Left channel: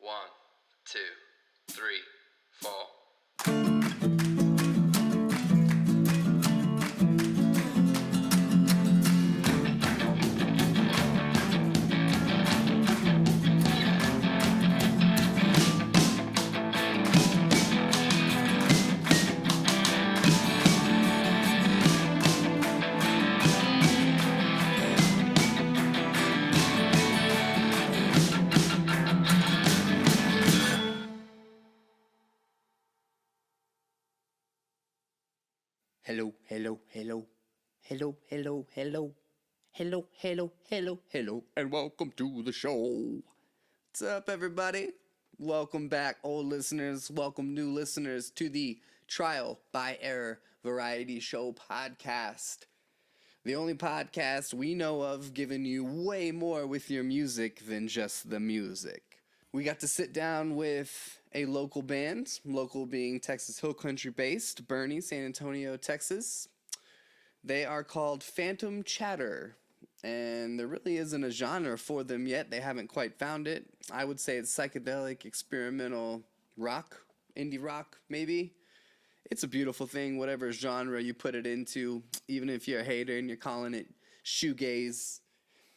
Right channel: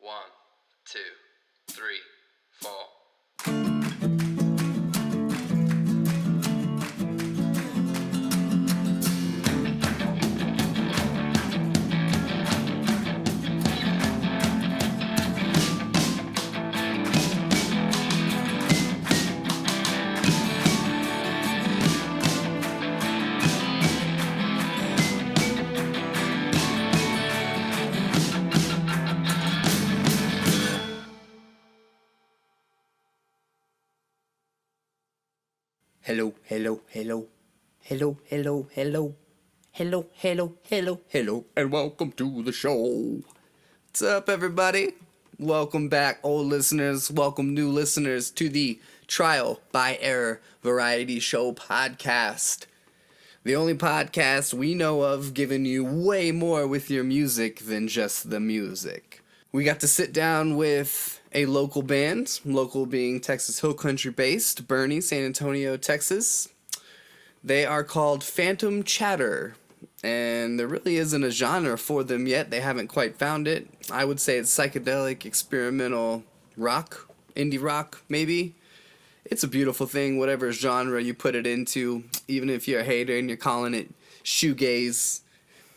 1, 2, 3, 4. Hello, hello, hello. Hello, hello, hello. Hello, hello, hello, hello, and welcome to the show. What's up, everybody? Welcome back, old listeners. Welcome, new listeners, to the Trial by Error Variety Show podcast. The only podcast we know of giving you way more with your music than just the music. We got to sit down with a local band, local being Texas Hill Country based, Bernie, San Antonio, Texas. They are called Phantom Chatter, and there really isn't a genre for them yet. They haven't quite found it. I would say it's psychedelic, experimental rock, indie rock, maybe. It's a beautiful thing, whatever genre you put it into, even if you're a hater and you're calling it shoegaze.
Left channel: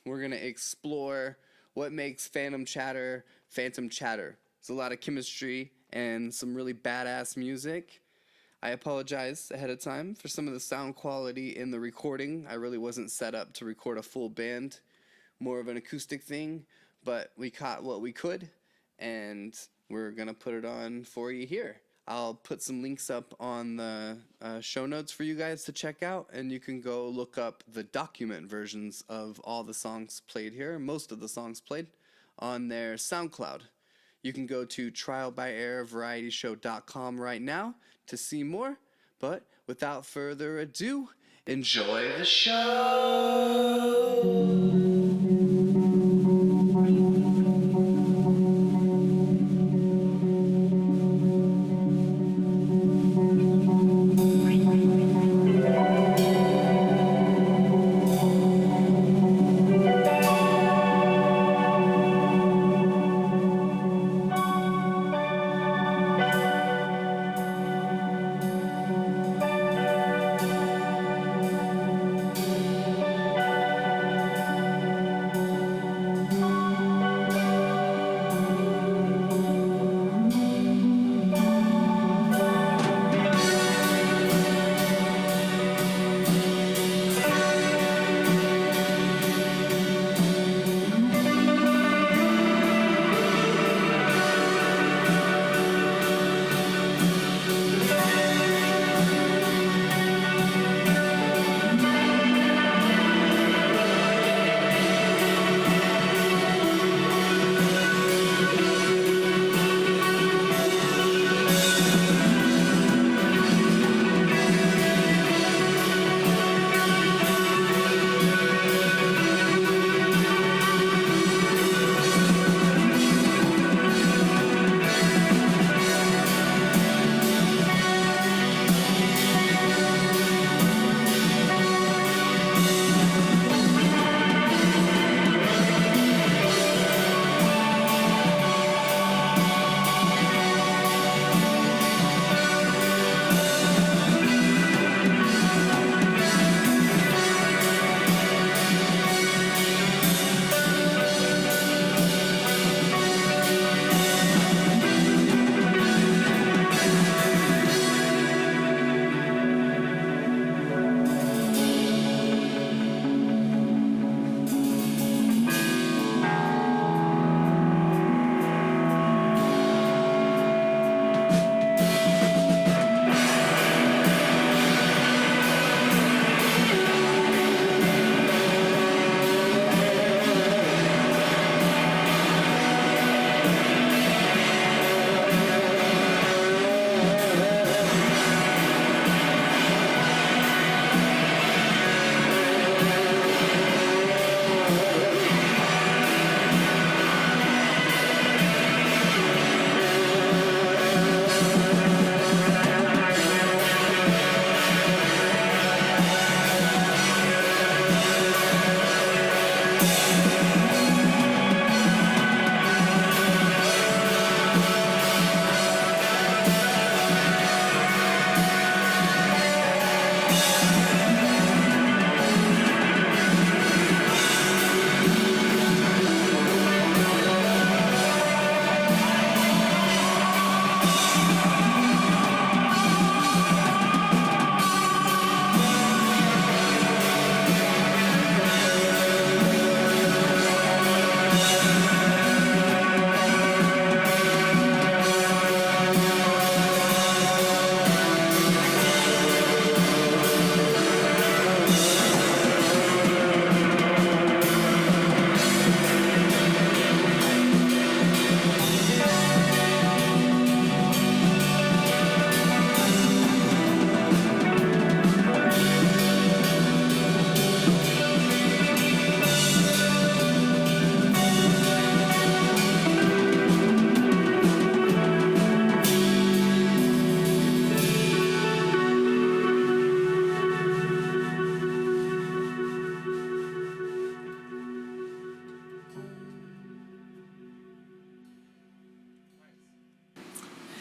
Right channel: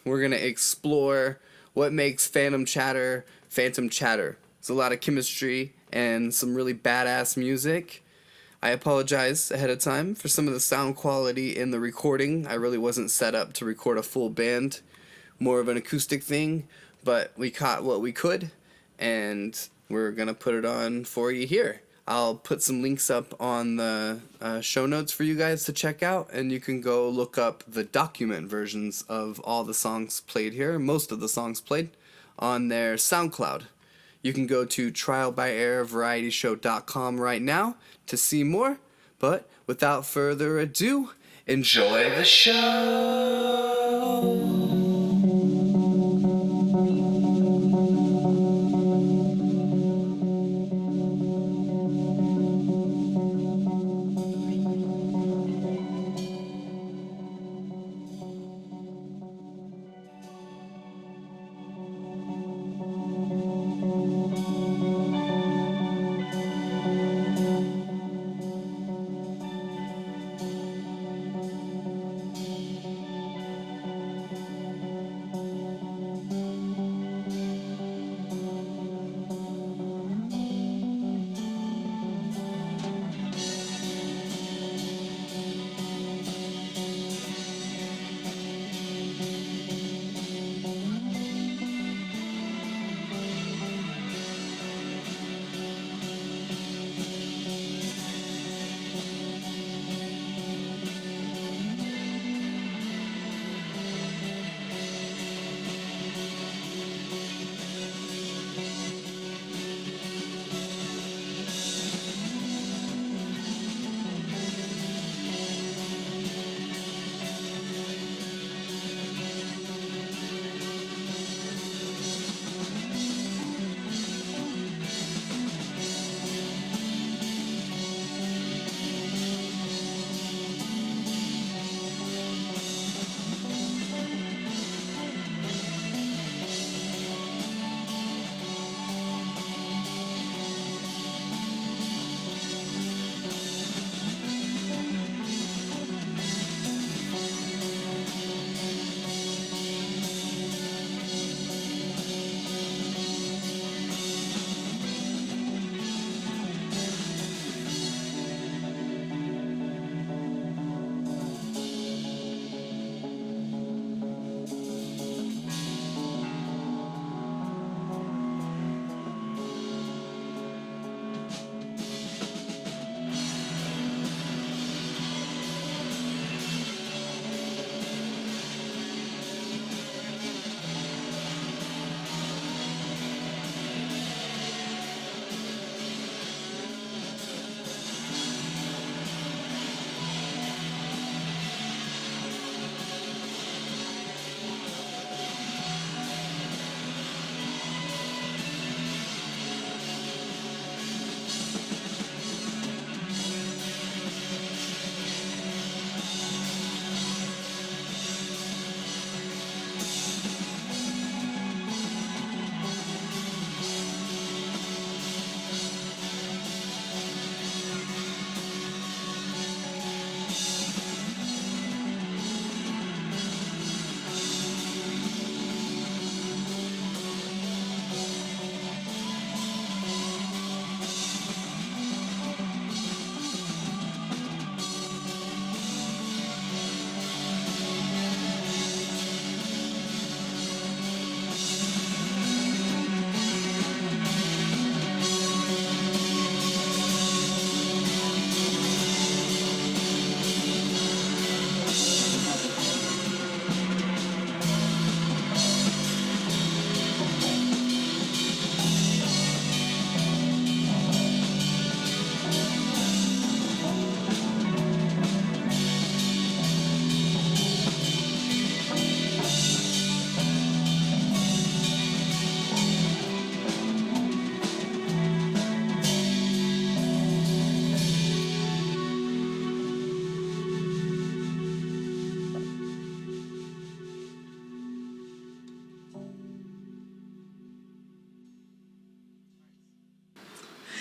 We're going to explore what makes Phantom Chatter. It's a lot of chemistry and some really badass music. I apologize ahead of time for some of the sound quality in the recording. I really wasn't set up to record a full band, more of an acoustic thing, but we caught what we could, and we're going to put it on for you here. I'll put some links up on the show notes for you guys to check out, and you can go look up the document versions of all the songs played here, most of the songs played, on their SoundCloud. You can go to trialbyerrorvarietyshow.com right now to see more, but without further ado, enjoy the show!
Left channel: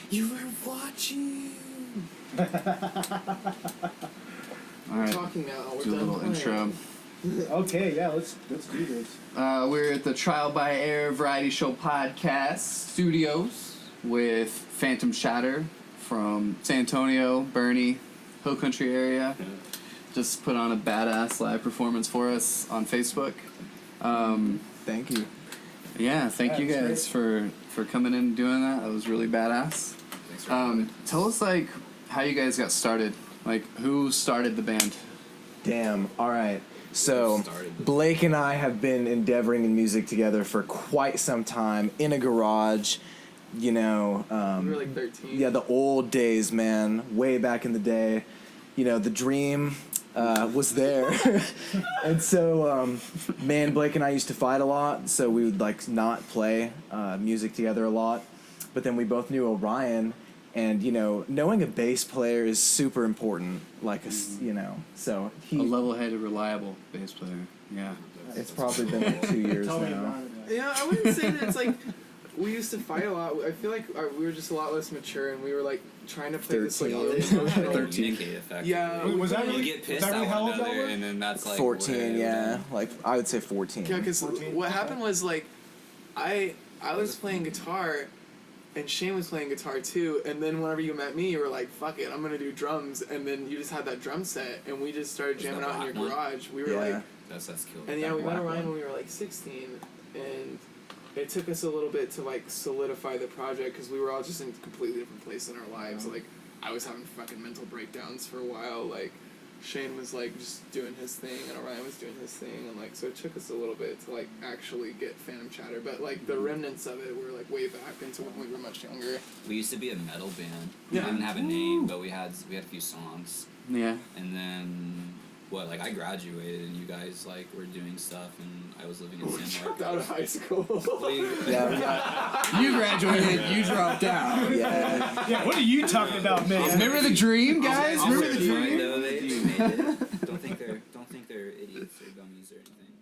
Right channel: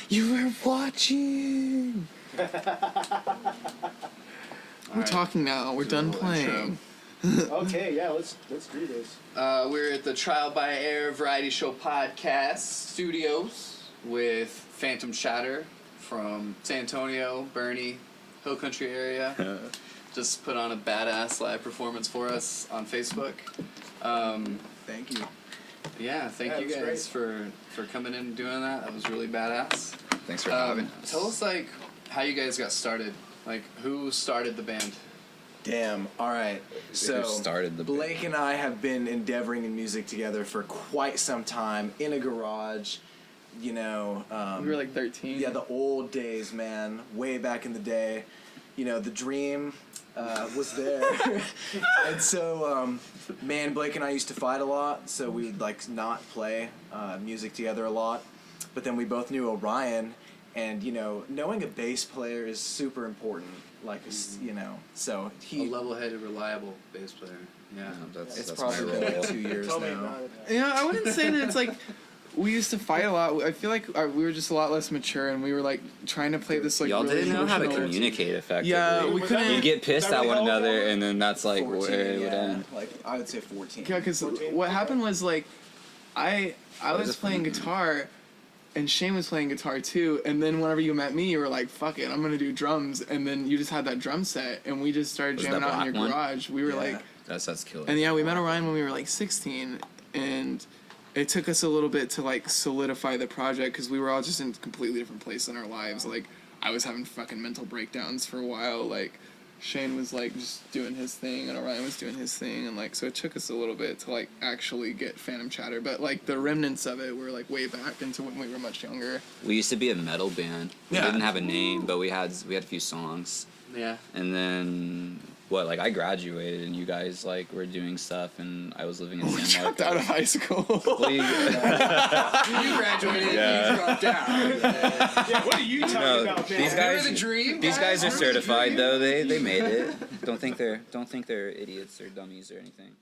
You were watching. We're talking now. We're done playing. Okay, yeah, let's do this. We're at the Trial by Air Variety Show Podcast Studios with Phantom Shatter from San Antonio, Bernie, Hill Country area. Just put on a badass live performance for us on Facebook. Thank you. Yeah, thank you guys for coming in and doing that. That was really badass. Thanks for having us. Tell us, like, how you guys got started. Like, who started the band? Damn. All right. So started the Blake and I have been endeavoring in music together for quite some time in a garage. You know, We were like 13. yeah, the old days, man. Way back in the day. You know, the dream was there. And so, man, Blake and I used to fight a lot, so we would, like, not play music together a lot. But then we both knew Orion, and, you know, knowing a bass player is super important. Like, you know, so A level-headed, reliable bass player. Yeah. it's probably been 2 years now. Yeah, I wouldn't say that it's like we used to fight a lot. I feel like we were just a lot less mature, and we were like trying to play this like Y'all really didn't know how to emotional- communicate effectively. Yeah, we couldn't. You get pissed at one another, and then that's like 14, yeah. whatever. Like, I would say 14. Yeah, because what happened was like, I was playing guitar, and Shane was playing guitar too. And then whenever you met me, you were like, "Fuck it, I'm gonna do drums." And then you just had that drum set, and we just started Was jamming that out in your black one? garage. We were Yeah. like, That's killer. and yeah, we met Orion when we were like 16, and it took us a little bit to like solidify the project because we were all just in completely different places in our lives. Like, I was having fucking mental breakdowns for a while. Like, Shane was like just doing his thing, and Orion was doing his thing, and like so it took us a little bit to like actually get Phantom Chatter. But like the remnants of it were like way back into when we were much younger. We used to be a metal band. We Yeah. didn't have a name, but we had a few songs. Yeah. And then I graduated, and you guys like were doing stuff, and I was living in San Dropped out of Marcos. high school. What do you- You graduated, you dropped out. Yeah. What are you talking No, about, man? these Remember the dream, These guys are Remember the certified dream? though. They made it. Don't think they're idiots or dummies or anything.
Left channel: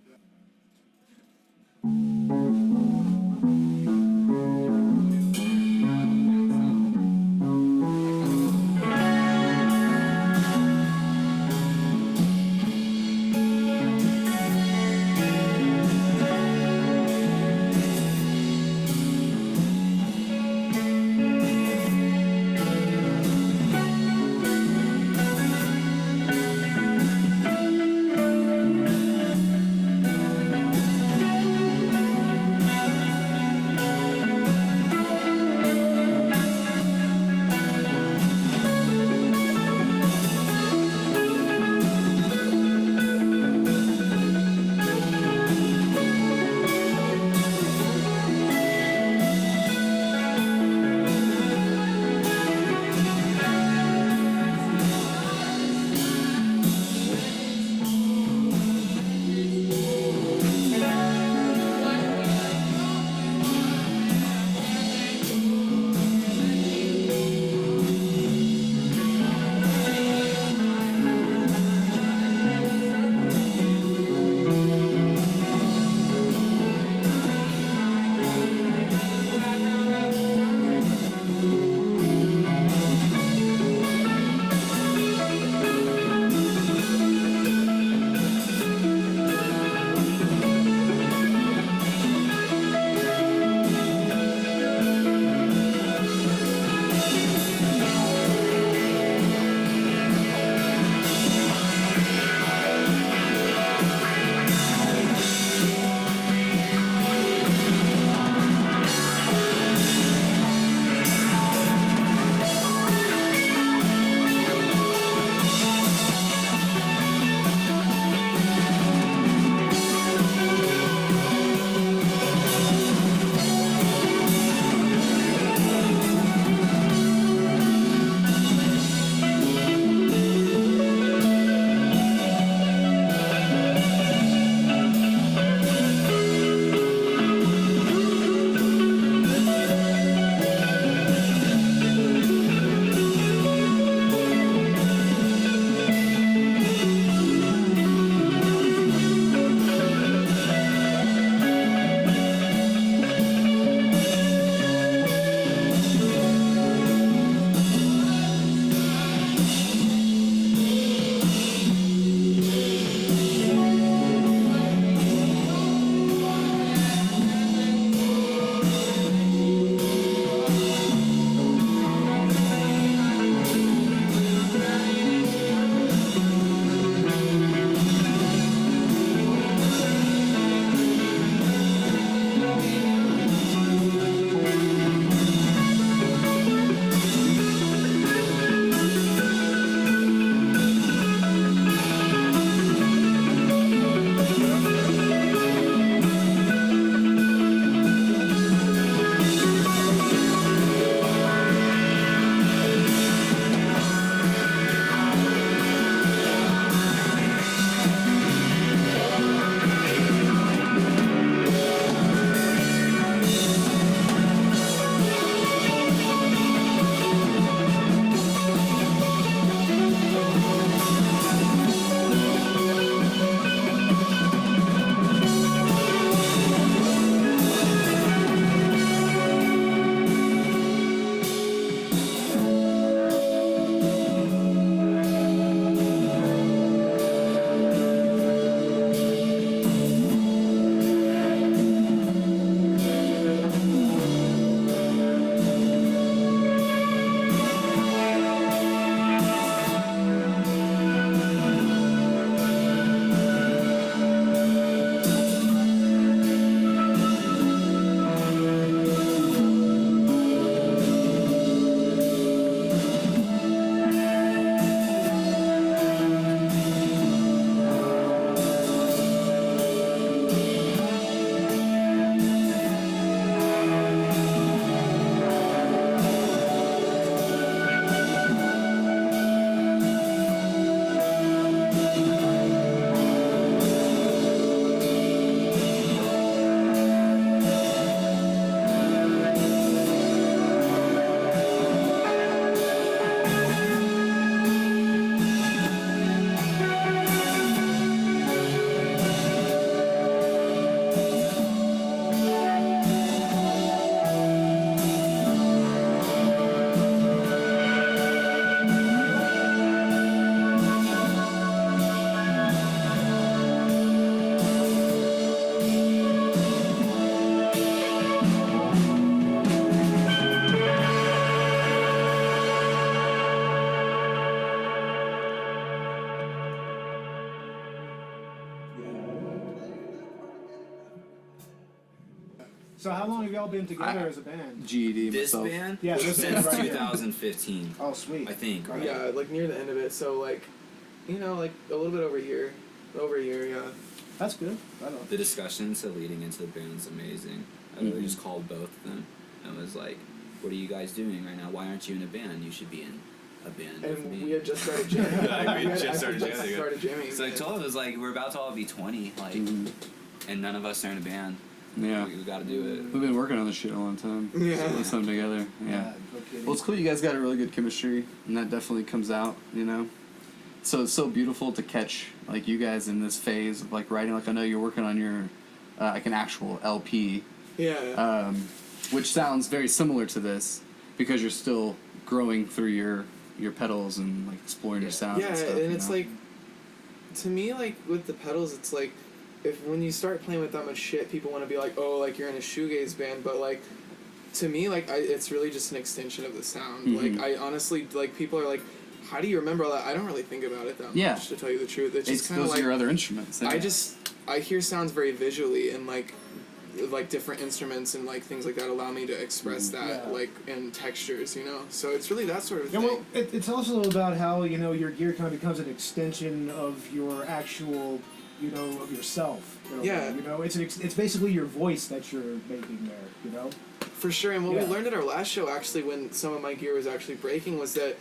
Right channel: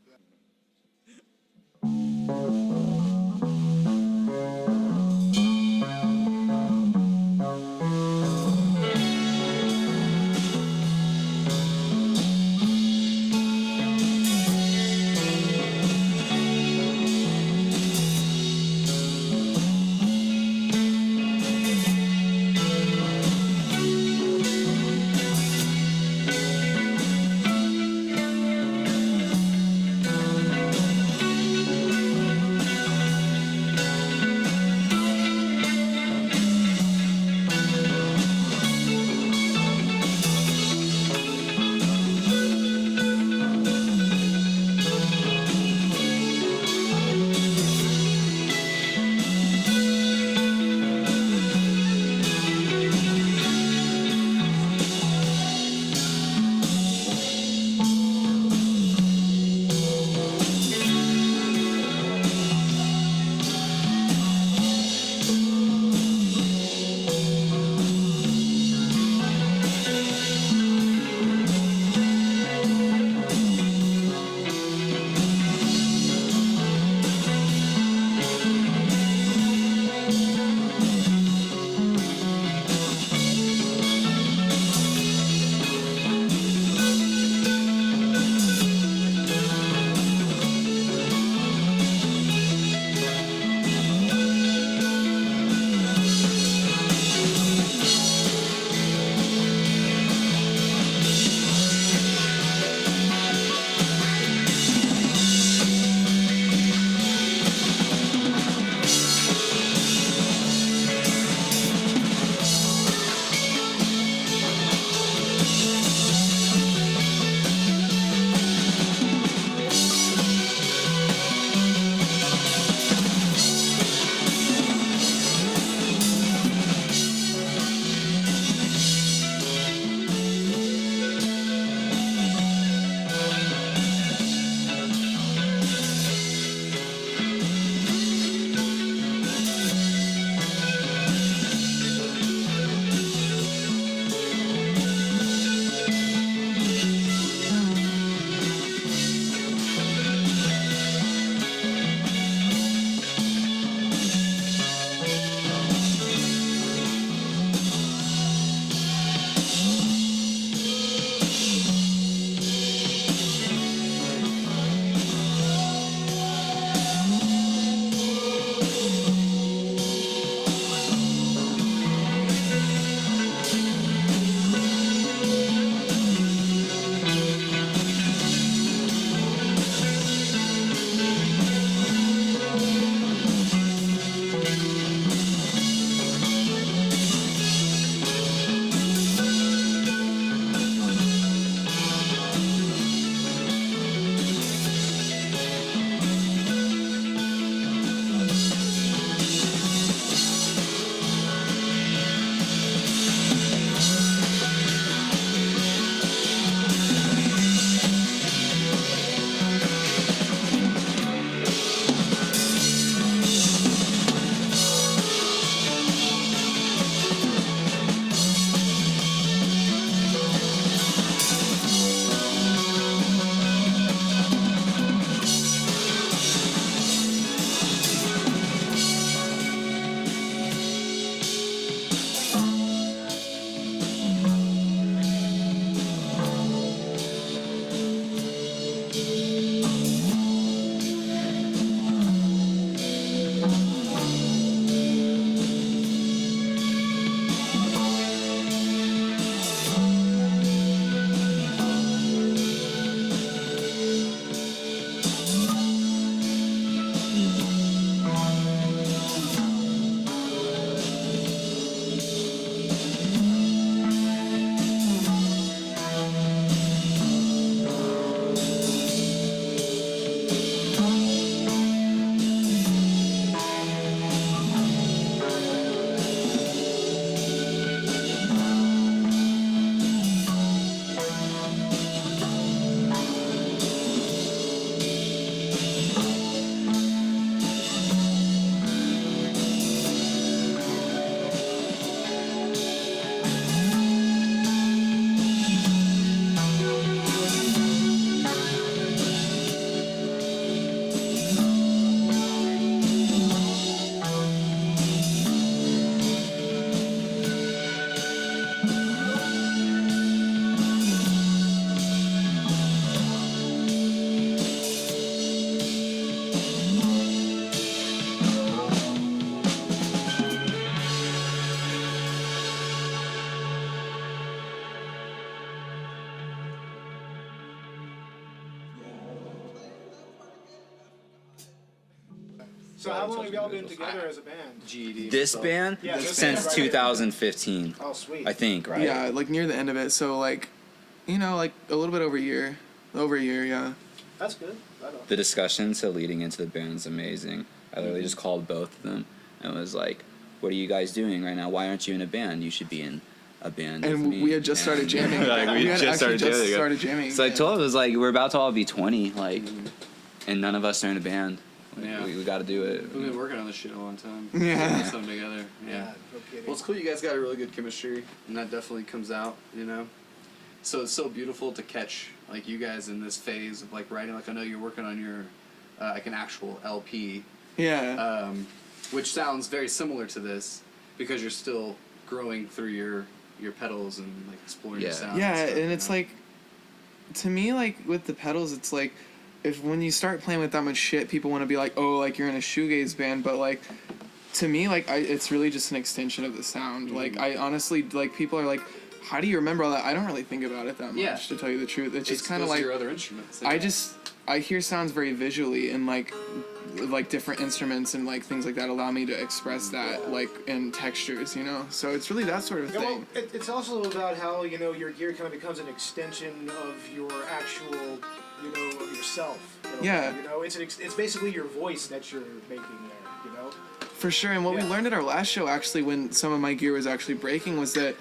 So how long have y'all been together as a band? GED. This myself. band Yeah, this since band right here. 2015, Oh, sweet. I think. Right. Yeah, like near the end of it. So like, you know, like a little bit over a year. Over a year, yeah. That's good. Right on. The discussions leading into the band is amazing. I literally Mm-hmm. just called both of them and was like, "What are you guys doing right now? Why aren't you in a band? You should be in a band." with And me." we had just started jamming. Like, we had just actually started jamming. started jamming. So I yeah. told him, it was like, we're about to all be 20, like, and none of us are in a band. Yeah. We got to do it. We've been working on this shit a long time. Yeah. Put something together. Yeah. No kidding. Well, it's cool. You guys got a really good chemistry, and that definitely comes out. You know. So it's so beautiful to catch like you guys in this phase of like writing. Like I know you're working on your like an actual LP, Yeah. which sounds very similar to this because you're still growing through your pedals and like exploring your Yeah. sound. Yeah, and, stuff, and you it's know? like, to me, like with the pedals, it's like, if when you start playing with that much shit, people want to be like, oh, like you're in a shoegaze band, but like, to me, like it's really just an extension of the sound. Mm-hmm. Like I honestly, like people are like, how do you remember all that? I don't really think about it that much, Yeah. to tell you the truth. It's It's just kind of those like are your other instruments. I hear sounds very visually and like different instruments and like things like that allow me to express that Yeah. like in textures, you know. So it's really that sort of Yeah, thing. well, it's also about how, you know, your gear kind of becomes an extension of your actual, you know, yourself. Yeah. You know, it's basically your voice that you're making there, you know? For sure, and what we Yeah. learned at our last show, actually, when some of my gear was actually breaking, was that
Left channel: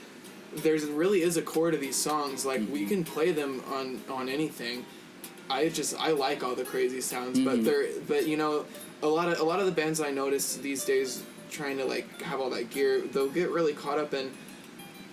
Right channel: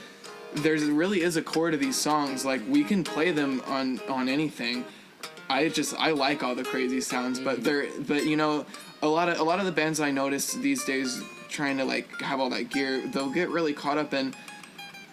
there's really is a core to these songs. Like we can play them on anything. I like all the crazy sounds, but you know, a lot of the bands I notice these days trying to like have all that gear, they'll get really caught up in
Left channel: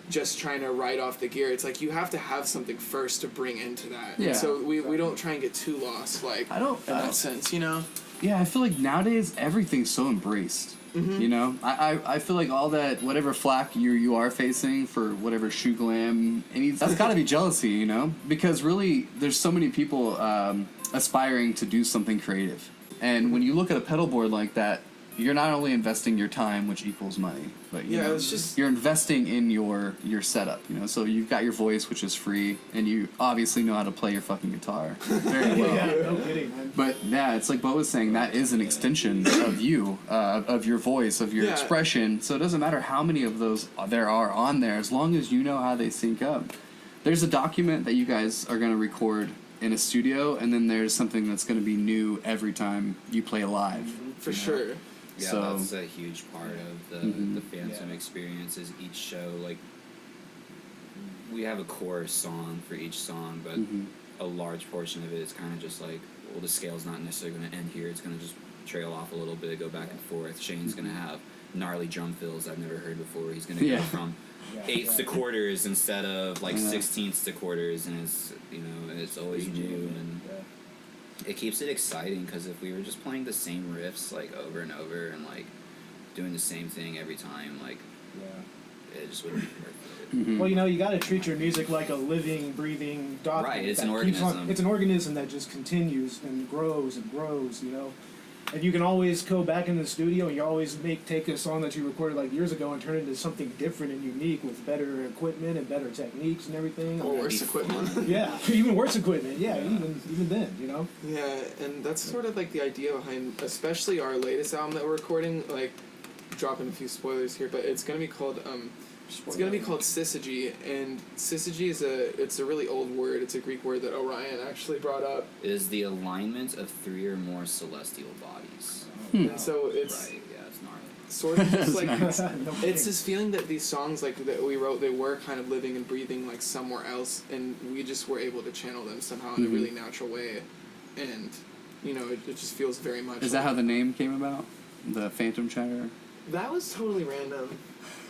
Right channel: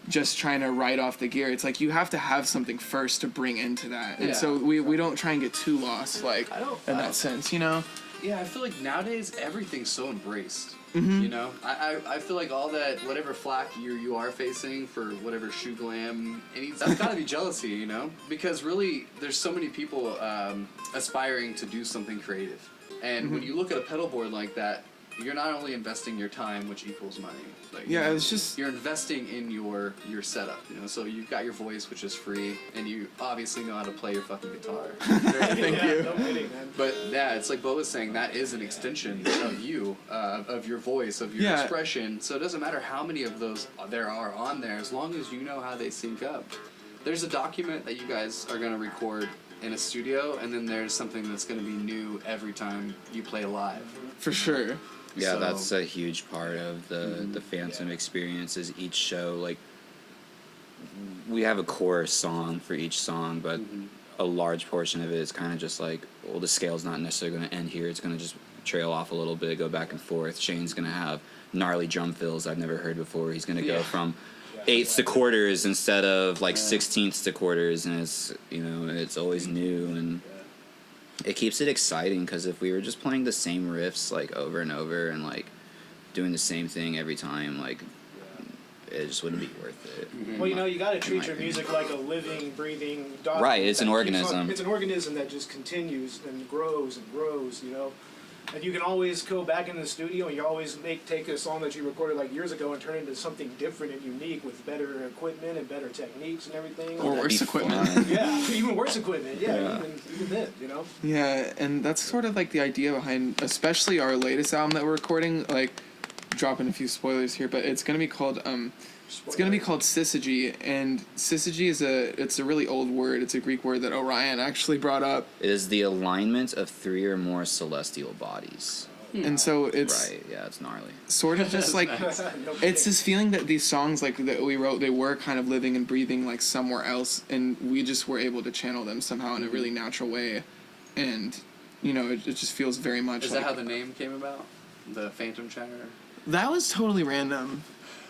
just trying to write off the gear. It's like you have to have something first to bring into that, Yeah. and so we don't try and get too lost, like I don't. in that sense, you know. Yeah, I feel like nowadays everything's so embraced. You know, I feel like all that whatever flack you are facing for whatever shoe glam, that's got to be jealousy, you know, because really there's so many people aspiring to do something creative, and when you look at a pedal board like that, you're not only investing your time, which equals money, but Yeah, know, it's just- you're investing in your setup, you know. So you've got your voice, which is free, and you obviously know how to play your fucking guitar. Very well. Yeah, no kidding, man. But yeah, it's like Bo was saying, that is an extension of you, of your voice, of your Yeah. expression. So it doesn't matter how many of those there are on there, as long as you know how they sync up. There's a document that you guys are going to record in a studio, and then there's something that's going to be new every time you play live. For sure. Yeah, So- that's a huge part of the Phantom Yeah. experience. Is each show, like, we have a core song for each song, but a large portion of it is kind of just like, well, the scale's not necessarily going to end here. It's going to just trail off a little bit, go back and forth. Shane's going to have gnarly drum fills I've never heard before. He's going to Yeah. go from Yeah. eighths to quarters instead of like sixteenths to quarters, and it's, you know, it's always new, and it keeps it exciting, because if we were just playing the same riffs like over and over and like doing the same thing every time, like it just wouldn't be worth it. Well, you know, you got to treat your music like a living, breathing document. Right, it's an that keeps on- organism. It's an organism that just continues and grows, you know. And you can always go back in the studio and you always take a song that you recorded like years ago and turn it into something different and unique with better equipment and better techniques and everything. Or worse Be equipment. fun. Yeah, even worse equipment. Yeah, Yeah. even then, you know. Yeah, and that's sort of like the idea behind, especially our latest album that we're recording. Like, dropping a few spoilers here, but it's gonna be called Syzygy, and Syzygy is a really old word. It's a Greek word that Orion actually brought up, It is the alignment of 3 or more celestial bodies. and so it's Right, yeah, it's gnarly. sort of just like No it's kidding. this feeling that these songs like that we wrote, they were kind of living and breathing like somewhere else, and we just were able to channel them somehow in a really natural way, and you know it just feels very much. Is like, that how the name came about? The Phantom Chatter? that was totally random.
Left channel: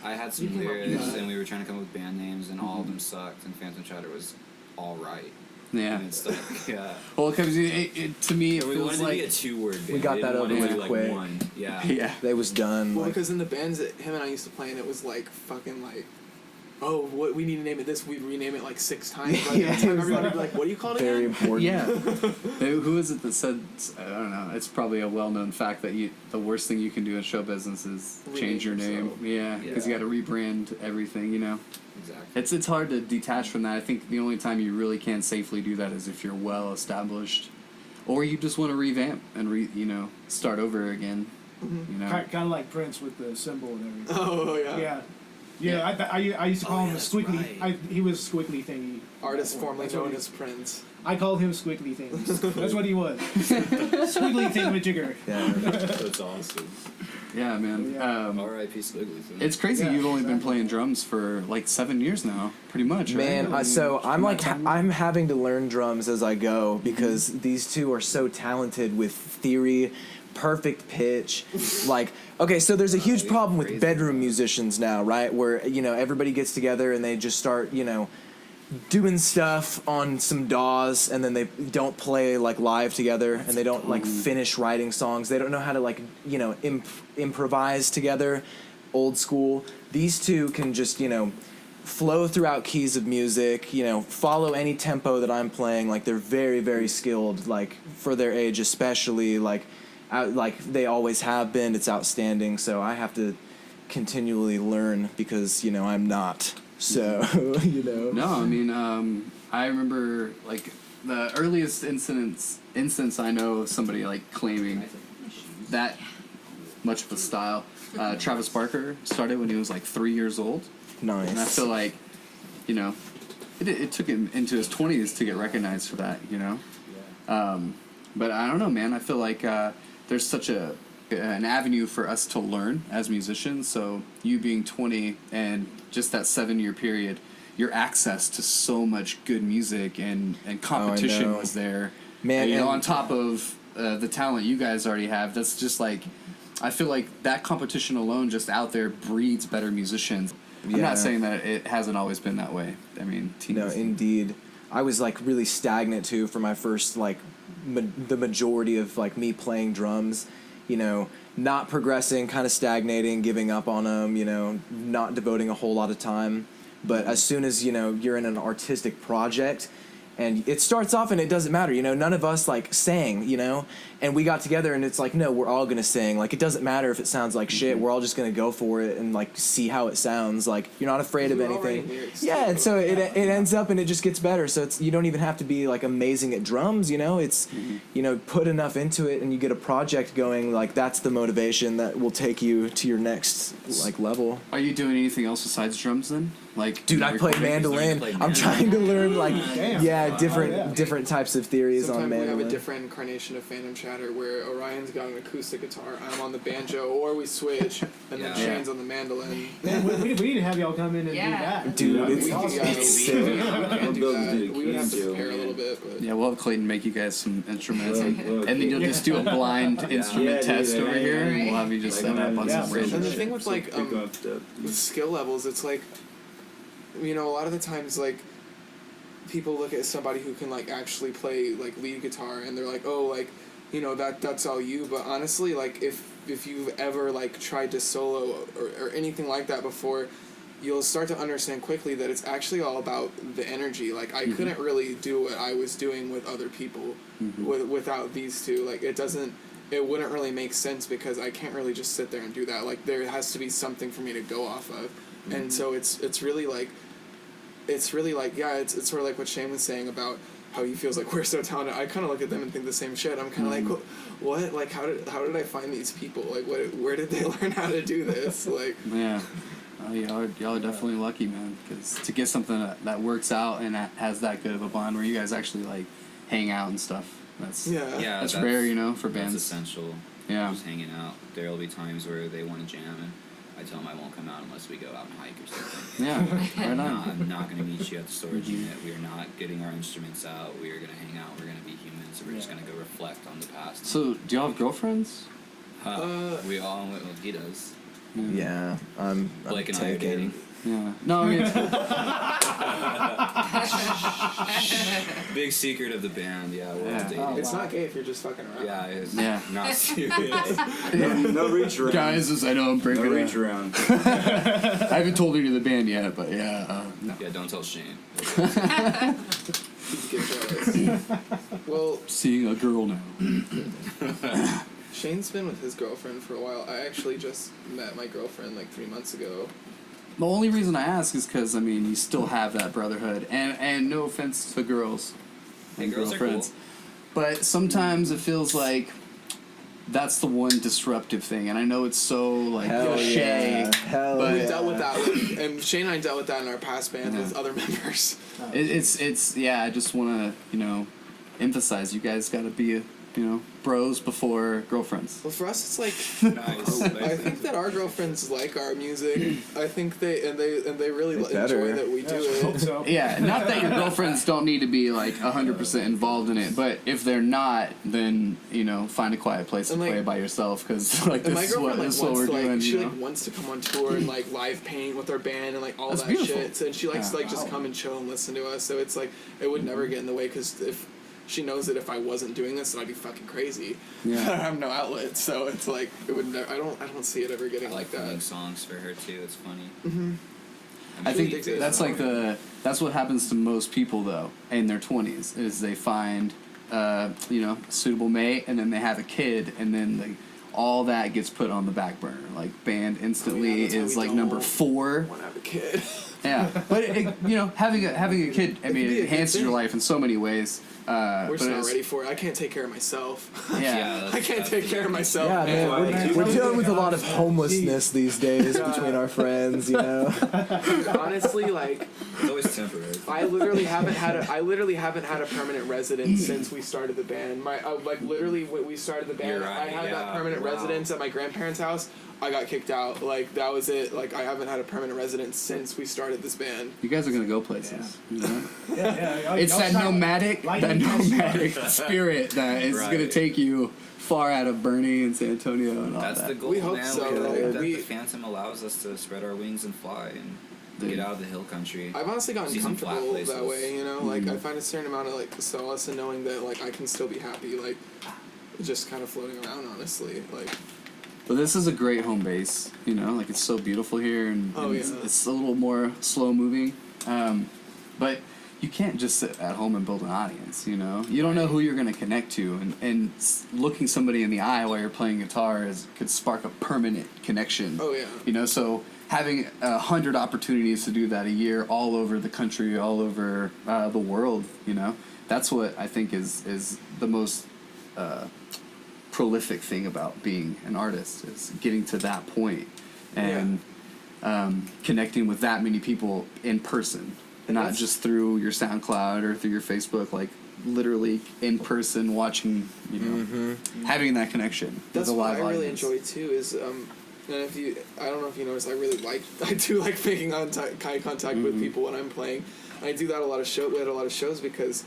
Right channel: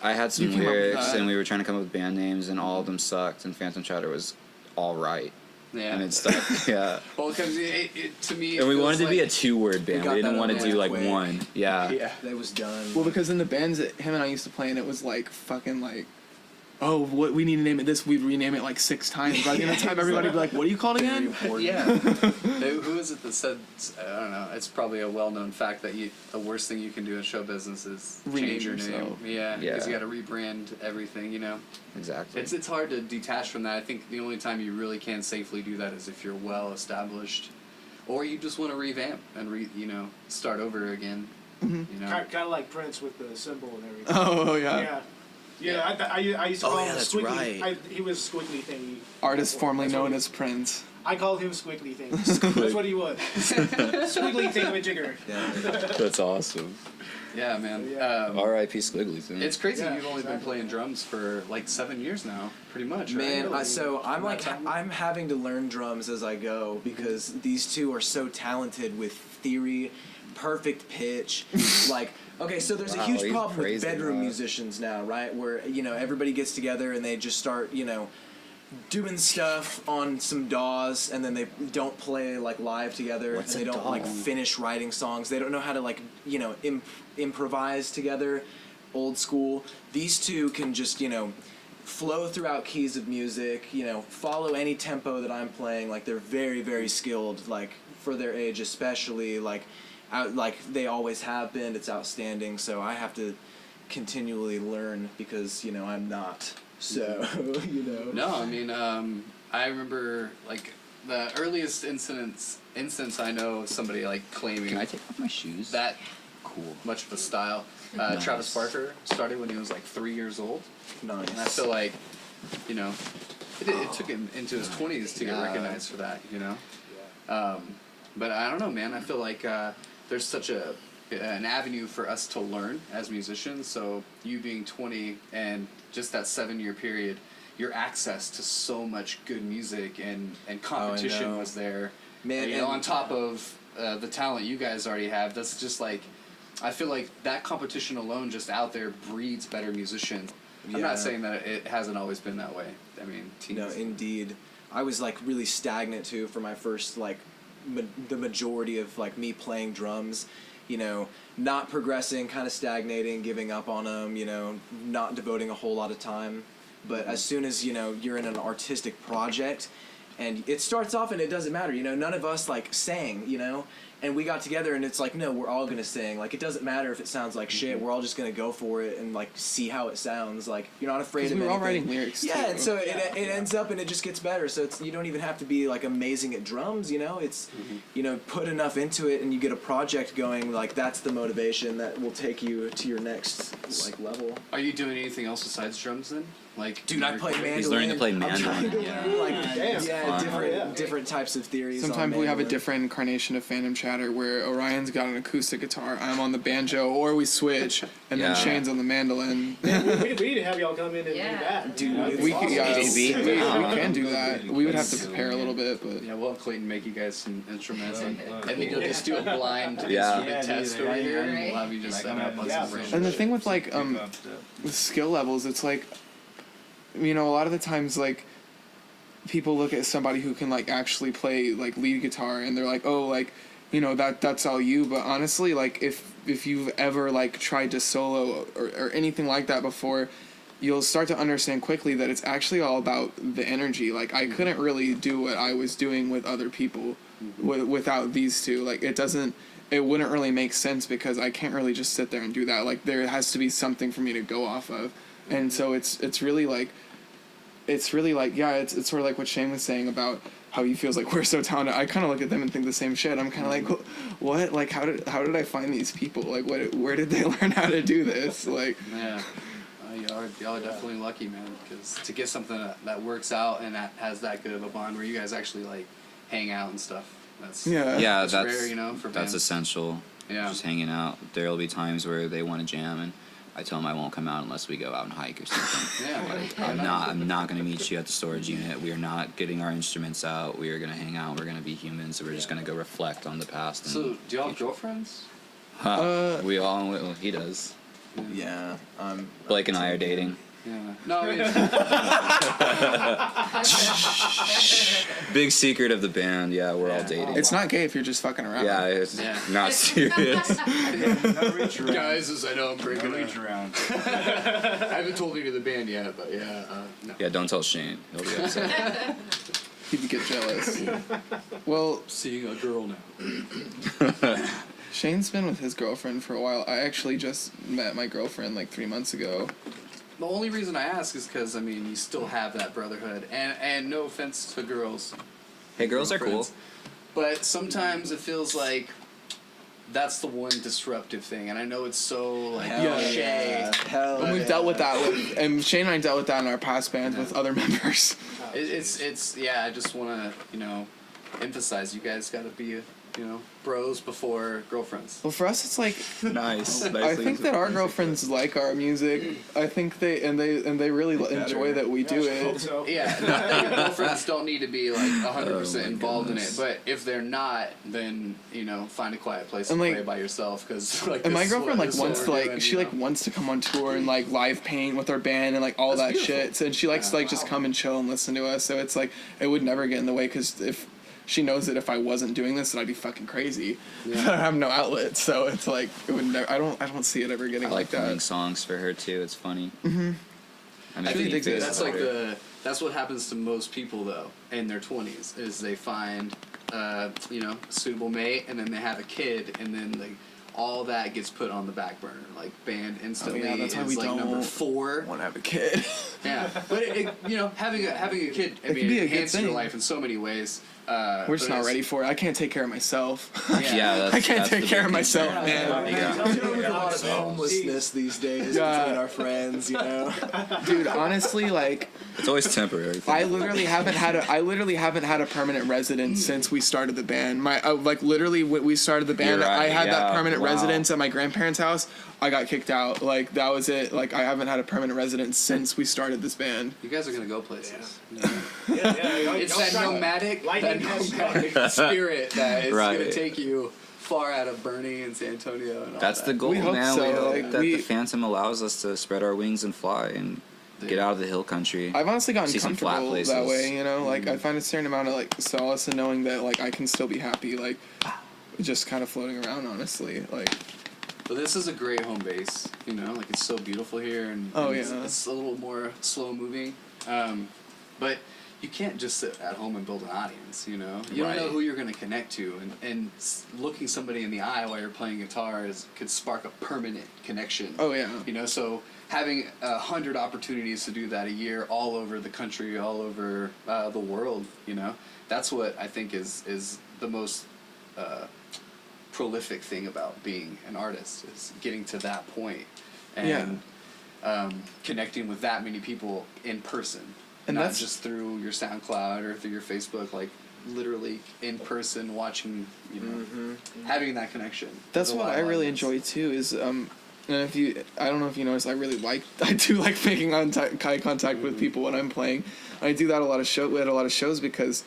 I had some You came up with lyrics, that. and we were trying to come up with band names, and all of them sucked, and Phantom Chatter was all right, Yeah. and it stuck. Yeah. Well, because to me, it And we feels wanted to like, be a 2-word band. got We didn't that want to over do with like quick. one. Yeah. Yeah. It was done. Well, like, because in the bands that him and I used to play in, it was like fucking like, oh, what we need to name it this. We'd rename it like 6 times. By the end of the time, everybody would be like, "What are you called very again?" important. Yeah. Who is it that said? I don't know. It's probably a well-known fact that the worst thing you can do in show business is Rename change your name. yourself. Yeah. Because Yeah. you got to rebrand everything. You know. Exactly. It's hard to detach from that. I think the only time you really can safely do that is if you're well established, or you just want to revamp and start over again. You know? Kind of like Prince with the symbol and everything. Oh yeah. Yeah. Yeah, I used to call him that's Squiggly. right. He was Squiggly Thingy. Artist formerly That's what known he- as Prince. I called him Squiggly Thingy. That's what he was. Squiggly Thingamajigger. Yeah. That's awesome. Yeah, man. Yeah. R.I.P. Squiggly thing. It's crazy. Yeah, You've only been exactly. playing drums for like 7 years now, pretty much, right? Man, so I'm like I'm having to learn drums as I go because these two are so talented with theory, perfect pitch. Like, okay, so there's a huge you're problem with crazy, bedroom man. musicians now, right? Where everybody gets together and they just start doing stuff on some DAWs and then they don't play like live together and they don't like finish writing songs. They don't know how to like improvise together, old school. These two can just flow throughout keys of music, follow any tempo that I'm playing. Like they're very, very skilled, like for their age especially, like they always have been. It's outstanding. So I have to continually learn because I'm not. So No, I mean, I remember like the earliest instance I know of somebody like claiming Can I take off my shoes? that much of a style. Travis Barker started when he was like 3 years old, and I Nice. feel like, it took him into his 20s to get recognized for that, But I don't know, man. I feel like there's such an avenue for us to learn as musicians. So you being 20 and just that 7-year period, your access to so much good music and competition know. was there. Man, And, and- on top of the talent you guys already have, that's just like, I feel like that competition alone just out there breeds better musicians. I'm Yeah. not saying that it hasn't always been that way. I mean, No, indeed. I was like really stagnant too for my first like the majority of like me playing drums, not progressing, kind of stagnating, giving up on them, not devoting a whole lot of time. But as soon as you're in an artistic project, and it starts off and it doesn't matter, none of us like sang, and we got together and it's like, no, we're all gonna sing. Like it doesn't matter if it sounds like shit. We're all just gonna go for it and like see how it sounds. Like you're not afraid of We're all anything. writing lyrics, Yeah, too. and so it ends up and it just gets better. So you don't even have to be like amazing at drums. It's put enough into it and you get a project going. Like that's the motivation that will take you to your next like level. Are you doing anything else besides drums then? Like, Dude, I play He's learning to mandolin. play I'm mandolin. trying to learn like Damn. different types of theories. Sometimes on we have a mandolin. different incarnation of Phantom Chatter where Orion's got an acoustic guitar, I'm on the banjo, or we switch, and then Yeah. Shane's on the mandolin. Man, we need to have y'all come in and Yeah. do that. Dude, it's We awesome. can do Go that. do We would have to Clayton. prepare a little bit, but yeah, we'll have Clayton make you guys some instruments, and then you'll just do a blind instrument Yeah, test dude, over yeah, here, yeah, and we'll have you just Like, set up on yeah, some for random and the shit. thing with like with skill levels, it's like a lot of the times like people look at somebody who can like actually play like lead guitar and they're like, oh, like that's all you. But honestly, like if you've ever like tried to solo or anything like that before, you'll start to understand quickly that it's actually all about the energy. Like I couldn't really do what I was doing with other people without these two. Like it wouldn't really make sense because I can't really just sit there and do that. Like there has to be something for me to go off of. And so it's really like it's sort of like what Shane was saying about how he feels like we're so talented. I kind of look at them and think the same shit. I'm kind of like, what? Like, how did I find these people? Like, where did they learn how to do this? Like, Yeah, y'all are definitely lucky, man. Because to get something that works out and that has that good of a bond where you guys actually like hang out and stuff, that's Yeah, that's rare, for that's bands. essential. Yeah. Just hanging out. There'll be times where they want to jam, and I tell them I won't come out unless we go out and hike or something. Yeah, why not? I'm not going to meet you at the storage unit. We are not getting our instruments out. We are going to hang out. We're going to be humans. We're just going to go reflect on the past. and- So, do y'all have girlfriends? we all, well, he does. Yeah, Blake and I are dating. Yeah. No, I mean, Big secret of the band. Yeah, we're all dating. it's not gay if you're just fucking around. Yeah, it's Yeah. not serious. No reach around. guys, I know I'm breaking No reach around. I haven't told you to the band yet, but yeah, no. Yeah, don't tell Shane. He'll be upset. People get jealous. Well, Seeing a girl now. Shane's been with his girlfriend for a while. I actually just met my girlfriend like 3 months ago. The only reason I ask is because I mean you still have that brotherhood, and no offense to girls. Hey, girls are cool. girlfriends, but sometimes it feels like that's the one disruptive thing, and I know it's so like Hell cliche. yeah. Hell And we've yeah. dealt with that, and Shane and I dealt with that in our past bands with other members. It's yeah. I just want to emphasize you guys got to be bros before girlfriends. Well, for us, it's like Nice. I think that our girlfriends like our music. I think they really They enjoy better. that we do I hope it. so. Yeah, not that your girlfriends don't need to be like 100% involved in it, but if they're not, then find a quiet place And, and like- play by yourself because like. And my this is girlfriend what wants to we're doing, she wants to come on tour and like live paint with our band and like all That's that beautiful. shit. So, and she likes to like just come and chill and listen to us. So it's like it would never get in the way because if she knows that if I wasn't doing this, then I'd be fucking crazy. Yeah. I have no outlet, so it's like it would never. I don't see it ever getting I like like playing that. songs for her too. It's funny. Mm-hmm. I think think that that's it's like that's what happens to most people though in their 20s is they find a suitable mate and then they have a kid and then all that gets put on the back burner. Like band instantly that's why is we like number don't 4. Want to have a kid? Yeah, but having a kid, I It can mean, be a it good enhances your thing. life in so many ways. We're just but not it's- ready for it. I can't take care of myself. Yeah, that's, I can't that's take the care of big myself, Yeah, man. man, we're dealing with a lot of homelessness these days Yeah. between our friends, Dude, honestly, like It's always temporary. I literally haven't had a permanent residence since we started the band. Literally when we started the band, You're right, I had that yeah, permanent wow. residence at my grandparents' house. I got kicked out. Like that was it. Like I haven't had a permanent residence since we started this band. You guys are gonna go places. Yeah. It's that nomadic spirit that is Right. gonna take you far out of Bernie and San Antonio and all That's that. the goal, We hope man. so, We hope like, that we- the Phantom allows us to spread our wings and fly and get out of the hill country. I've honestly gotten See some flat comfortable that places. way, Like I find a certain amount of like solace in knowing that like I can still be happy, like just kind of floating around. Honestly, like But this is a great home base, like it's so beautiful here and, Oh, and yeah. it's a little more slow moving. But you can't just sit at home and build an audience, You don't know Right. who you're going to connect to and looking somebody in the eye while you're playing guitar could spark a permanent connection. oh yeah. So having 100 opportunities to do that a year all over the country, all over the world, that's what I think is the most prolific thing about being an artist is getting to that point and connecting with that many people in person, And not that's- just through your SoundCloud or through your Facebook, like literally in person watching, having that connection. That's with a what live I really audience. enjoy too. Is and I don't know if you noticed, I do like making eye contact with people when I'm playing. I do that at a lot of shows because,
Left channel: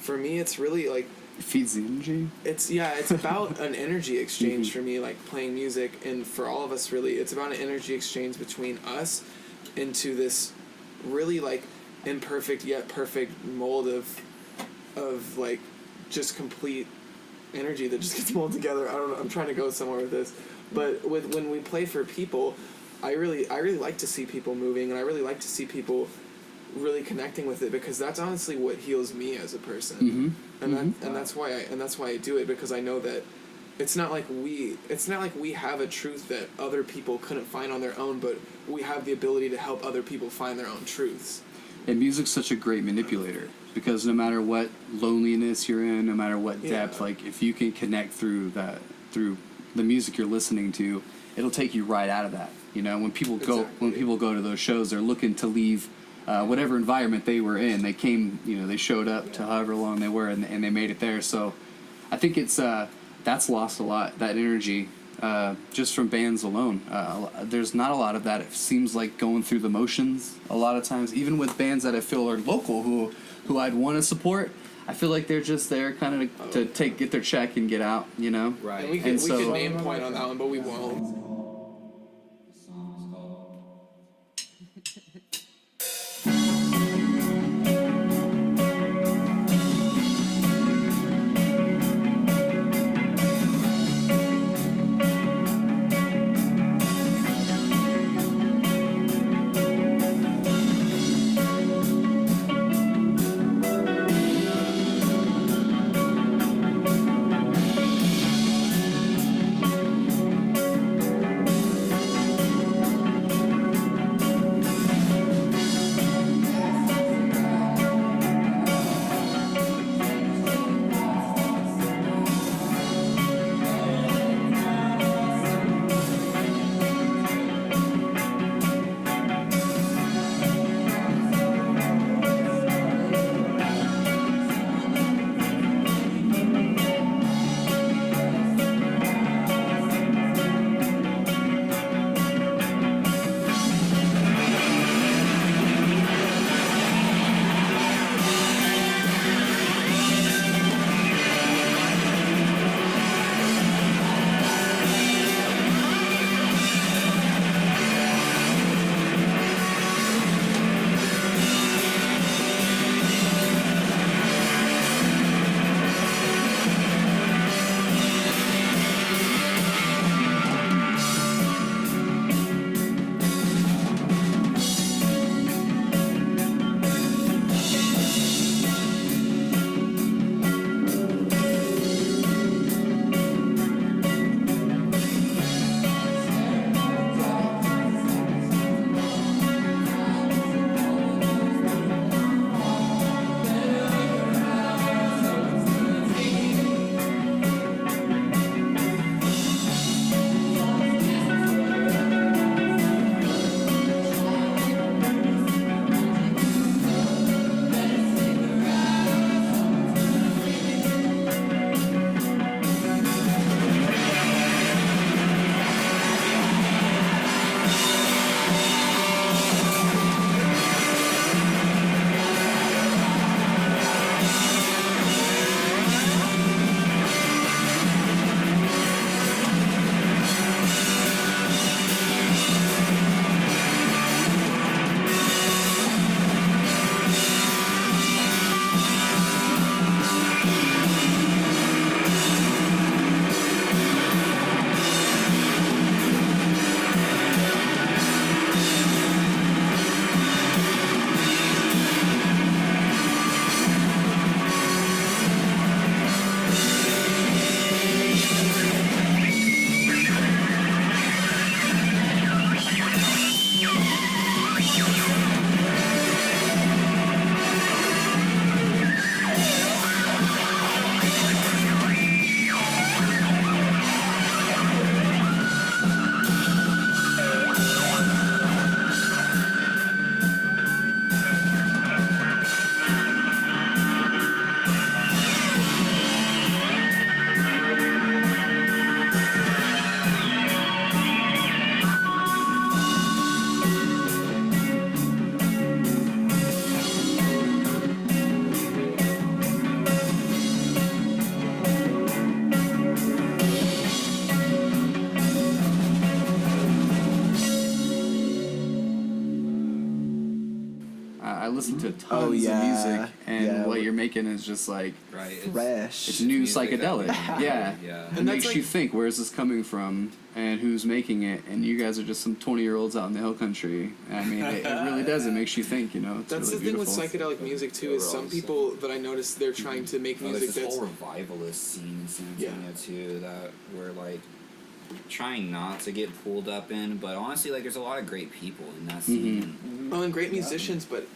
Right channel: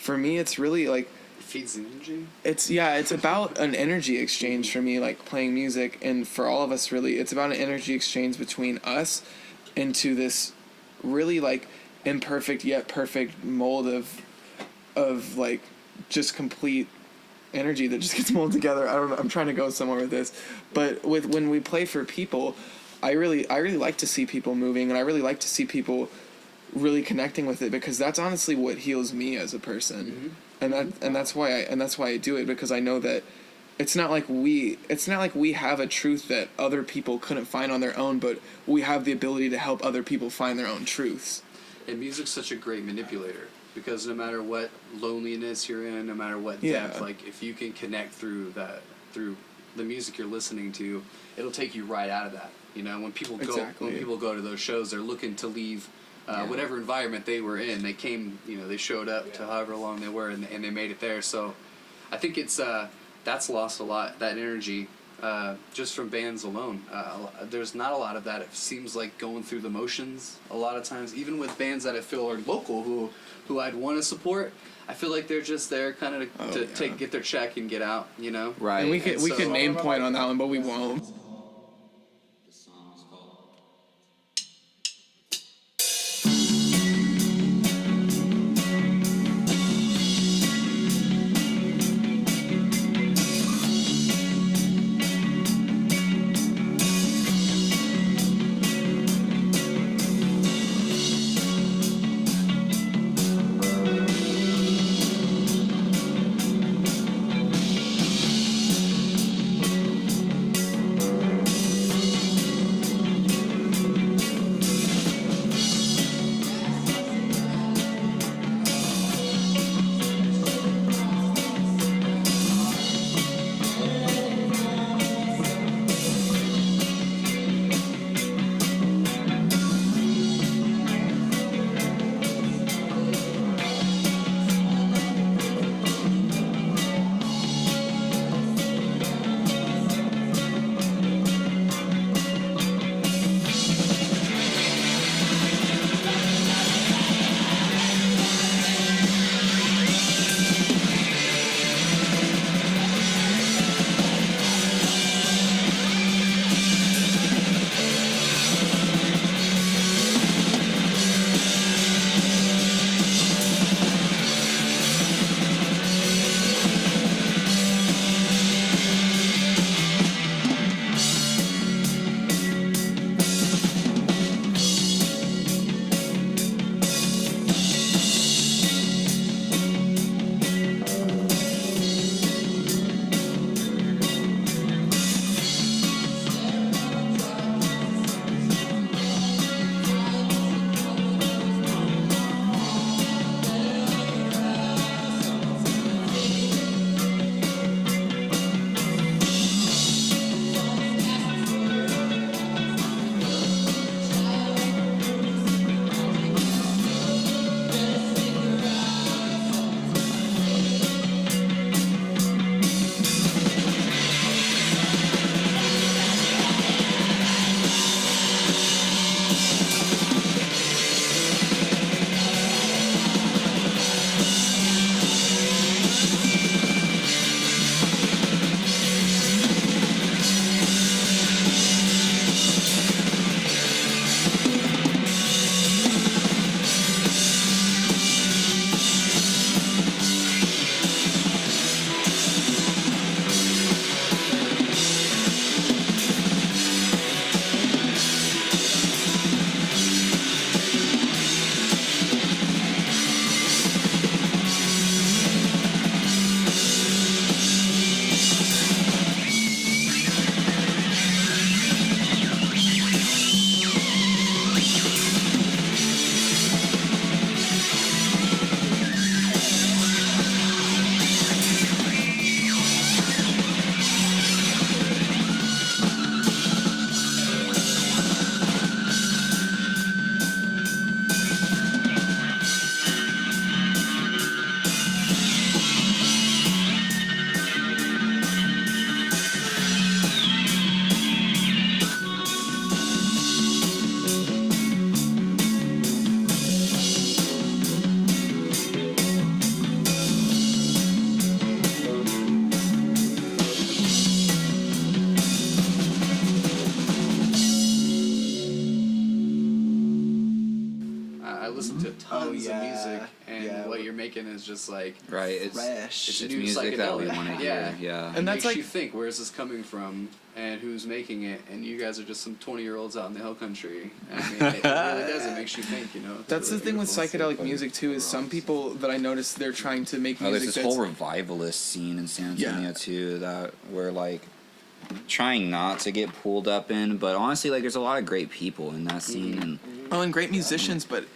for me, it's really like It feeds the energy. it's about an energy exchange for me, like playing music, and for all of us, really, it's about an energy exchange between us into this really like imperfect yet perfect mold of like just complete energy that just gets molded together. I don't know. I'm trying to go somewhere with this, but when we play for people, I really like to see people moving, and I really like to see people really connecting with it because that's honestly what heals me as a person, and that's why I do it because I know that it's not like we have a truth that other people couldn't find on their own, but we have the ability to help other people find their own truths. And music's such a great manipulator because no matter what loneliness you're in, no matter what depth, Yeah. like if you can connect through the music you're listening to, it'll take you right out of that. When people go to those shows, they're looking to leave whatever environment they were in. They came, they showed up to however long they were, and they made it there. So I think it's that's lost a lot, that energy. Just from bands alone, there's not a lot of that. It seems like going through the motions a lot of times, even with bands that I feel are local who I'd want to support. I feel like they're just there kind of to get their check and get out, Right. And we And could so- name point on that one, but we won't. I listen to tons of yeah. music, and Yeah. what you're making is just like Right. It's Fresh. it's just new music that we psychedelic. wanna Yeah, hear, yeah. It And that's makes like- you think, where is this coming from, and who's making it? And you guys are just some 20-year-olds out in the hill country. I mean, it really does. It makes you think. You know. It's That's really the thing with beautiful. psychedelic music too. Is some people that I noticed they're trying to make Oh, there's music this that's whole revivalist scene in San Antonio Yeah. too that we're like trying not to get pulled up in, but honestly, like there's a lot of great people in that scene. And and great musicians, but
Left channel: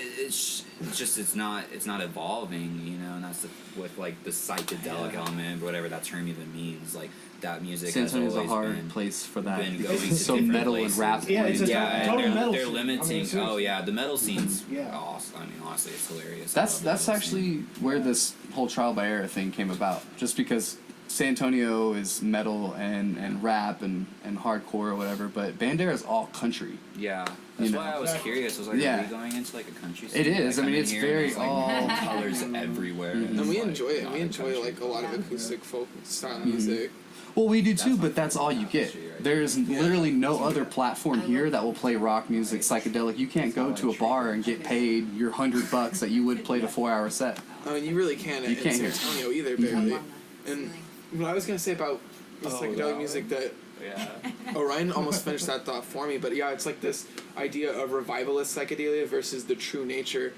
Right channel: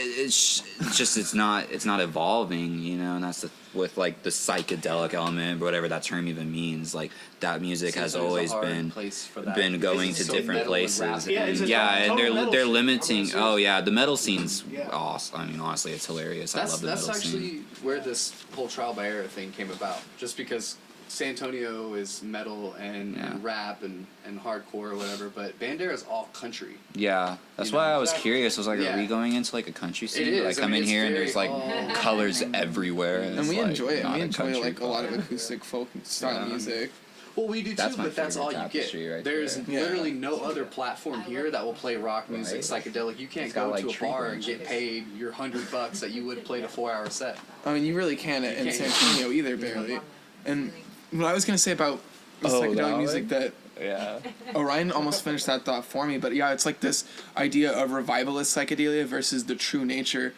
it's not evolving, you know, and that's with like the psychedelic element, whatever that term even means. Like that music San has Antonio's a always hard been place for that. going It's to so different metal and places. rap. Yeah, it's a Yeah, and total metal they're scene. limiting. I mean, Oh yeah, the metal scene's Yeah. awesome. I mean, honestly, it's hilarious. I That's love the that's metal actually scene. where this whole trial by error thing came about. Just because San Antonio is metal and rap and hardcore or whatever, but Bandera is all country. Yeah, that's You why know. I was curious. I was like, Yeah. are we going into like a country scene? It is. Like, I come mean, in it's here and very there's like all- colors everywhere, and we it's, like, enjoy it. And not we a enjoy country like a lot of club. acoustic folk style Yeah. music. Well, we do That's too, my but that's all favorite you get. tapestry right There's there. literally no other platform here that will play rock music, psychedelic. You can't It's got, go like, to a tree bar and get paid your $100 that you would play the 4-hour set. I mean, you really can't You in can't. San Antonio either, barely. And what I was gonna say about the Oh, psychedelic that music one? that Yeah. Orion almost finished that thought for me, but yeah, it's like this idea of revivalist psychedelia versus the true nature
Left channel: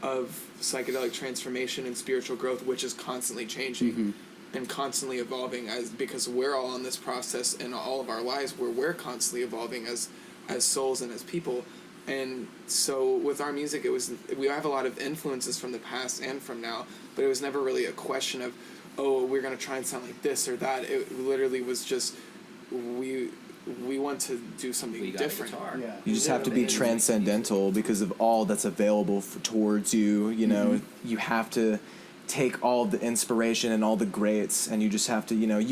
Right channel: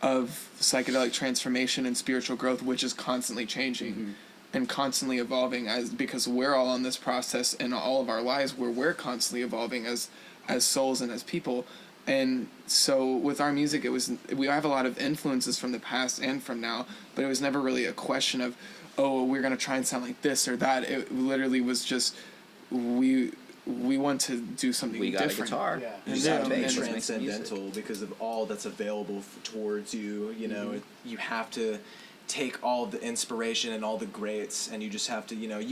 of psychedelic transformation and spiritual growth, which is constantly changing and constantly evolving because we're all on this process in all of our lives where we're constantly evolving as souls and as people. And so with our music, we have a lot of influences from the past and from now, but it was never really a question of, oh, we're gonna try and sound like this or that. It literally was just we want to do something We got different. a guitar. Yeah. You just have to be Yeah. transcendental because of all that's available towards you. You know, you have to take all the inspiration and all the greats, and you just have to, you know,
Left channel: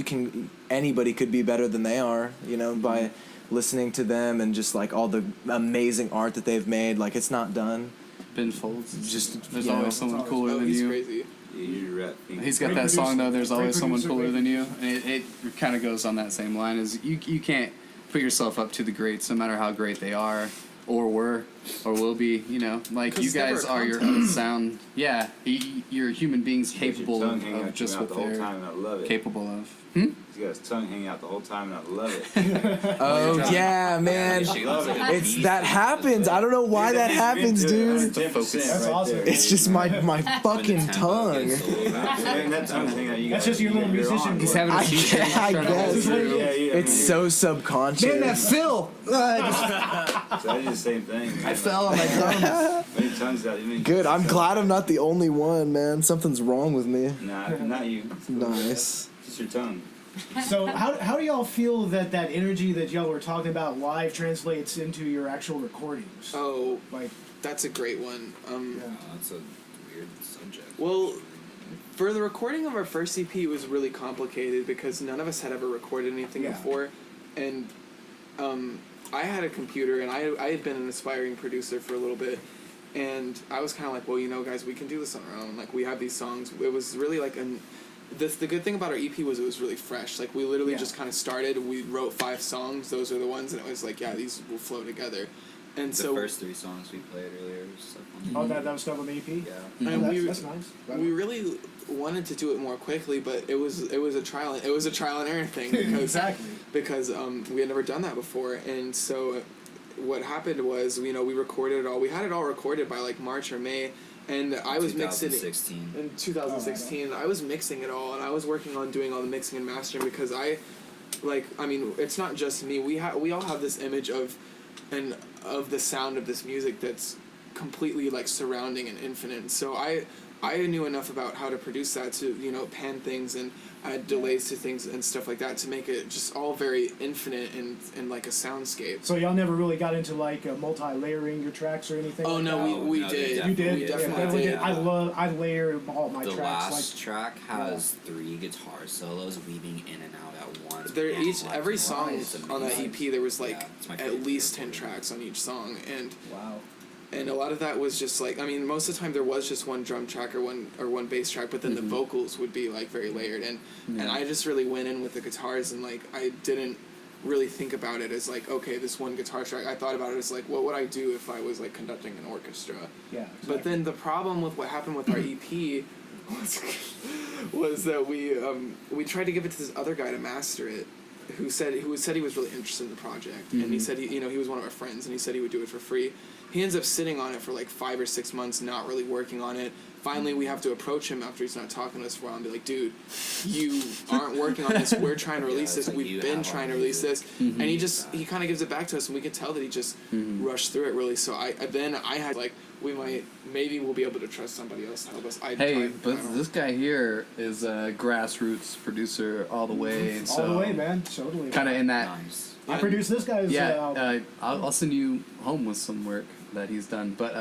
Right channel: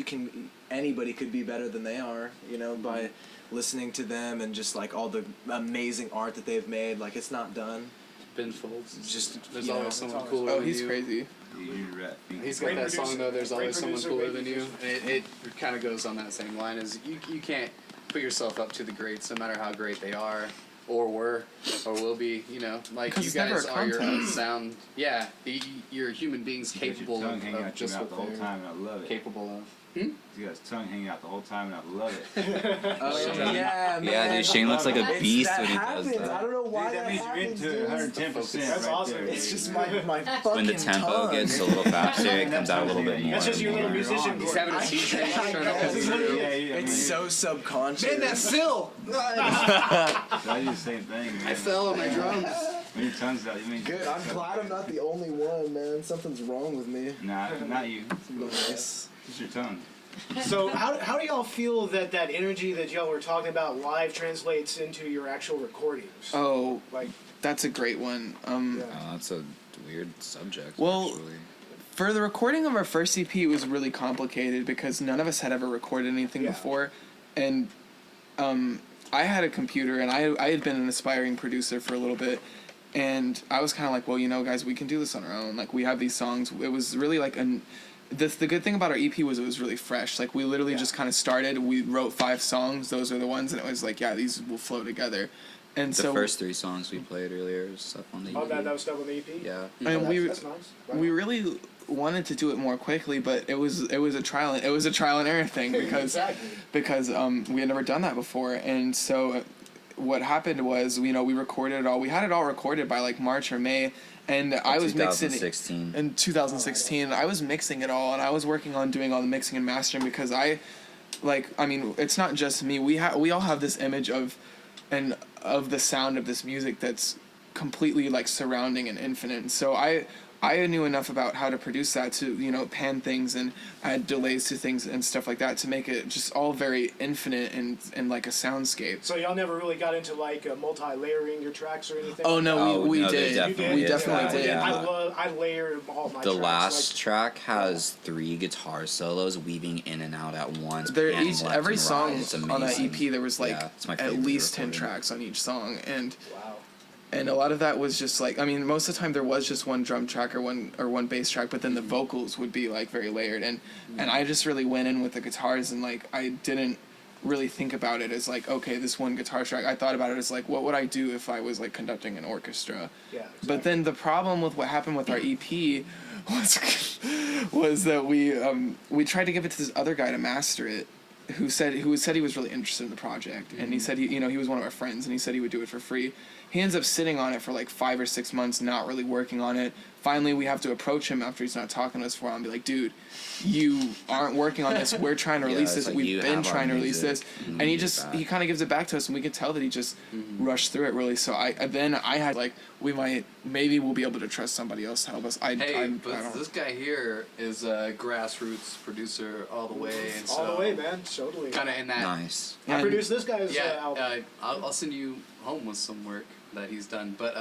anybody could be better than they are, you know, by listening to them and just like all the amazing art that they've made. Like, it's not done. Ben Folds. Just, There's you know, always someone always- cooler Oh, than he's you. crazy. He's got Great that song producer. though. There's Great always someone producer, cooler great than you, producer. and it kind of goes on that same line. As you can't put yourself up to the greats, no matter how great they are, or were, or will be. You know, like 'Cause you it's never guys a are your contest. own sound. Yeah, you're human beings capable tongue of, hanging out your just mouth what the whole they're time, and I love it. capable of. He's got his tongue hanging out the whole time, and I love it. oh yeah, Yeah, man. Shane looks like a It's beast. that when he does happens. that. I don't know why that happens, dude. That's awesome. It's just my When the fucking tempo tongue. gets a little faster, it comes out a little bit more. That's just your little musician. He's having a I seizure. guess. I Trying to hold guess. through. It's so subconscious. Phil. I do the same thing. Man. I fell on my drums. Many tongues out. Even Good. I'm glad I'm not the only one, man. Something's wrong with me. Nah, not you. Nice. It's your tongue. So how do y'all feel that energy that y'all were talking about live translates into your actual recordings? Oh, Like, that's a great one. yeah. That's a weird subject. Well, actually. For the recording of our first EP, it was really complicated because none of us had ever recorded anything Yeah. before, and I had a computer and I had been an aspiring producer for a little bit, and I was kind of like, well, you know, guys, we can do this on our own. Like, we have these songs. It was really like the good thing about our EP was it was really fresh. Like, we literally Yeah. just kind of started. We wrote 5 songs. Those are the ones, and it was like, yeah, these will flow together. And The so first 3 songs we played earlier was stuff on the Oh, that was stuff on the EP? Yeah. and That's nice. we really wanted to do it more quickly, but it was a trial and error thing because Exactly. because we had never done that before, and so what happened was, you know, we recorded it all. We had it all recorded by like March or May, and I was mixing it 2016. in 2016. I was mixing it all, and I was working on doing all the mixing and mastering because I mean, it's not just me. We all have this image of the sound of this music that's completely like surrounding and infinite. So I knew enough about how to produce that to, you know, pan things and add delays to things and stuff like that to make it just all very infinite and like a soundscape. So y'all never really got into like multi-layering your tracks or anything? Oh like no, Oh, we no, did. they You did? We definitely Yeah, did. I layer all my The tracks. last track has 3 guitar solos weaving in and out at once. There panning each left every and song right. It's on that amazing. EP there was like Yeah, it's my at favorite least 10 recording. tracks on each song, and Wow. and a lot of that was just like, I mean, most of the time there was just one drum track or one bass track, but then the vocals would be like very layered, and I just really went in with the guitars, and like I didn't really think about it as like, okay, this one guitar track. I thought about it as like, what would I do if I was like conducting an orchestra? Yeah. Exactly. But then the problem with what happened with our EP was that we tried to give it to this other guy to master it, who said he was really interested in the project, and he said he was one of our friends, and he said he would do it for free. He ends up sitting on it for like 5 or 6 months, not really working on it. Finally, we have to approach him after he's not talking to us for a while and be like, dude, you aren't working on this. We're trying to release it's this. like, We've you been have our trying to release music. this. And he kind of gives it back to us, and we can tell that he just rushed through it really. So I had like, maybe we'll be able to trust somebody else to help us. But this guy here is a grassroots producer all the way. And all the way, man. Totally. Kind of in that. Nice. I produced this guy's album. I'll send you home with some work that he's done. But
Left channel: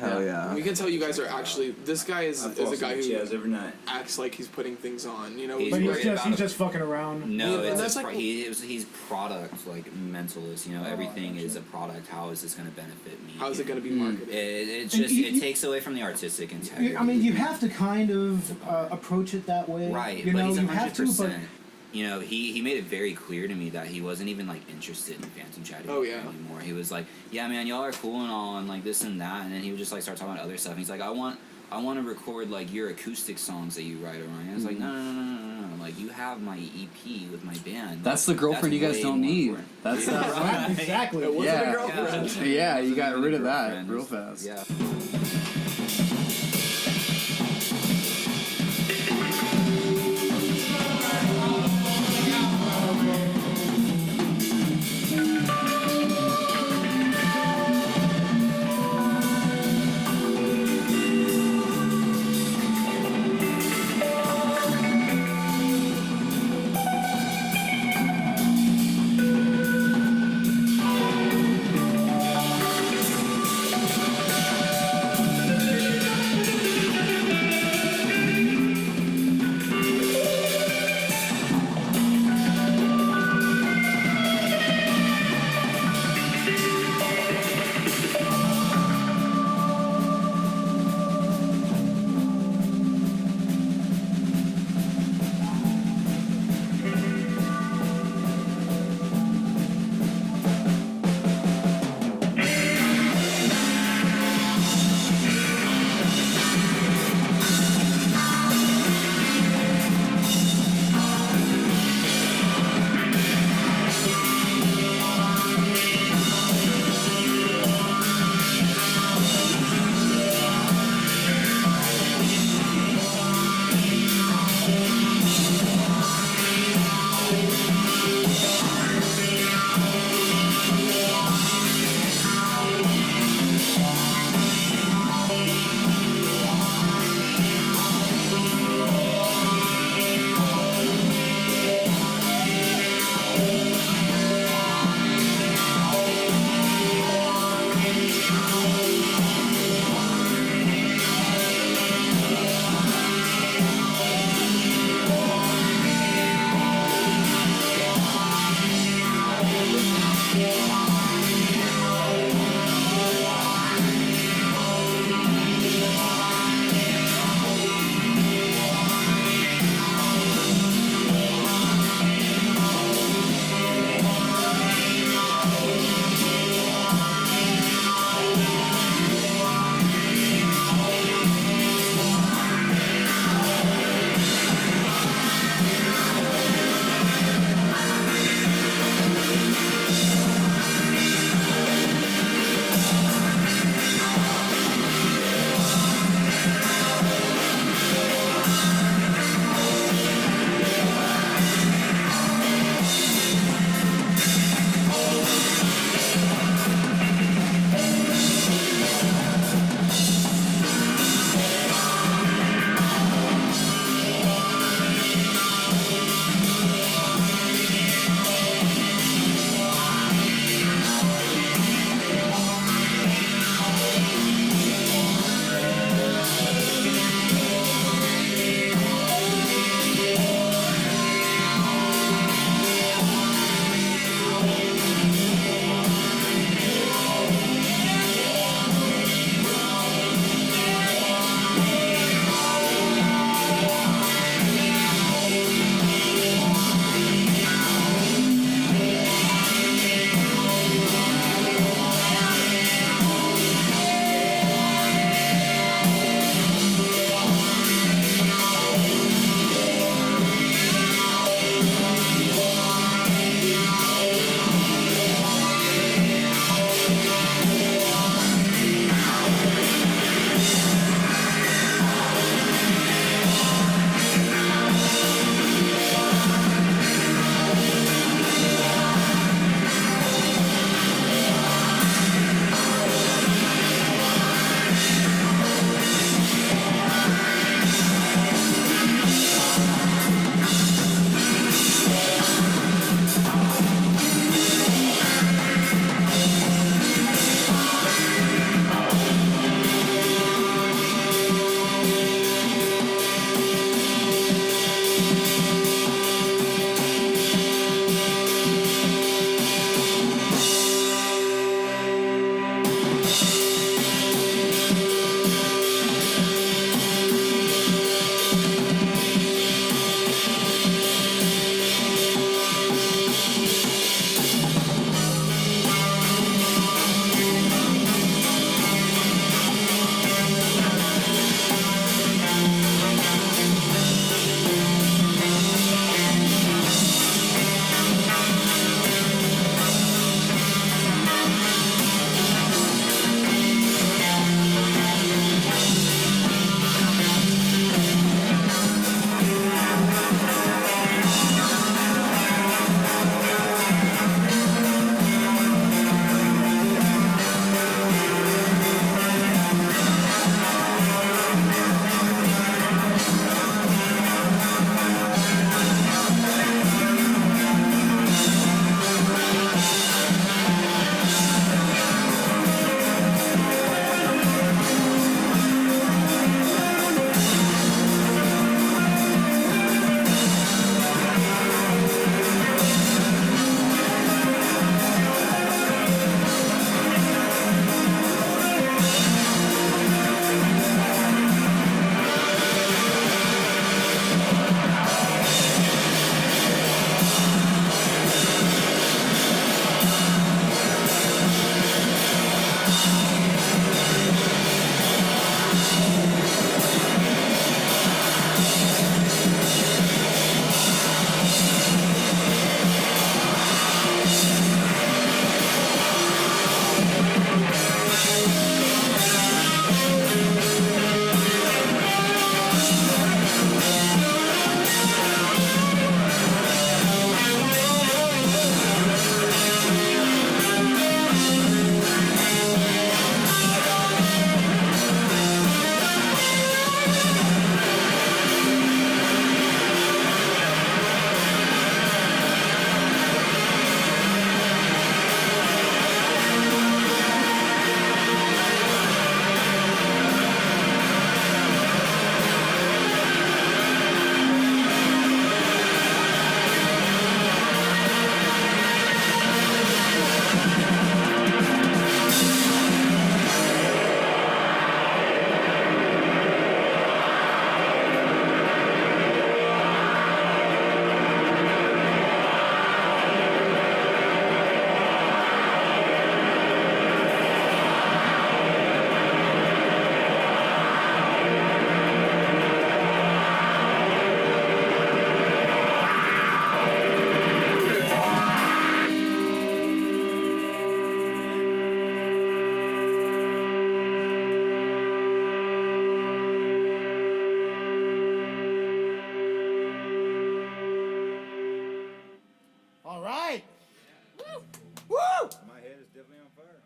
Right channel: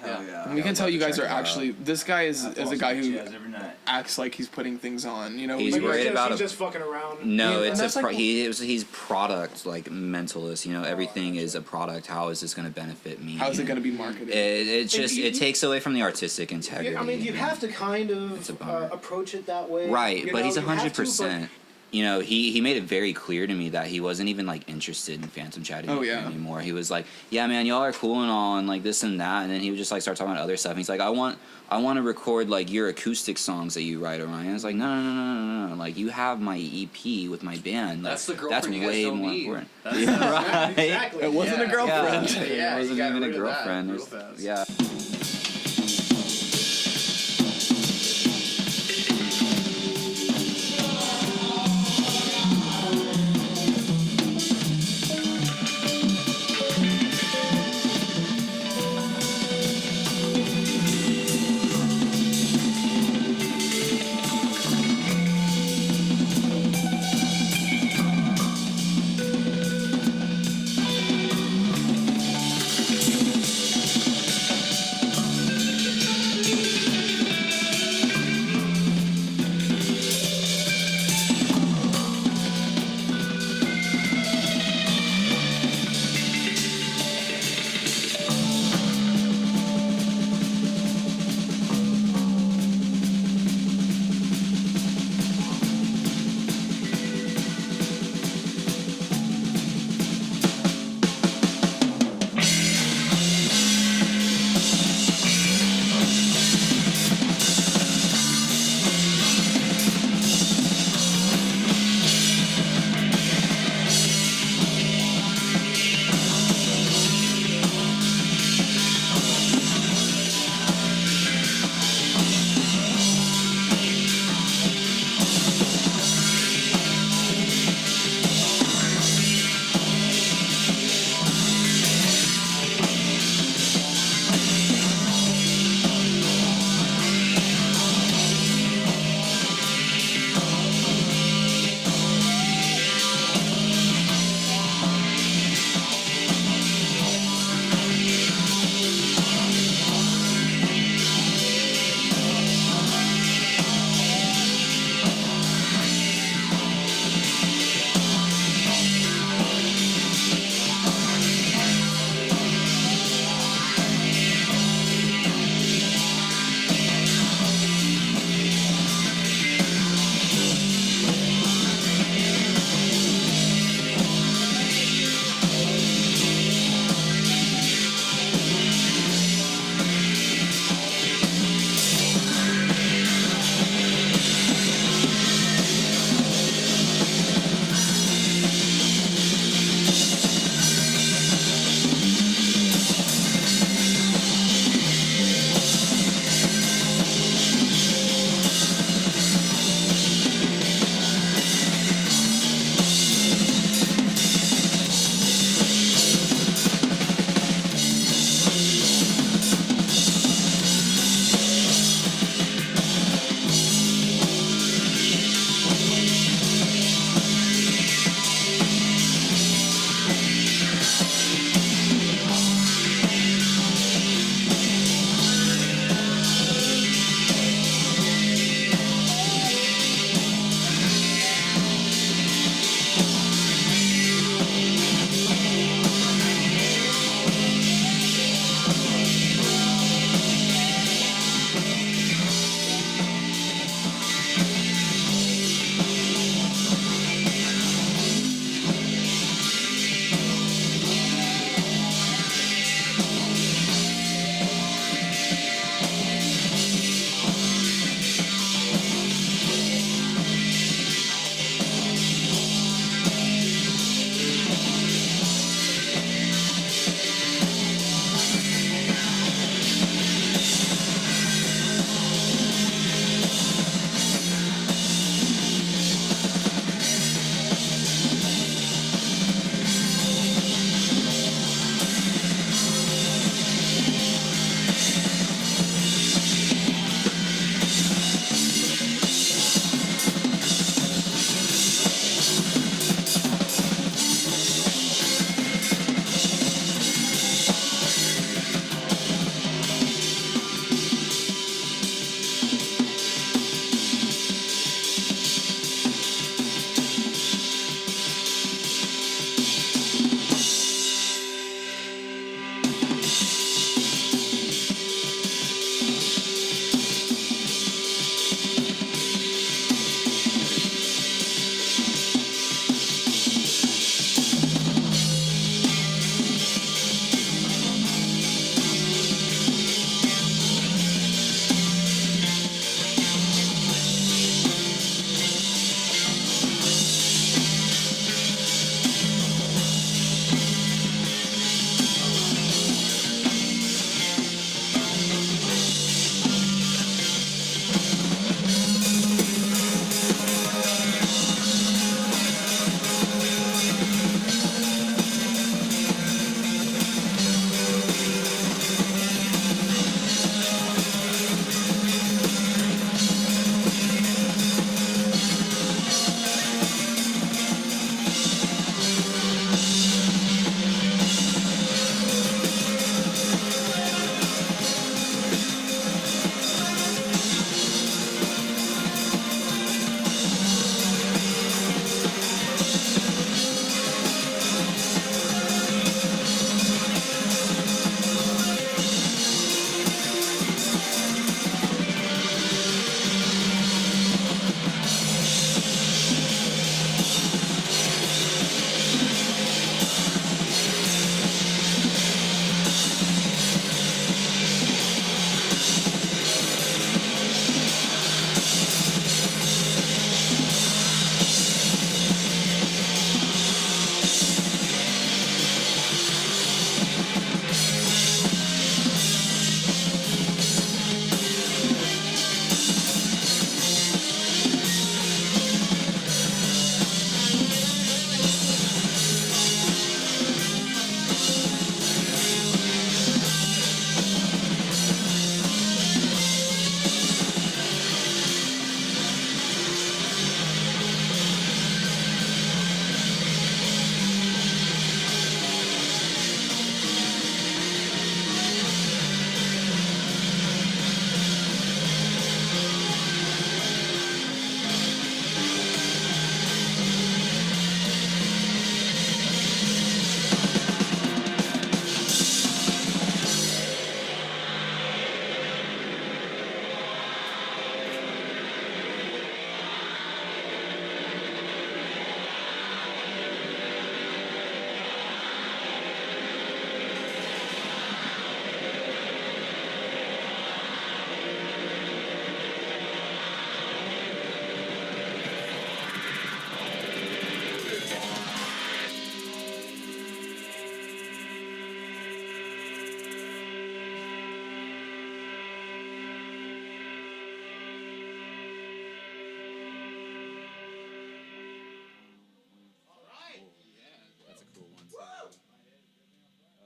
Hell yeah. We can tell you guys are actually. This guy is a guy who jazz every night. acts like he's putting things on. You know, He's But worried about he's it. just fucking around. No, Yeah, it's and that's like- he's product like mentalist. You know, everything is a product. How is this going to benefit me? how is it going to be marketed? It just it takes away from the artistic integrity. I mean, you have to kind It's a of bummer. approach it that way. Right, you but know, he's you have to, but 100%. You know, he made it very clear to me that he wasn't even like interested in Phantom Chatting Oh, yeah. anymore. He was like, "Yeah, man, y'all are cool and all, and like this and that," and then he would just like start talking about other stuff. And he's like, "I want to record like your acoustic songs that you write around." And I was like, "No. Like you have my EP with my band. that's Like, the girlfriend you guys way don't more need. important." That's Yeah, right. Exactly. It wasn't a girlfriend. Yeah, you got Even a rid of that girlfriend. real fast. Yeah.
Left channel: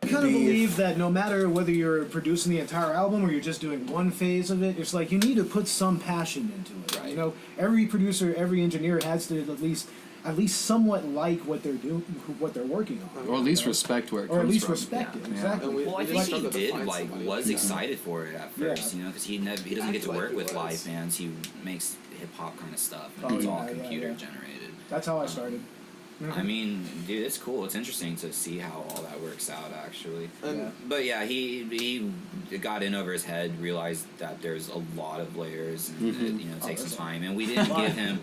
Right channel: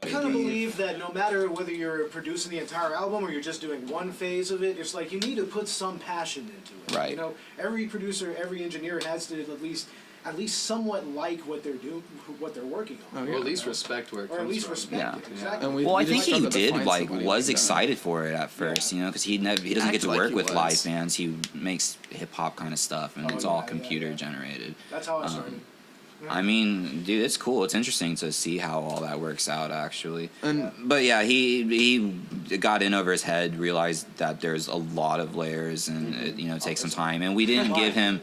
kind of believe that no matter whether you're producing the entire album or you're just doing one phase of it, it's like you need to put some passion into it. Right. You know, every producer, every engineer has to at least somewhat like what they're doing, what they're working on. Oh, Or at least respect where it comes Or at least from. respect Yeah. it. Exactly. And we- Well, I think just he have to did find like somebody was like that. excited for it at first, Yeah. you know, because he doesn't get Acted to like work he with was. live bands. He makes hip hop kind of stuff, and Oh, it's all yeah, computer yeah. generated. That's how I started. I mean, dude, it's cool. It's interesting to see how all that works out, actually. And But yeah, he got in over his head, realized that there's a lot of layers, and it takes some time. And we didn't give him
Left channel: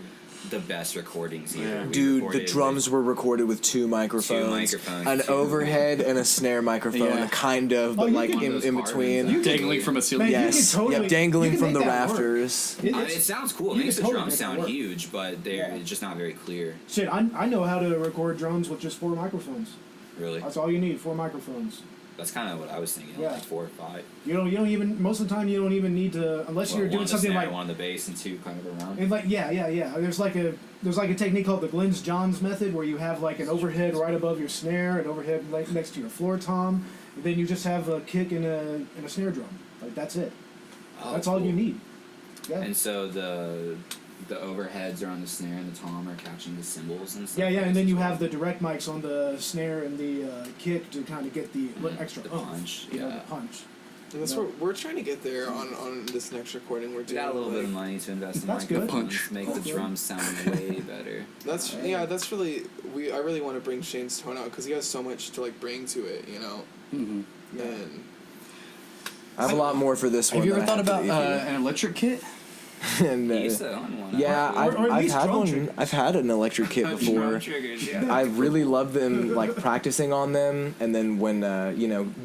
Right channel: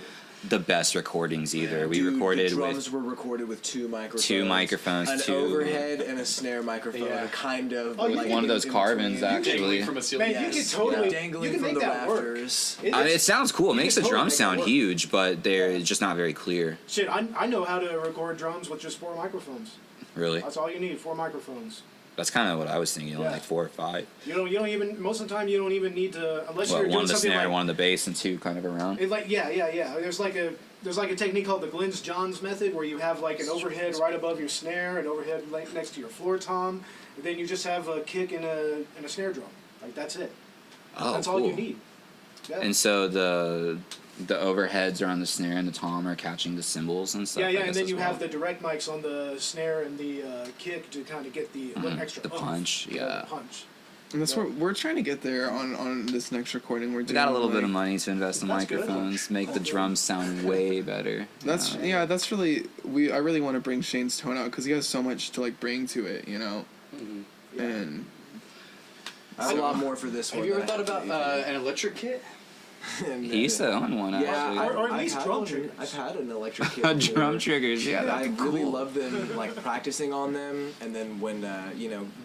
the best recordings either. We Dude, recorded the drums with were recorded with two microphones. An two- overhead and a snare microphone, Yeah. kind of, Oh, but you like can- one of in, those in carbons between. actually. Dangling from a ceiling. Man, you Yes, can totally dangling you can from the make that work. rafters. It sounds cool. It you makes the can totally drums make it sound work. huge, but they're just not very clear. Shit, I know how to record drums with just 4 microphones. Really, That's all you need, 4 microphones. that's kind of what I was thinking. Yeah. Like 4 or 5. You don't even most of the time you don't even need to unless Well, you're one doing on the something snare, like one on the bass, and 2 kind of around. it's like yeah. There's like a technique called the Glenn's Johns method where you have like an overhead right above your snare, an overhead next to your floor tom, and then you just have a kick and a snare drum. Like that's it. Oh, That's all you cool. need. Yeah. And so the overheads are on the snare, and the tom are catching the cymbals and stuff. Yeah, I and guess, then as you well. have the direct mics on the snare and the kick to kind of get the extra the oomph, punch, you know, yeah. the punch. And that's what we're trying to get there on this next recording. We're We doing got a little bit like- of money to invest in That's good. microphones, make the drums sound way better. That's that's really I really want to bring Shane's tone out because he has so much to like bring to it, you know. Yeah. And I have a lot more for this one. Have you ever than I thought have about for the EP. an electric kit? And, He used to own one. yeah, actually. Or at I've least had drum one. triggers. I've had an electric kit Drum before. triggers. Yeah, I really love them, like practicing on them, and then when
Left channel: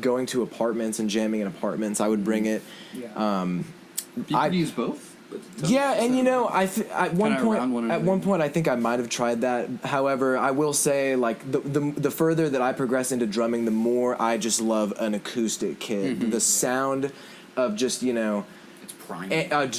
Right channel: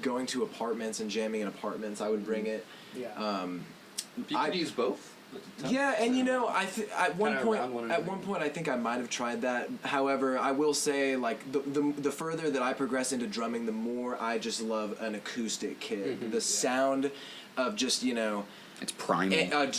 going to apartments and jamming in apartments, I would bring it. Yeah. You I- could use both. Yeah, and at one Kinda around one point, another. I think I might have tried that. However, I will say, like the further that I progress into drumming, the more I just love an acoustic kit. The sound of just It's primal.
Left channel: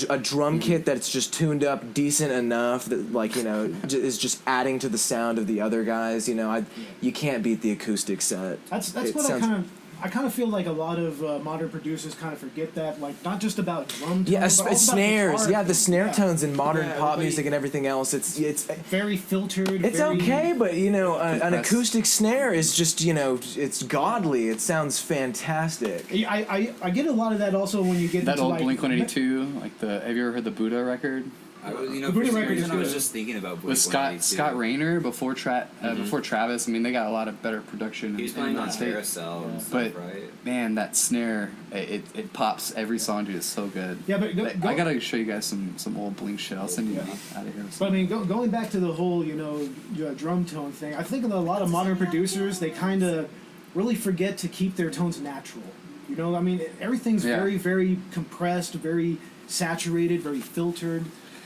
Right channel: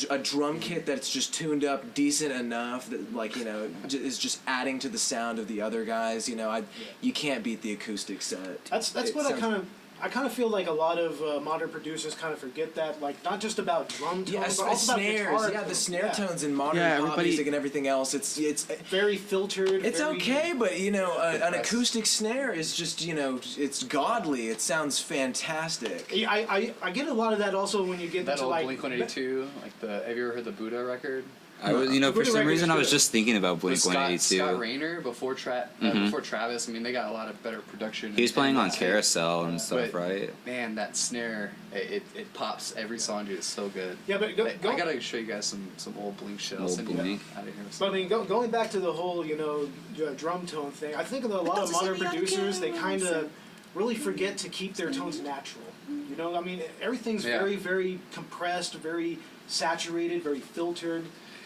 a drum kit that's just tuned up decent enough that is just adding to the sound of the other guys. You can't beat the acoustic set. That's It what sounds- I kind of feel like a lot of modern producers kind of forget that, like not just about drum tones, Yeah, but also about snares. guitar Yeah, the tones. snare Yeah. tones in modern Yeah, pop everybody- music and everything else. It's Very filtered. It's very, okay, but an Compressed. acoustic snare is just it's godly. It sounds fantastic. I get a lot of that also when you get That into old like Blink-182, like have you ever heard the Buddha record? I was, The for Booty some Records reason, I was good. just thinking about With Blink-182. Scott Rayner before before Travis. I mean, they got a lot of better production. He was and- playing and on that. Carousel and stuff, But- right? Man, that snare, it pops every song, dude. It's so good. Yeah, but I gotta show you guys some old Blink shit. I'll Old send you Blink. out of here. So I mean, going back to the whole drum tone thing, I think a lot of modern producers they kind of really forget to keep their tones natural. I mean, everything's Yeah. very very compressed, very saturated, very filtered.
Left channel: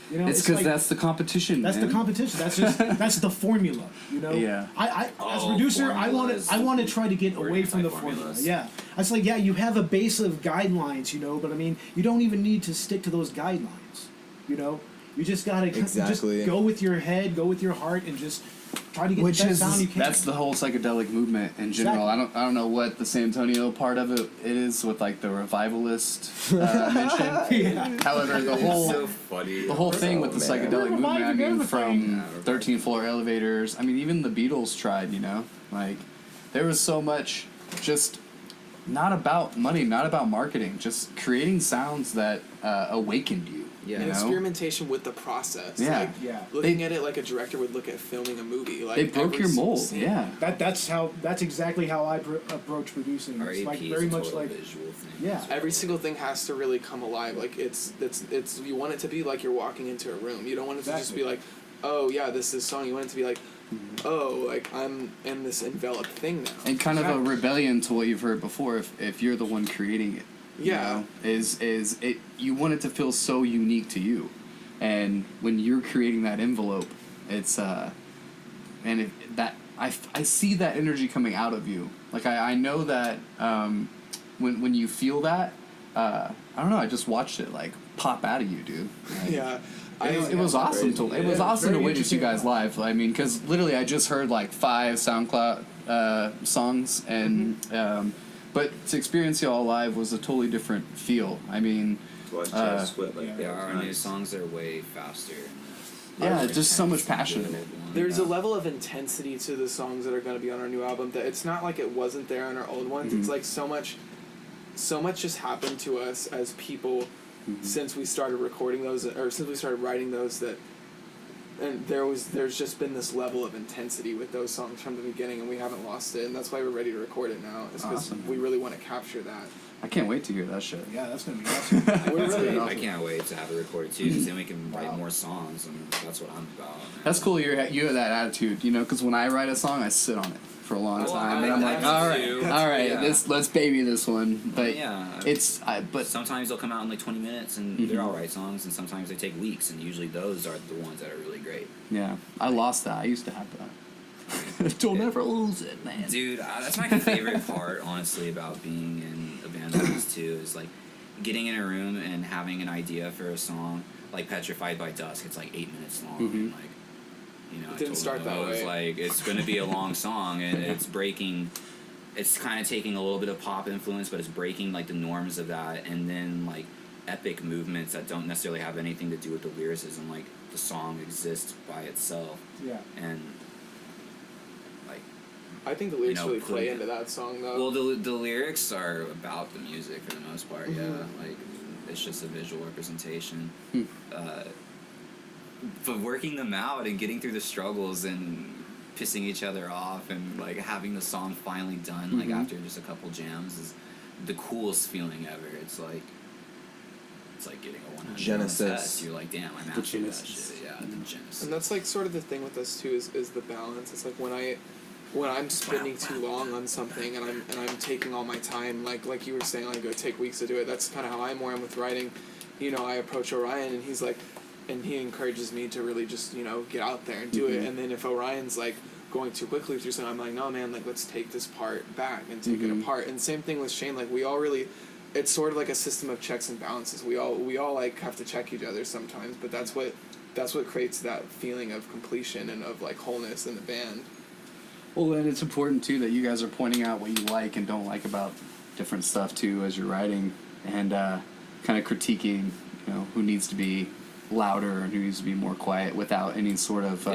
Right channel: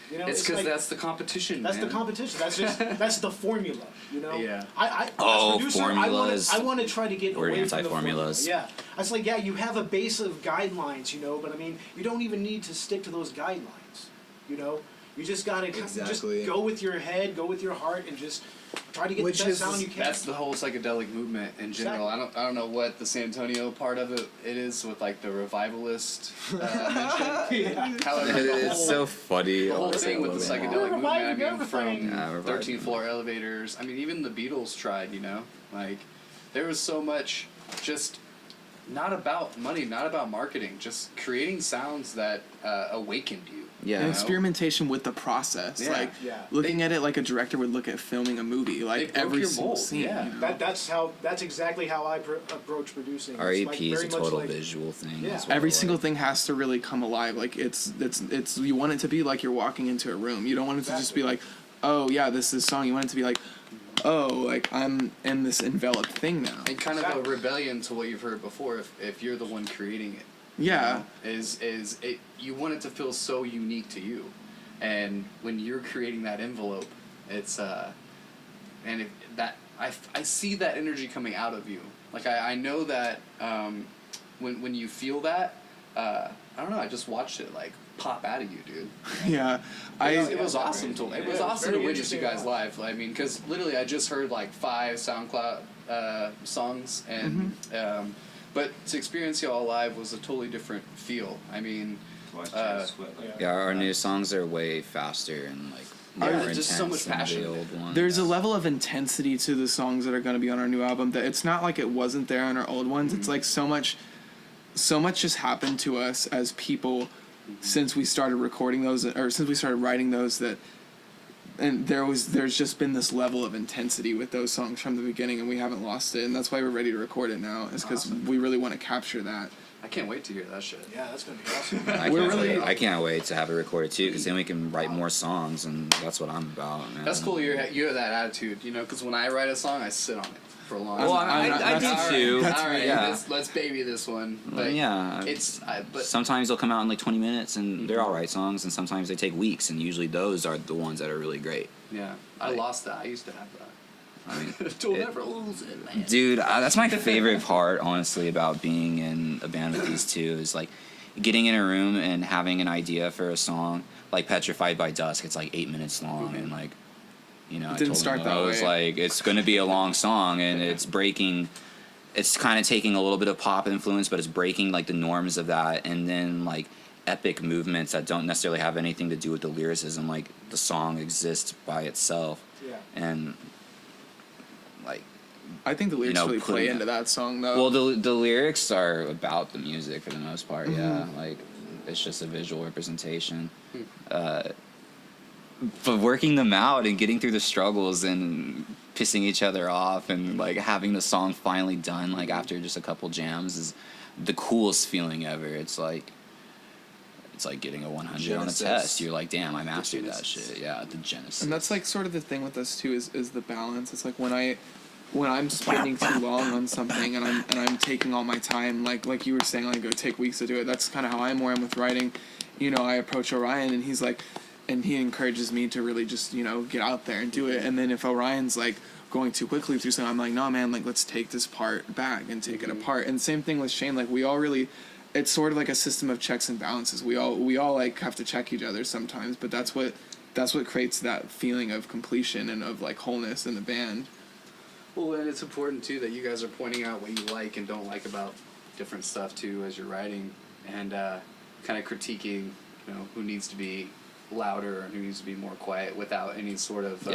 It's because like, that's the competition. that's the man. competition. That's the formula. Yeah. I as Oh, a producer, formulas. I want to try to get We're away from the formula. anti-formulas. Yeah, I was like, yeah, you have a base of guidelines, but I mean, you don't even need to stick to those guidelines. You just gotta Exactly. just go with your head, go with your heart, and just try to get Which the best is- sound you can. That's the whole psychedelic movement in general. Exactly. I don't know what the San Antonio part of it is with like the revivalist mention. Yeah. However, the It's whole so funny. the whole thing with the psychedelic movement, I mean, everything. from Yeah, reviving. 13th floor elevators. I mean, even the Beatles tried. Like there was so much just not about money, not about marketing, just creating sounds that awakened you. Yeah. And you know? experimentation with the process. Yeah. Like Yeah. looking at it like a director would look at filming a movie. Like They broke every your single mold. scene. Yeah. That's exactly how I approach producing. It's REP like is very a much total like visual thing. Yeah. as well, Every like- single thing has to really come alive. Like it's you want it to be like you're walking into a room. You don't want it to just Exactly. be like, oh yeah, this is song. You want it to be like, oh, like I'm in this enveloped thing now. And kind of a rebellion to what you've heard before. If you're the one creating it. Yeah. Is it? You want it to feel so unique to you, and when you're creating that envelope, it's and I see that energy coming out of you. Like I know that when you feel that, I don't know. I just watched it like pop out of you, dude. Yeah. It was awesome to Yeah, it's awesome very to witness you interesting. guys live. I mean, because literally I just heard like 5 SoundCloud songs, and but to experience y'all live was a totally different feel. I mean, Watch Chad sweat like Yeah, our new songs are way faster and like Yeah, more just so intense much than passion. the old ones. There's a level of intensity to the songs that are going to be on our new album that it's not like it wasn't there on our old ones. It's like so much just happened to us as people since we started recording those, or since we started writing those, that and there's just been this level of intensity with those songs from the beginning, and we haven't lost it, and that's why we're ready to record it now, is because we really want to capture that. I can't wait to hear that shit. Yeah, that's gonna be awesome. I can't wait to have it recorded too, because then we can write more songs, and that's what I'm about. Man. That's cool. You have that attitude, you know. Because when I write a song, I sit on it for a long time. Well, I do all right, too. all right, Yeah. let's baby this one. But yeah, but sometimes they'll come out in like 20 minutes, and they're all right songs, and sometimes they take weeks, and usually those are the ones that are really great. yeah, I lost that. I used to have that. Don't ever lose it, man. Dude, that's my favorite part, honestly, about being in a band like these two, is like getting in a room and having an idea for a song, like Petrified by Dusk. It's like 8 minutes long, and like, you know, I didn't told start them, that I was way. like, it's going to be a long song, and it's kind of taking a little bit of pop influence, but it's breaking like the norms of that, and then like epic movements that don't necessarily have anything to do with the lyricism. Like the song exists by itself, Yeah. and like, I think the lyrics really play into that song, though. well, the lyrics are about the music for the most part. Yeah, like it's just a visual representation. But working them out and getting through the struggles and pissing each other off and like having the song finally done, like after just a couple jams, is the coolest feeling ever. It's like getting a 100 Genesis. on a test. You're like, damn, I mastered that Genesis. shit. Yeah, the Genesis. And that's like sort of the thing with us too, is the balance. It's like when I'm spending too long on something and I'm taking all my time, like you were saying, like it would take weeks to do it. That's kind of how I'm with writing. You know, I approach Orion and he's like, and he encourages me to really just, you know, get out there and do it. And then if Orion's like going too quickly through something, I'm like, no man, like let's take this part back and take it apart. And same thing with Shane, like we all really, it's sort of like a system of checks and balances. We all like have to check each other sometimes, but that's what creates that feeling of completion and of like wholeness in the band. Well, and it's important too that you guys are pointing out what you like and don't like about different stuff too as you're writing, and kind of critiquing, you know, who needs to be louder and who needs to be more quiet without any sort of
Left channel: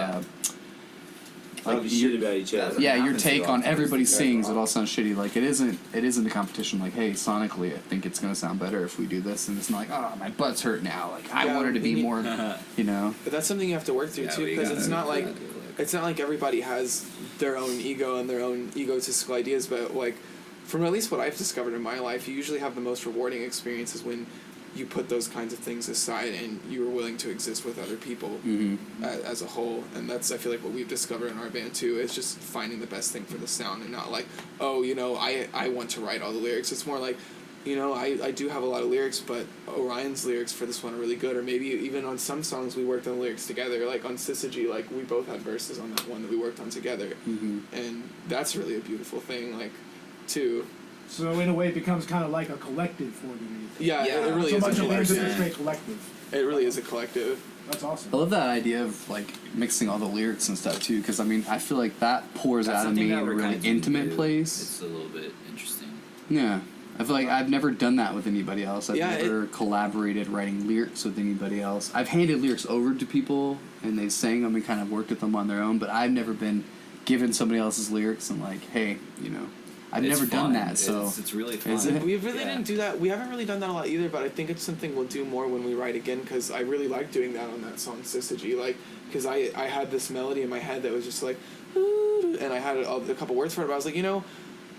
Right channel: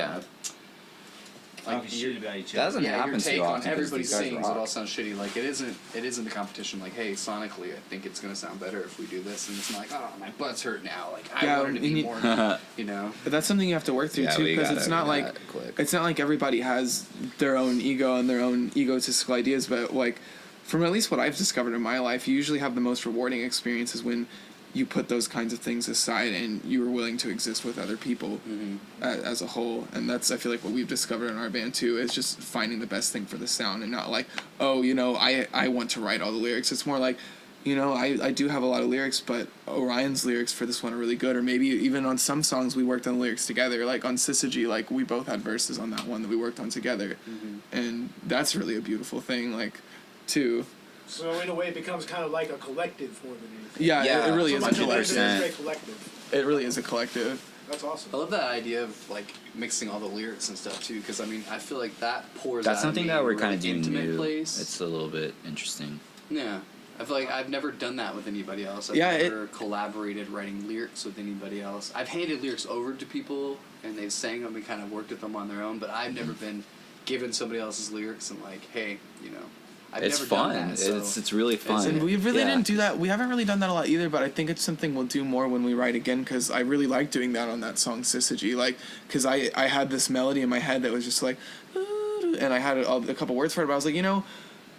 Talking shit about each other. Doesn't your happen too take on often, everybody 'cause you guys sings. It rock. all sounds shitty. Like it isn't a competition. Like, hey, sonically, I think it's gonna sound better if we do this, and it's not like, oh, my butt's hurt now. Like Yeah, I wanted to we be need- more, you know. But that's something you have to work through Yeah, too, we because it's not like gotta click. it's not like everybody has their own ego and their own egotistical ideas. But like, from at least what I've discovered in my life, you usually have the most rewarding experiences when you put those kinds of things aside and you were willing to exist with other people as a whole. And that's, I feel like, what we've discovered in our band too, is just finding the best thing for the sound and not like, oh, you know, I want to write all the lyrics. It's more like, you know, I do have a lot of lyrics, but Orion's lyrics for this one are really good. Or maybe even on some songs we worked on lyrics together. Like on Syzygy, like we both had verses on that one that we worked on together. And that's really a beautiful thing, like, too. So in a way, it becomes kind of like a collective more than anything. Yeah, it really So is a much of it is a collective. straight collective. It really is a collective. That's awesome. I love that idea of like mixing all the lyrics and stuff too, because I mean I feel like that pours That's out of something me that in a we're really kind of doing intimate new. place. It's a little bit interesting. Yeah. I feel like I've never done that with anybody else. I've Yeah, never collaborated writing lyrics with anybody else. I've handed lyrics over to people and they sang them and kind of worked with them on their own, but I've never been given somebody else's lyrics and like, hey, you know, I've It's never fun. done that. So It's really fun. And we really Yeah. didn't do that. We haven't really done that a lot either, but I think it's something we'll do more when we write again, because I really like doing that on that song Syzygy. Like, because I had this melody in my head that was just like, and I had a couple words for it, but I was like, you know,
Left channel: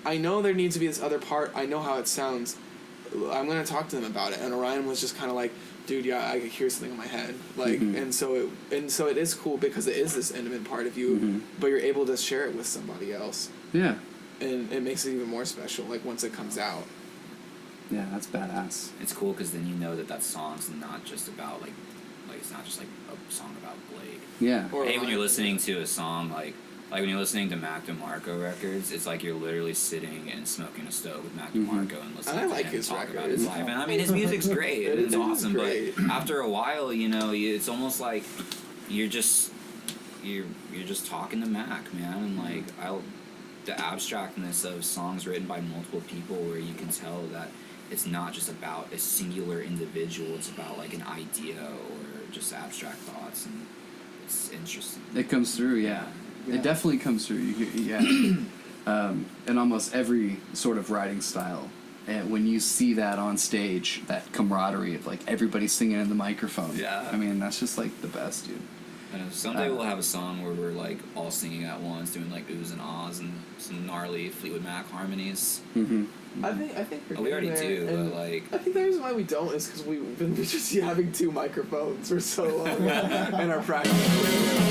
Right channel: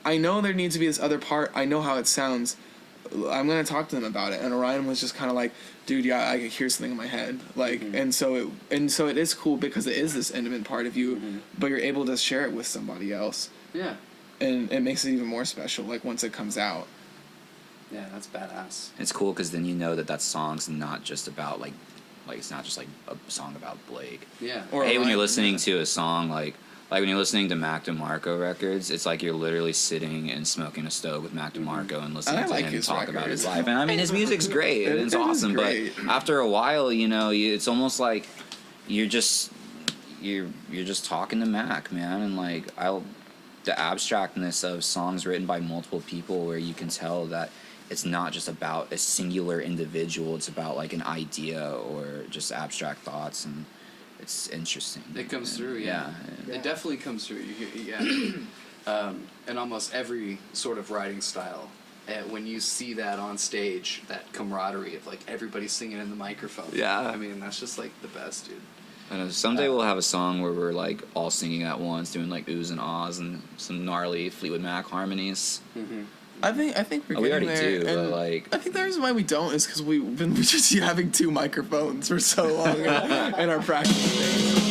I know there needs to be this other part. I know how it sounds. I'm going to talk to them about it. And Orion was just kind of like, dude, yeah, I hear something in my head. Like, and so it is cool because it is this intimate part of you, but you're able to share it with somebody else. yeah. And it makes it even more special, like, once it comes out. Yeah, that's badass. It's cool because then you know that song's not just about like it's not just like a song about Blake. Yeah. Or Hey, when you're Orion, listening to a song like when you're listening to Mac DeMarco records, it's like you're literally sitting and smoking a stove with Mac DeMarco and listening I to like him his talk about records. his life. And I mean, his music's great. It It's is awesome. great. But after a while, you know, it's almost like you're just talking to Mac, man. And like the abstractness of songs written by multiple people, where you can tell that it's not just about a singular individual. It's about like an idea or just abstract thoughts, and it's interesting. It comes through, yeah. Yeah. It definitely comes through. Yeah. In almost every sort of writing style. And when you see that on stage, that camaraderie of like everybody singing in the microphone. Yeah. I mean, that's just like the best, dude. And someday we'll have a song where we're like all singing at once, doing like oohs and ahs and some gnarly Fleetwood Mac harmonies. Mm-hmm. I think we're We getting already there. do, and but like I think the reason why we don't is because we've been just having 2 microphones for so long in our practice.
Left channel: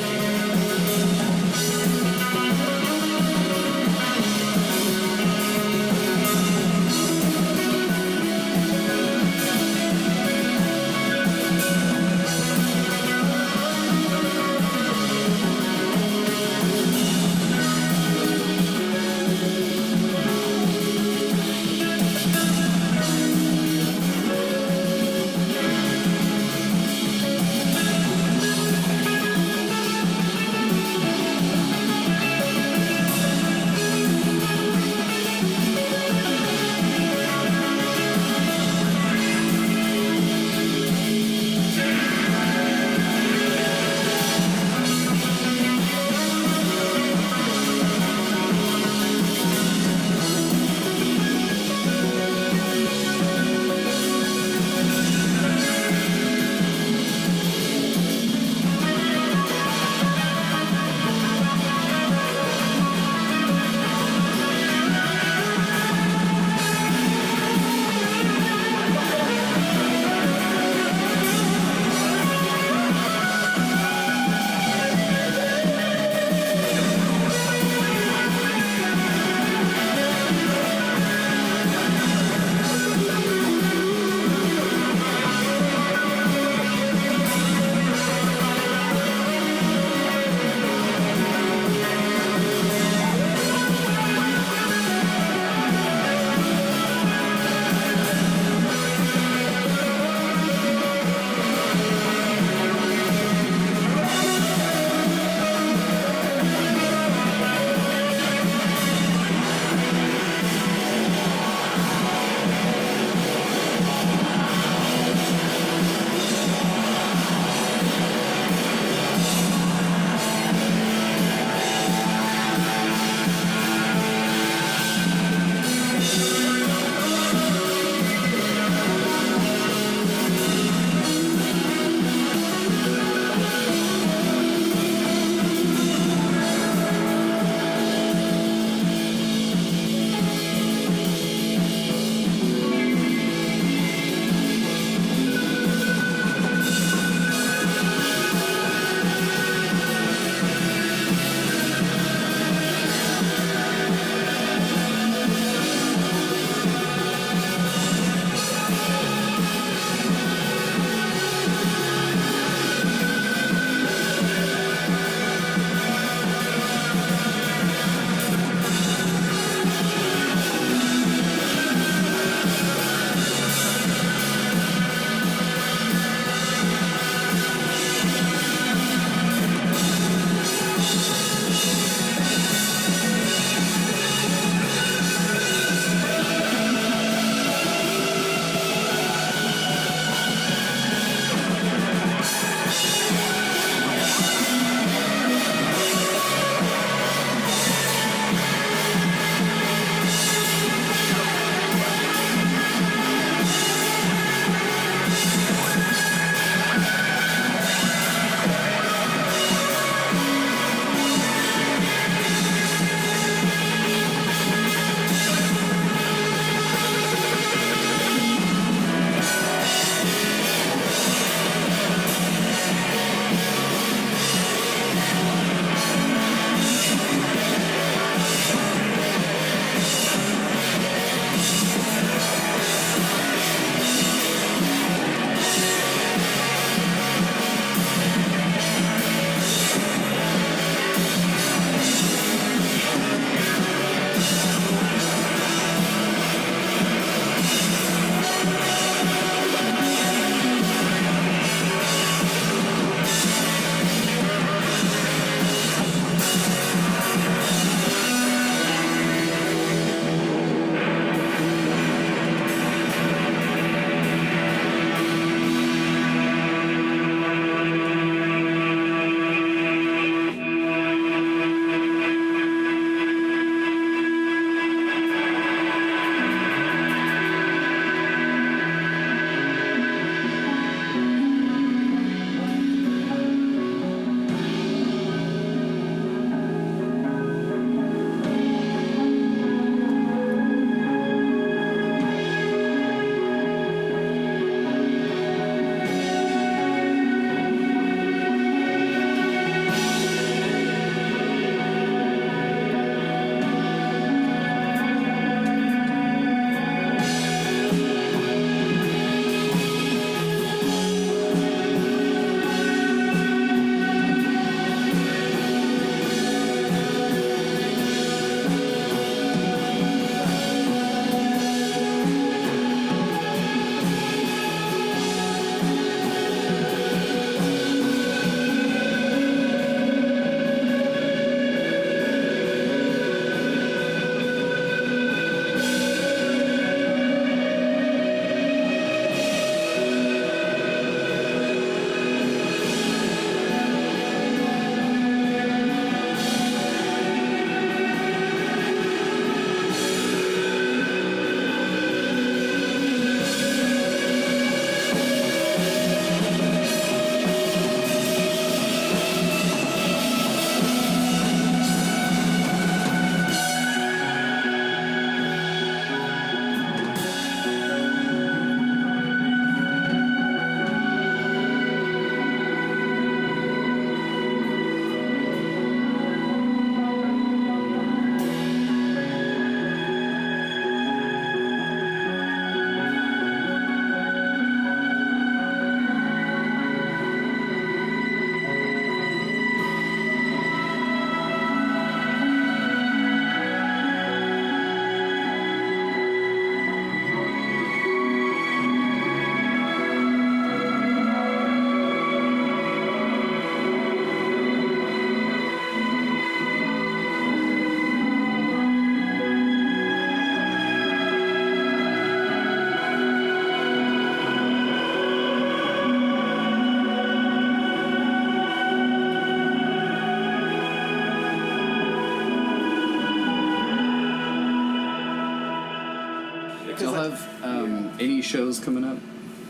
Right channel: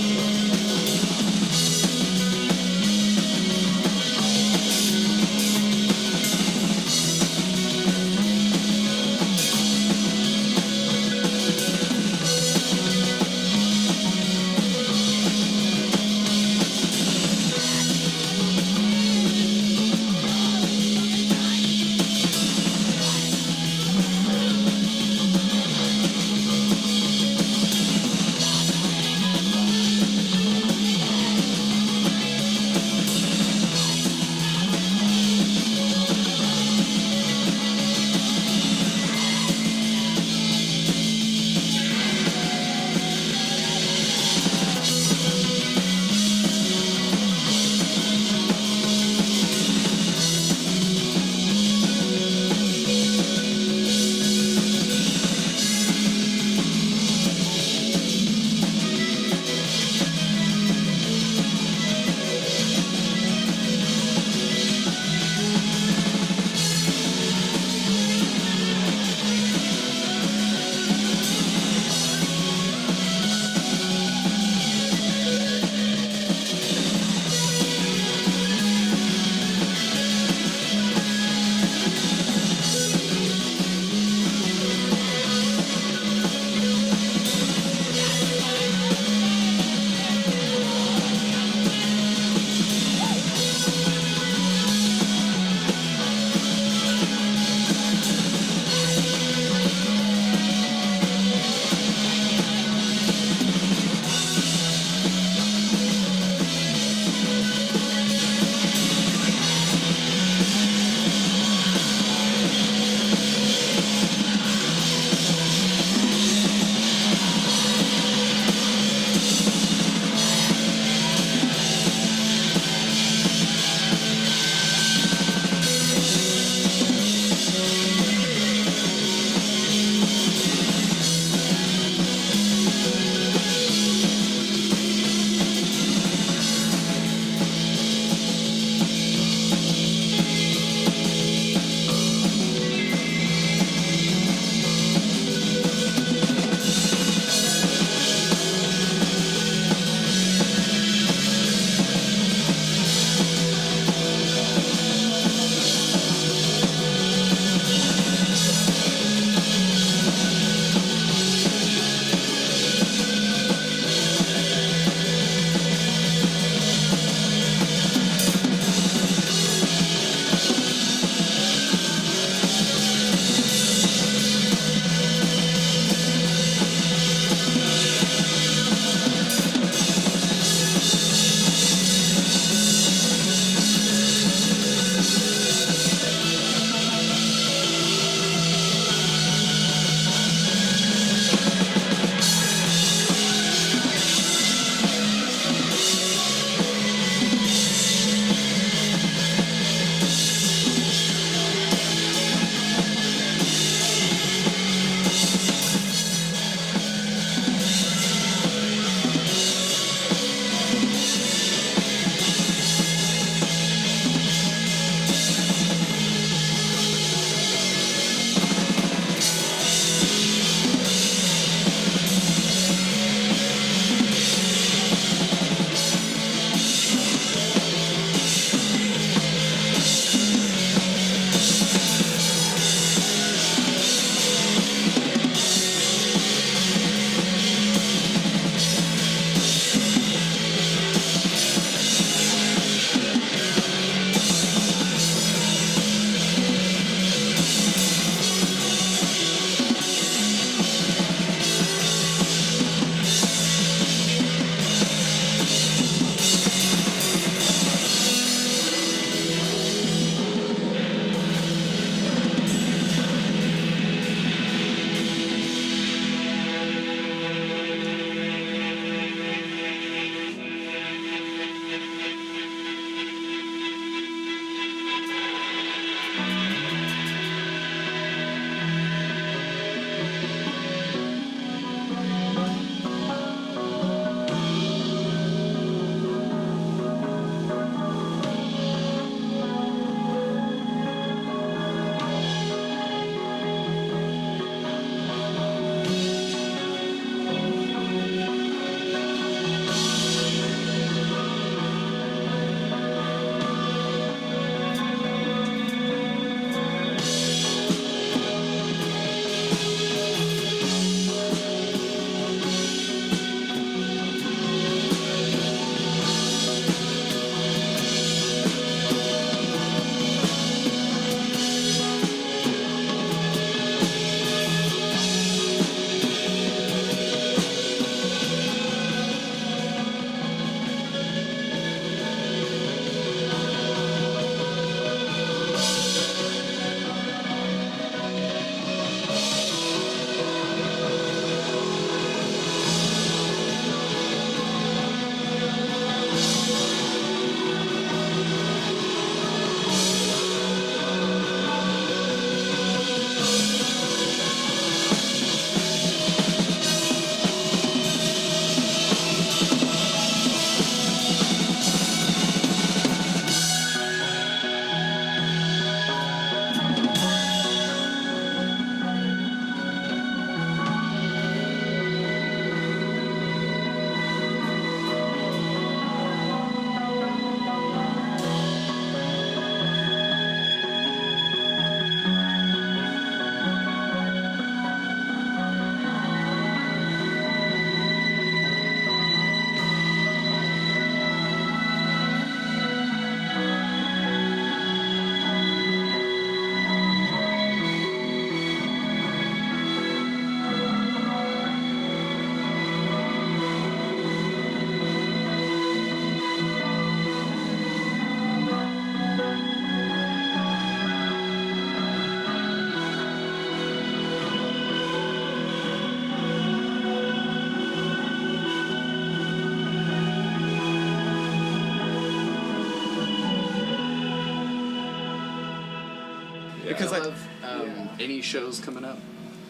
Because y'all have any shows coming up?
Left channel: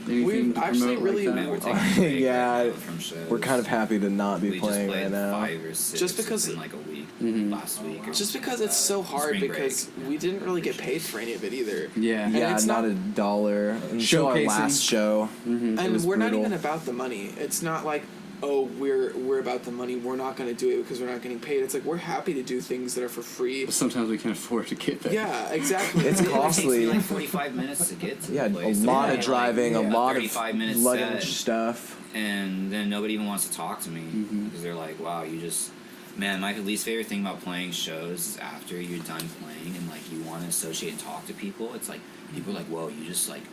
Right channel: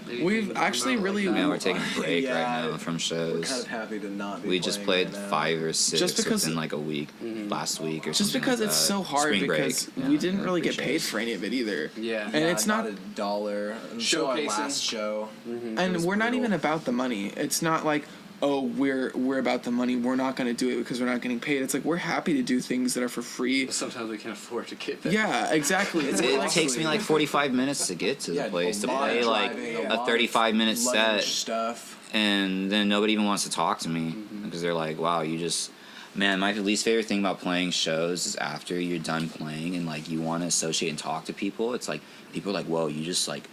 Anything We've to actually promote really- like Man, that? we're taking a break Yeah, right now from shows. We're kind of happy to not be We playing just played right now. 5 or 6 Just because- within like a week, last week or just something because like it's that. so hard Spring break. because Yeah, we didn't I really get appreciate paid it. for any of it either. Yeah. And Yeah, it's not not- $1 until our Showcasing. last show. And It was we're not brutal. even about the money. It's not like, oh, we're about the money. We're not going to do it because we're not getting paid. It's like we're happy to do things that are for free. But sometimes we can't afford to get there. Yeah, exactly. It's It takes costly. me like 45 minutes to get to Yeah, the place a to lot play of driving, like a a lot 35-minute of luggage set, stuff. and then nobody even wants to talk to me because they're like, "Wow, you just." Man, my least favorite thing about playing shows is after you're done playing and like you want to associate and talk to people. It's like people are like, "Whoa, you just like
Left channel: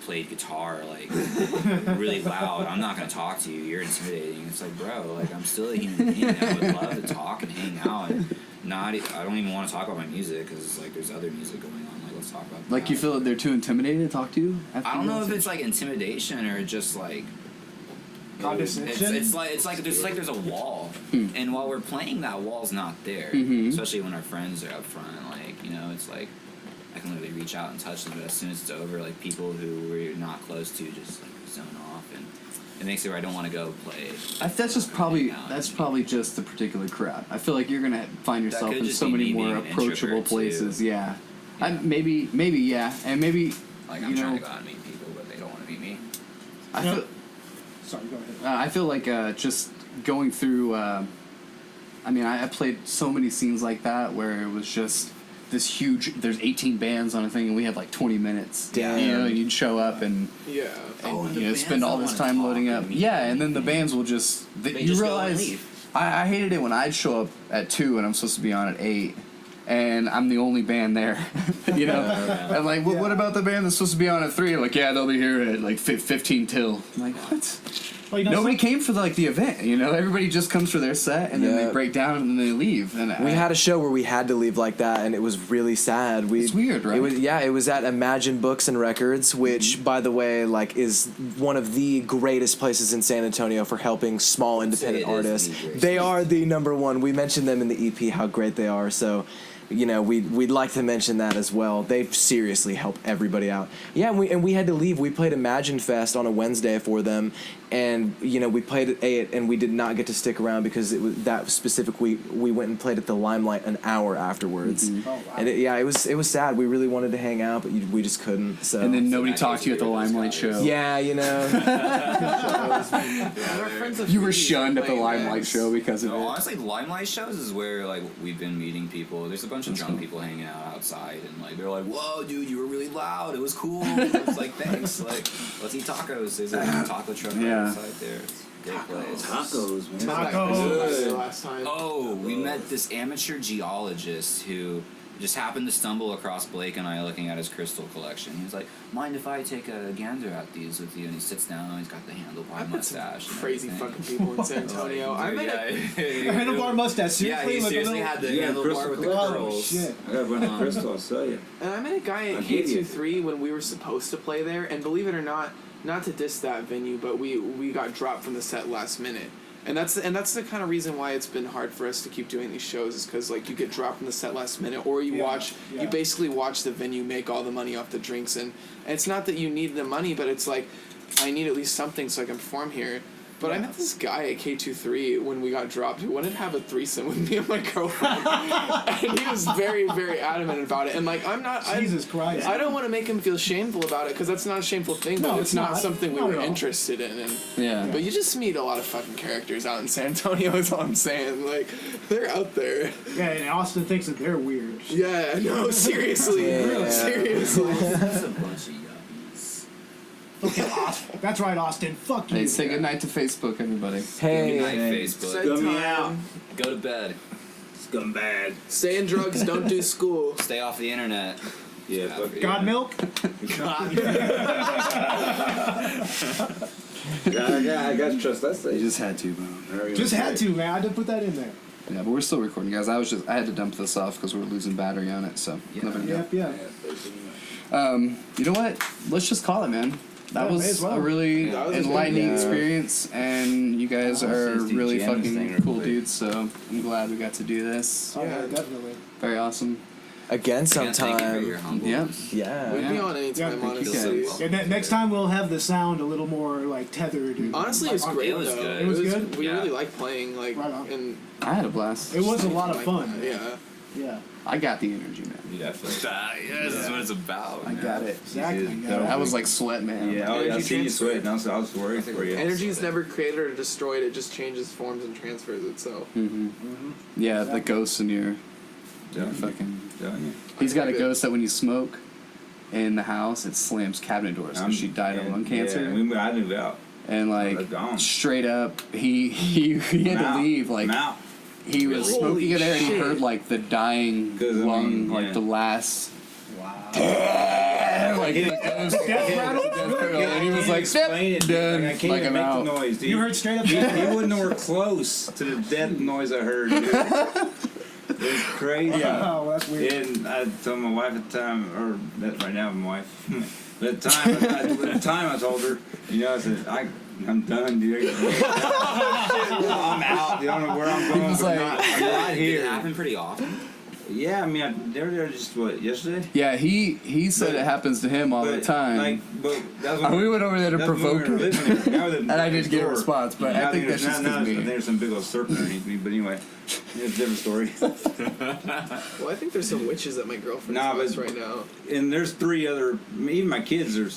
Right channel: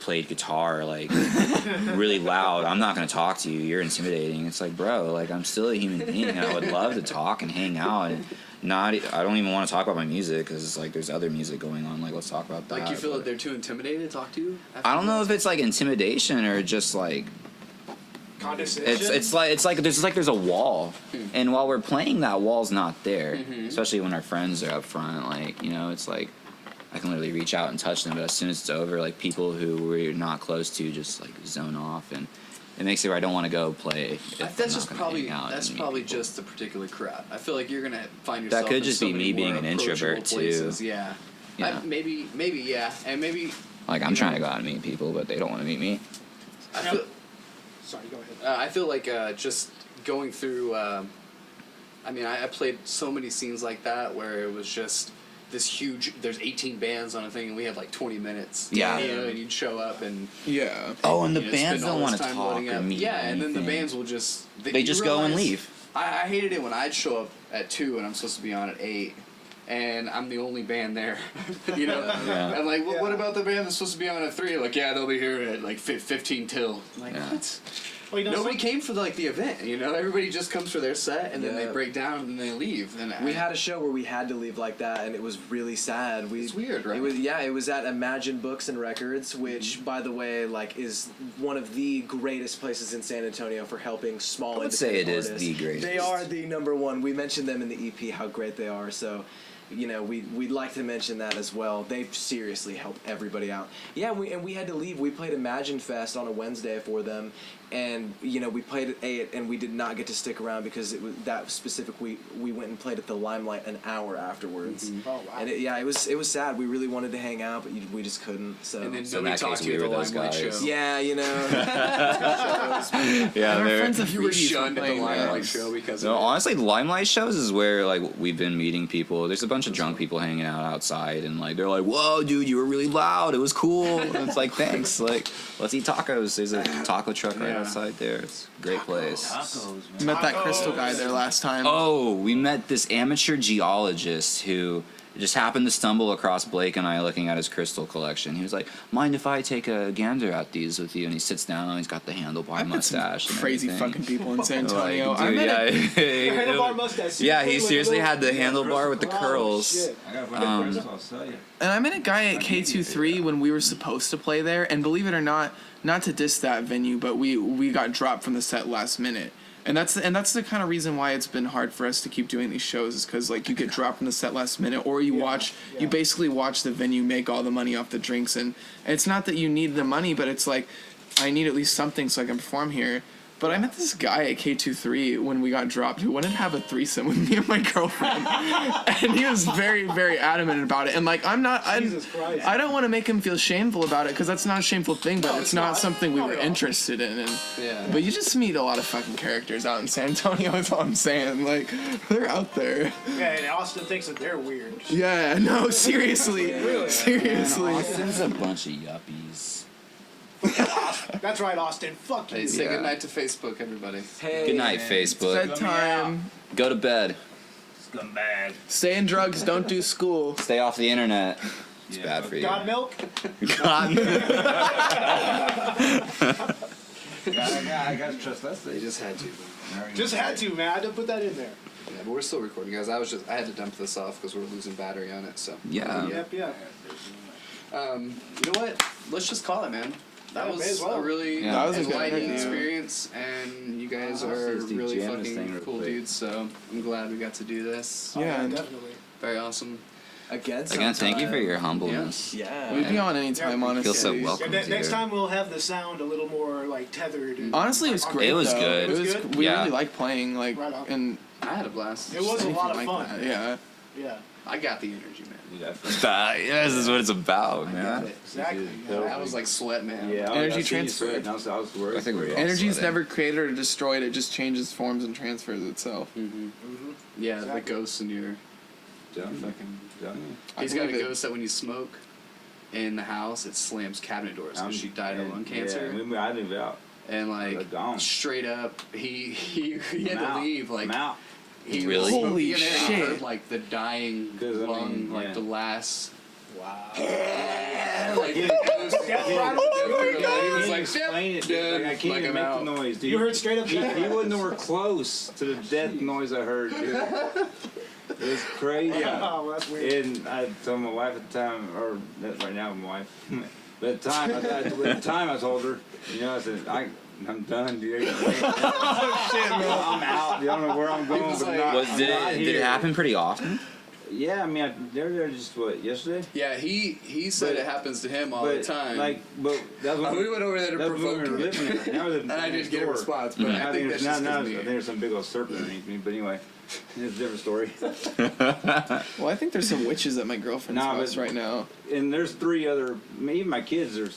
played guitar like really loud. I'm not gonna talk to you. You're intimidating." It's like, bro, like I'm still a human being. And I would love to talk and hang out. And I don't even want to talk about my music because it's like there's other music going on. Like let's talk about that. Like you feel that they're too intimidated to talk to you? I don't know if it's like intimidation or just like Condescension. it's like there's a wall, and while we're playing, that wall's not there. Especially when our friends are up front, like it's like I can literally reach out and touch them, but as soon as it's over, like people who we're not close to just like zone off, and it makes it where I don't want to go play. if I'm That's not just gonna probably hang out that's and meet probably people. just a particular crowd. I feel like you're gonna find That yourself could in just so be many me more being an approachable introvert, too. places. Yeah. Yeah. Maybe yeah, and maybe Like I'm you trying know, to go out and meet people, but they don't want to meet me. I Yep. feel Sorry, go ahead. I feel like just going through. I mean, I played so many scenes like that where it was just this huge. There's 18 bands on a thing, and we have like 20 minutes. Yeah. You know, you'd show up and. Yeah. Oh, and the you know, bands spend all don't this wanna time talk loading or up. meet Yeah, or and then the anything. bands will just They you just go and realize- leave. I hated it when I'd show up at 2 and I'm supposed to be on at 8. And I'm the only band there, you know. I'm like, well, what about the band that's supposed to be on at 3? Like, yeah, they'll be here at like 15 till. I'm like, what? Well, you know, Nobody came for like the event, you know. Everybody just comes for their set, and then Yeah. they break down and then they leave. And We had a show where we had to leave like that, and it was really sad. It's weird, right? It was at Imagine Books and Records, which, by the way, like is one of the greatest places in San Antonio for helping small would say independent it is artists. the greatest They place. are the number one. We mentioned them in the EP how great they are. So, we'd like to mention that as well. They've seriously helped everybody out. Yeah, and we had to leave. We played Imagine Fest on a Wednesday for them, and we played at 8, and we did not get to stick around because it was that specific week. We went and played at the Limelight an hour afterwards, Oh, wow. and it was sad. We really wanted to hang out, but we just couldn't. So and then So in nobody that talked case, to you at the we were those Limelight guys. show. yeah, Yeah, Our friends at You were Freebies shunned at the playing Limelight those. show because of No, it. honestly, Limelight shows is where like we've been meeting people. There's a bunch of drunk people hanging out outside, and like they're like, "Whoa, dude, you were really loud. It was cool." And it's like, thanks. Like, let's eat tacos. There's a taco truck right Yeah. outside there. It's a great place. Tacos, man. Met that crystal guy there last time. Oh, we met this amateur geologist who just happened to stumble across Blake and I looking at his crystal collection. He was like, "Mind if I take a gander at these with you?" And he sits down and he's got the handlebar I've met some mustache. and crazy everything. fucking people in San Antonio. Like, I dude, met yeah. handlebar mustache. Yeah, he with a seriously little- had the handlebar with the Oh, curls. shit. I got one at Crystal, I'll sell you. And I met a guy at I'll give you K23 when we were supposed to play there, and believe it or not to diss that venue, but we got dropped from the set last minute. And that's the kind of reason why it's been hard for us to keep doing these shows is because like you get dropped from the set last minute, or you Yeah. you basically watch the venue make all the money off the drinks, and it's not that you need the money, but it's like I need at least something so I can perform here. But I met this guy at K23 when we got dropped who wanted to have a threesome with me and my girlfriend, and he was very, very adamant about it. And like Jesus Christ. I don't want to make him feel shameful about it because that's not a shameful thing, but No, it's it's not not. something we Not were at all. interested in. And, Yeah. But you just meet a lot of fucking characters out in San Antonio. Is all I'm saying. Like they're out there. Yeah, and Austin thinks that they're weird. Yeah. No. Seriously. Seriously. It's a bunch of yuppies. That's right, Austin. Fuck Hey, you. say goodnight to Facebook, everybody. Hey, Good night, Facebook. Set Scum me out. time. Go to bed. Scumbag. Stay in drugs. Don't do school. Stay off the internet. It's Yeah, bad fuck for you. God milk? I got to trust that You stage. just had to, bro. Just had to, man. I had to put that in there. Yeah, but we're still recording, guys. I had to dump this off because we're losing battery on it. So Yeah. Yep, yep. You know what? Let's just call it, man. That Yeah, may was as well. a really Yeah. That was a good enlightening one. experience, and you guys Oh, are since the really GM fucking thing cool really- dudes. So I'm glad we got to do this. Oh, Yeah. definitely. Very awesome. again Again, sometime. thank you for your humbleness. Yeah. We'd be on anytime, Yeah, honestly. Feel so welcome. And next time we'll have the sound a little more like tethered. And, Honestly, it was great. It was though. good. It was good? We Yeah. really liked playing, like, Right on. and I had a blast. It was a anything lot of like fun. that, yeah. Yeah, I got the energy, man. Yeah. Yeah, this is what it's about, I man. got it. exactly. I was like sweat, man. Yeah, Energy I see you transfer. sweating. I was worried. I think for we're you. all Energy is sweating. never created or destroyed. It just changes forms and transfers itself. Yeah, Exactly. the ghosts in your Done. fucking. Done. He's got a believe it. ghost that when you smoke in the house, it slams cabinet doors because she died of lung cancer. Yeah, I moved out. And I like was gone. straight up, he had I'm to out. leave. Like I'm out. he was Really? smoking Holy in there. And he shit. heard like the dying 'Cause, I lung, mean, like yeah. the last. Wow. Like it was Death rattle? Really? and he was like, Explain it, dude. dead, Like, I can't like, even I'm make out. the noise, dude. You heard straight up. He wasn't nowhere close to the death noise I heard, dude. It was crazy. Oh, well, that's weird. And I told my wife at the time, or that right now, my wife. But at the time, I told her, you know, I said, I'm done, dude. I'm out. You don't know where I'm going. was but like- not, I'm Did not it here. happen pretty often? Yeah, I mean, they were there just yesterday. Yeah, he said But- it happens to him all the time. But that was We went over there to that's when provoke we were him. living there. Now we live And I didn't next get a door. response, but I Now think there's- that's just now 'cause of me. there's some big old serpent underneath me. But anyway, it's a different story. Well, I think there's some witches at my girlfriend's Nah, house but- right now. And there's 3 other. Even my kids are.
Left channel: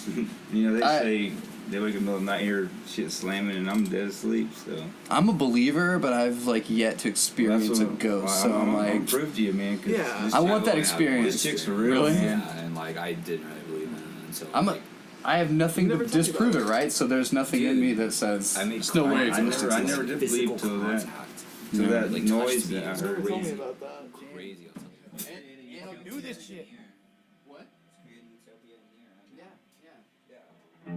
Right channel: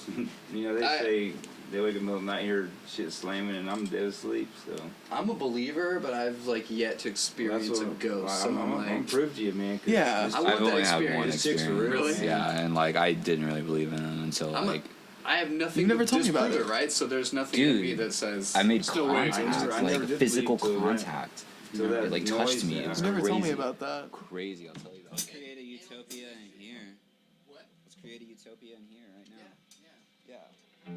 You know, they I- say they wake up in the middle of the night, hear shit slamming, and I'm dead asleep. So I'm a believer, but I've like yet to experience a ghost. So I'm I'm like, prove to you, man. 'cause Yeah. this- I want I've that only had one experience. These chicks are experience. real, Really? man. Yeah, and like I didn't really believe in it until I'm like, I have nothing You've to never told me about disprove it, it. right? So there's nothing in Dude, me that says I made there's no way. contact, I never did physical believe till that. contact. till that It, like noise touched me. and It was that. Never crazy. told me about that. Crazy, I'll tell you. Let's create a utopia in here. What? Let's create a utopia in here right now. Yeah. Yeah.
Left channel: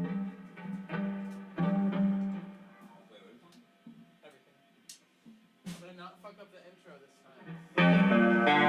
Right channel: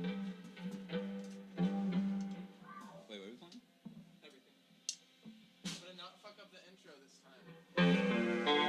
Wait, what are we calling it? Everything. Better not fuck up the intro this time.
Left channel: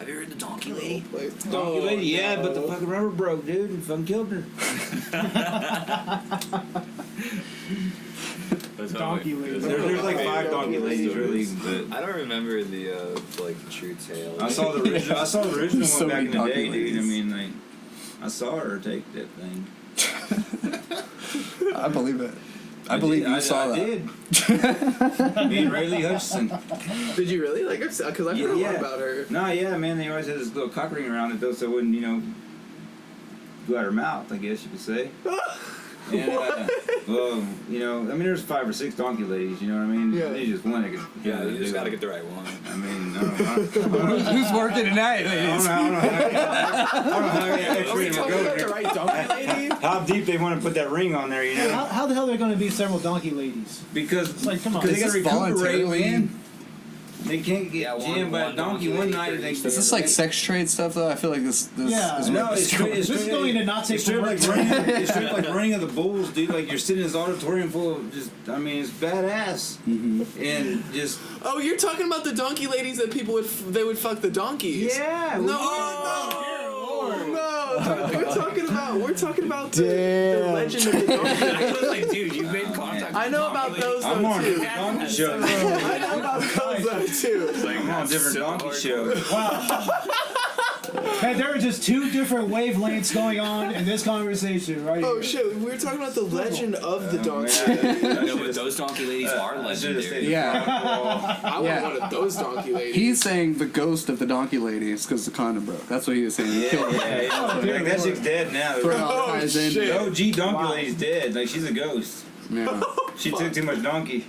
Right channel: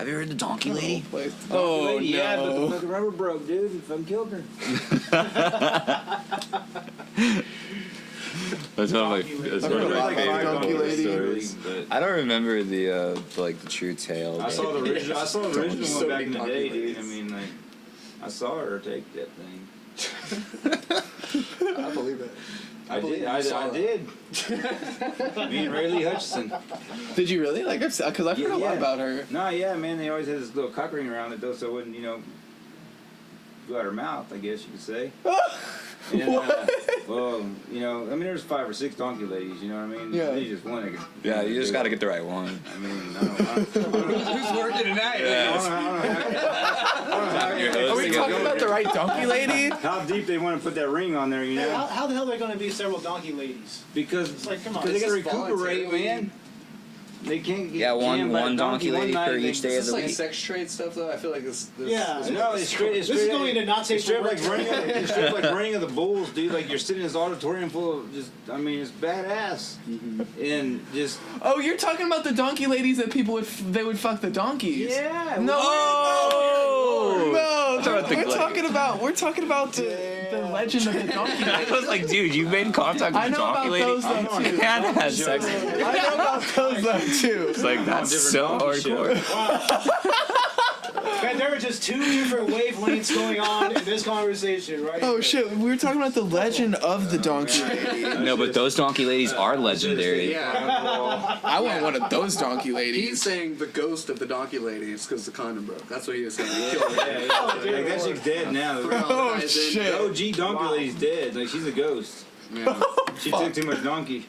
Have you heard the Donkey Lady? Oh, lady, yeah, but the fucking rubber broke, dude. You fucking killed her. That's one of Donkey my. ladies. That's There's one of my like favorite 5 donkey ladies, stories. really, but I don't remember the like the true tale. I saw the original. I saw the original So one back many in the donkey day, ladies. dude. I mean, like, I saw her take that thing. I believe it. I believe you saw that. I did. Me and Ray Lee Hutchison. Did you really? Like, because I've heard a lot about her. No, yeah, man. They always had this little cock ring around it, though, so it wouldn't, go out her mouth, I guess you could say. And, well, I mean, there's 5 or 6 donkey ladies, you know what I mean? Yeah. They just one. Yeah, you just got to get the right one. I mean, I don't know. Who's working tonight? I don't know. Are we talking about the right donkey lady? How deep they want to put that ring on there, How the hell are there going to be several donkey ladies? Because It's like, come on. they Is got to this recuperate, voluntarily- man. They can't get Yeah, jammed by one a donkey donkey lady one night. for They each day Is of this the like week. sex trade stuff though? I feel like this Yeah. is No, it's straight. This is going into not safe It's straight for work. like running of the bulls, dude. Like you're sitting in this auditorium full of just. I mean, it's badass. And just. Oh, you're talking about the donkey ladies that people would would fuck the donkeys. Yeah. No. We're talking about the legend of the donkey lady. I was like, dude, you've been in contact with I the know donkey about lady? those I'm though on too. it. I had sex with her. I know about those though too. It's like, that's different so donkey hardcore. And there are just 2 different wavelengths going on in this conversation, right? Oh here. shit, we were talking about the legend of the donkey lady. No, but those donkey ladies are legendary. Yeah. I want one of those donkey ladies. He's saying the ghost of the donkey lady is because the condom broke. That's what he was saying. He killed her. Yeah. Like that chick's dead now. Oh, Ties in. shit. The OG donkey lady's dead. Like she's a ghost. Yeah. She took too much donkey.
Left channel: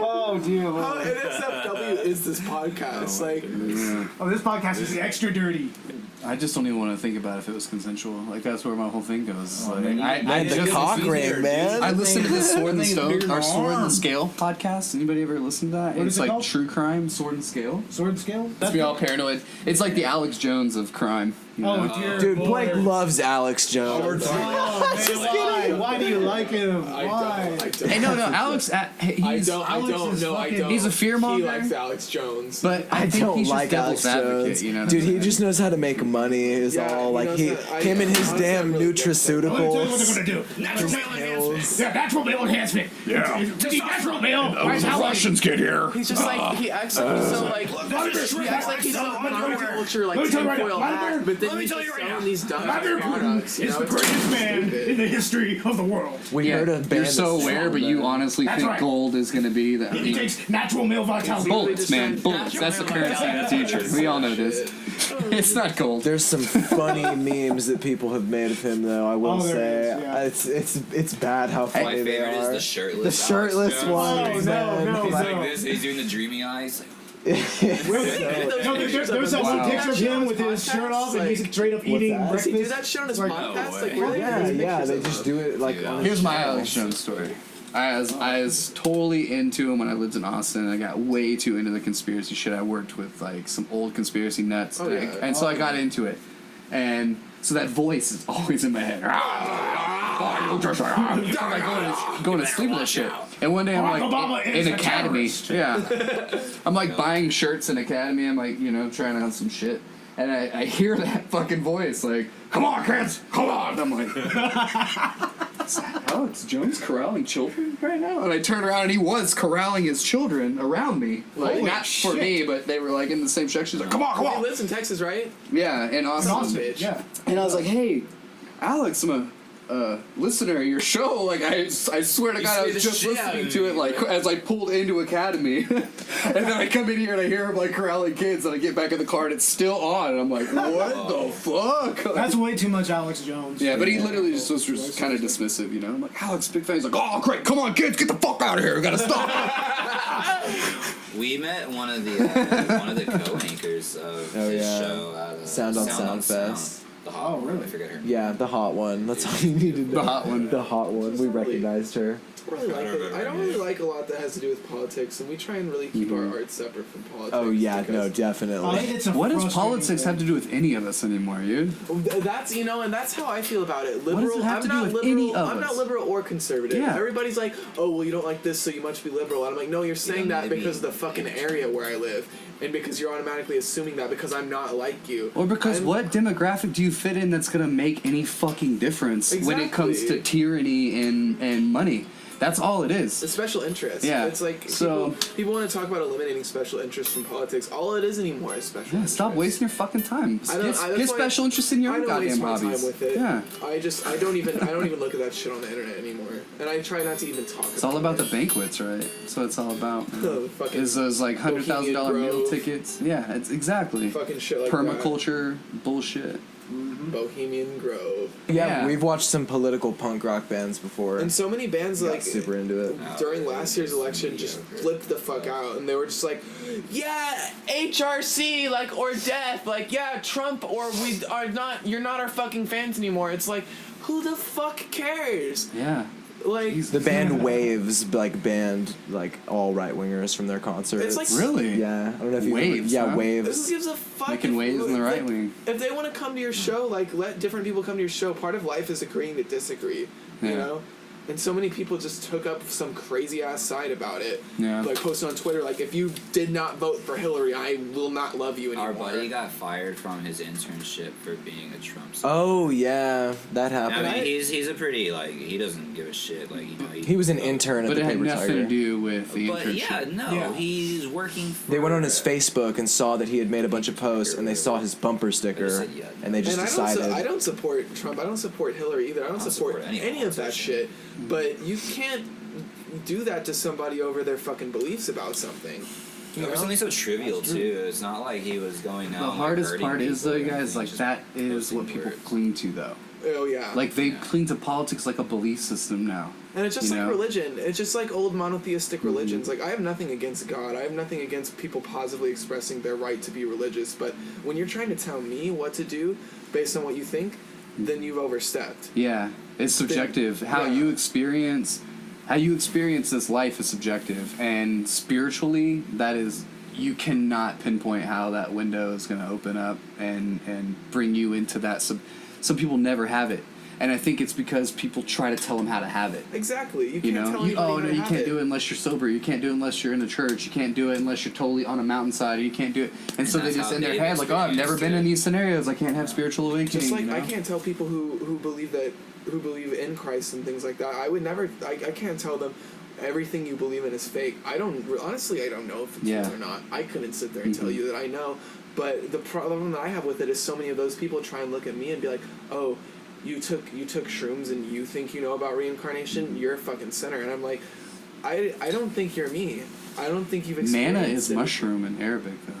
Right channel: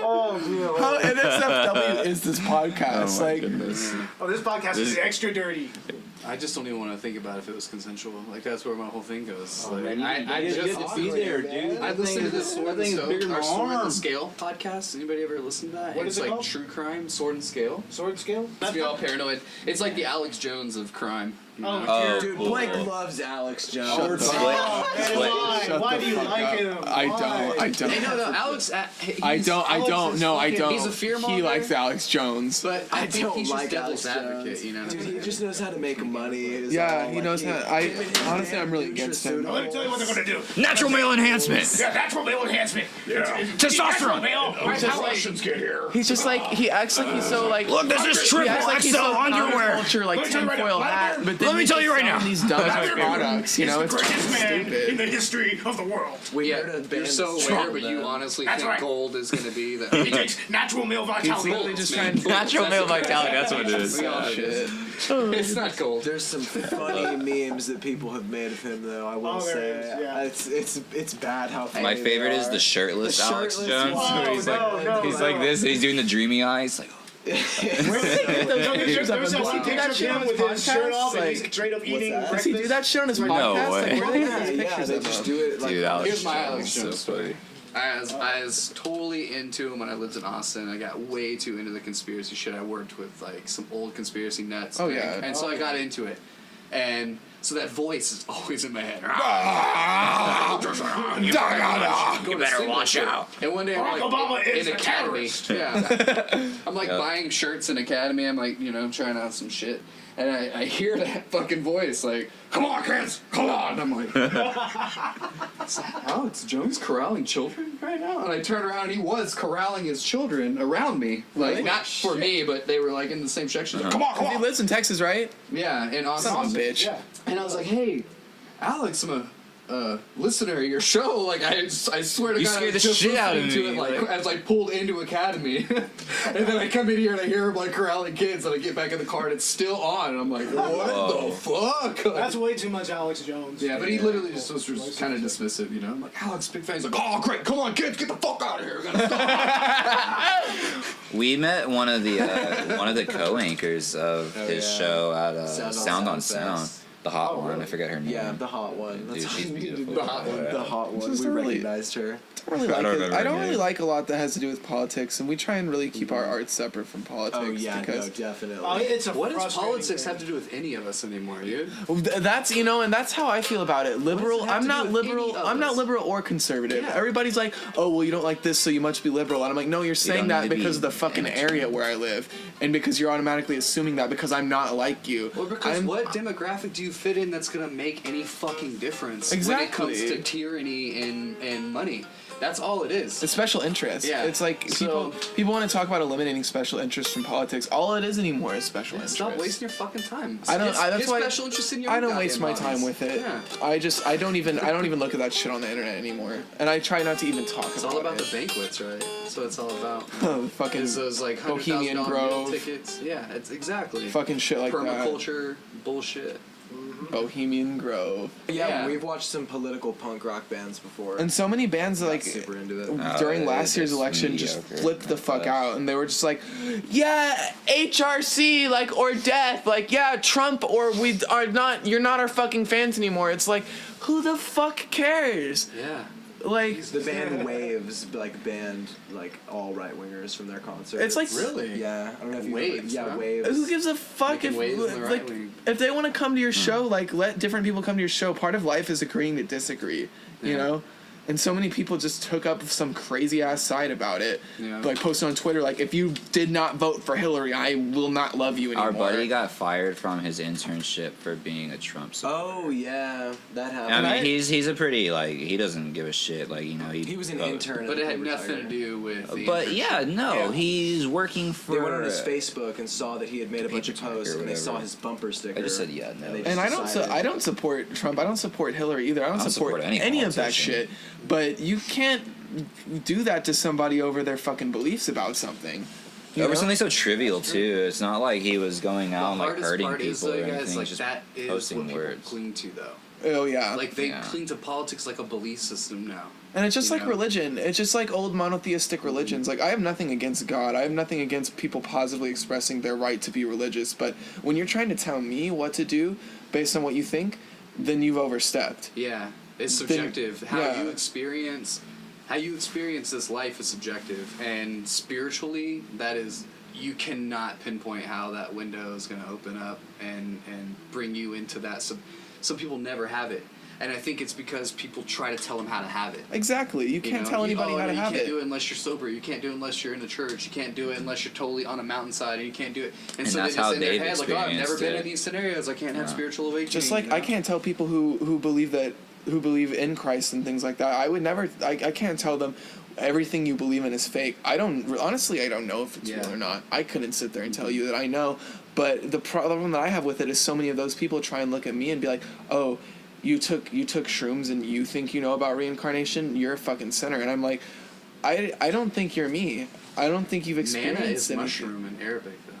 Oh, dear How Lord. NSFW is this podcast? Oh, this podcast is extra dirty. I just don't even want to think about if it was consensual. Like that's where my whole thing goes. Oh, Like, man, I the just cock ring, man. I listened to the Sword and That thing's Scale, bigger or than Sword arm. and Scale podcast. Anybody ever listen to that? What It's is it like called? true crime, Sword and Scale. Sword scale? It's me all paranoid. It's like the Alex Jones of crime. you Oh, know? dear Dude, Lord. Blake loves Alex Jones. Oh, man, why? Why do you like him? I Why? don't. Hey, no, Alex. Alex is fucking- He's a fearmonger. He likes Alex Jones. But I think don't he's like just Alex devil's advocate, Jones. you know? Dude, he just knows how to make money. Is Yeah, all he like knows he, how- him and his honestly, damn I'm really against that. Let me tell you what they're nutraceuticals. gonna do. Natural male enhancement. Yeah, natural male enhancement. Yeah. Testosterone male. Right, how Russians get here. He's just like, he acts like he's so like. Look, this is he triple acts like he's XL so underwear. Ultra, like Let me tell you right tinfoil now, hat, but then Let me he's tell you right selling now. these dumb products, you know? the It's greatest man in the history of the world. We Yeah, heard a band you're so that's aware, strong, but you man. honestly That's think right. gold is going to be that. He takes natural male vitality. Bullets, man. Bullets. Natural That's male the crazy vitality, thing. that's what it is. We all know this. It's not gold. There's some funny memes that people have made of him, though. I will Oh, there say, is, yeah. it's bad how funny My they favorite is are. the shirtless, The shirtless Alex Jones. one. Oh, He's no, like- no, He's no. like this. He's doing the dreamy eyes. Like, There's that one picture of him with his shirt off and he's straight up eating that? Does he do breakfast. that show on his No podcast? way. Like, really? Yeah, yeah, they just do it like. Dude, on Here's my show. Alex Jones story. I was totally into him when I lived in Austin. I got way too into the conspiracy shit. I worked with like some old conspiracy nuts. Oh, yeah. And so I got into it. And so that voice is always in my head. Going to sleep with shit. And one day I'm Barack Obama like is in a Academy. terrorist. Yeah. I'm like buying shirts in Academy. I'm like, trying out some shit. And I hear that fucking voice like, come on, kids, come on. I'm like, is that Alex Jones corralling children right now? And I turn around and he was corralling his children around me. Like, Holy not for shit. me, but they were like in the same section. Like, come on, come He on. lives in Texas, right? Yeah, and Austin. Son of a bitch. Yeah. And I was like, hey, Alex, I'm a listener of your show. Like, I swear to You God, I scared was the just shit out of listening to me, it, like, like- as I pulled into Academy. And then I come in here and I hear him, like, corralling kids, and I get back in the car and it's still on. And I'm like, what the fuck? That's way too much Alex Jones. Yeah, but he literally just was kind of dismissive, I'm like, Alex, big fan. He's like, oh, great, come on, kids, get the fuck out of here. We gotta stop. we met one of the co-anchors of his yeah. show at Sound on Sound on Sound Sound. Fest. The hot Oh, one. really? I forget her name. Yeah, the hot one. That's Dude, all she's you needed. beautiful. The hot one. The hot one. Just We really- recognized her. I don't really like a lot that has to do with politics, and we try and really keep our art separate from politics. Oh yeah, because no, definitely. It's a What does frustrating politics thing. have to do with any of us anymore, dude? That's and that's how I feel about it. Liberal. have I'm to do not with any liberal. of I'm not us? liberal or conservative. Yeah. Everybody's like, oh well, you don't like this, so you must be liberal. And I'm like, no, you're saying don't that need to because of be the fucking area where I live, and because you're automatically assuming that because I'm not like you. Or because I'm- what demographic do you fit in that's gonna make any fucking difference when it comes to Exactly. tyranny and money? That's all it is. It's special interest. Yeah. It's like So- people want to talk about eliminating special interest from politics. All it is anymore is special Yeah, interest. stop wasting your fucking time. I don't- Get that's why special interest in your I own don't goddamn waste my hobbies. time with it. Yeah. I don't even look at that shit on the internet anymore. And I try not to even talk It's about all about it. the banquets, right? So it's all about fucking is those like $100,000 Bohemian meal Grove. tickets. Yeah, it's exactly fucking shit like that. permaculture bullshit. Bohemian Grove. Yeah, Yeah. we've watched some political punk rock bands before. And so many bands Got like super into it. during yeah, last year's just election just mediocre. flipped the fuck out, and they were just like, yeah, HRC, like, or death, like, yeah, Trump, or we are not, you're not our fucking fans anymore. It's like, who the fuck cares? Yeah. Like, The band Waves banned like all right wingers from their concerts. It's like- Really? yeah, I don't know if you Waves, yeah, huh? Waves. this gives a fuck Making if, waves in the like, right wing. if they want to come to your show, like, let different people come to your show. Part of life is agreeing to disagree, you Yeah. know? And so many people just took up some crazy ass side about it. Yeah. Like, posted on Twitter, like, if you did not vote for Hillary, I will not love you anymore. Our buddy got fired from his internship for being a Trump supporter. Oh yeah, that happened. I mean, he's a pretty he doesn't give a shit. Like He was an intern at But the it had paper nothing tiger. to do with the But internship. yeah, no, Yeah. he's working for. They went on his Facebook and saw that he had made a bunch of Paper tiger posts, or and they saw whatever. his bumper sticker, said, yeah, no. and they just And decided. I don't support Trump. I don't support Hillary either. I don't support any any of that politician. shit. But you can't do that to somebody over their fucking beliefs about something. You Over know? something so trivial too. It's not like he was going The out and like, hardest hurting part people is though, or you guys, anything, like just that is posting what people words. cling to though. Oh yeah. Like they Yeah. cling to politics like a belief system now. And it's just you like know? religion. It's just like old monotheistic religions. Like, I have nothing against God. I have nothing against people positively expressing their right to be religious. But when you're trying to tell me what to do based on what you think, then you've overstepped. Yeah, it's subjective. How yeah. you experience this life is subjective, and spiritually, that is, you cannot pinpoint how that window is going to open up and bring you into that. Some people never have it, and I think it's because people try to tell them how to have it. Exactly. You You can't know, tell anybody how to you have can't it. do it unless you're sober. You can't do it unless you're in the church. You can't do it unless you're totally on a mountainside. You can't do it. And so they that's just how in their they've head like, oh, I've never experienced been it. in these scenarios. I can't have spiritual awakening. Just like you know? I can't tell people who believe in Christ and things like that. I would never. I can't tell them everything you believe in is fake. I don't honestly. I don't know if it's Yeah. real or not. I couldn't sit there and tell Mhm. you that I know. But the problem that I have with it is so many of those people try and look at me and be like, oh, you took shrooms and you think you know about reincarnation? You're a fucking sinner. And I'm like, I don't think you're me. I don't think you've experienced Manna is it. mushroom in Arabic, though.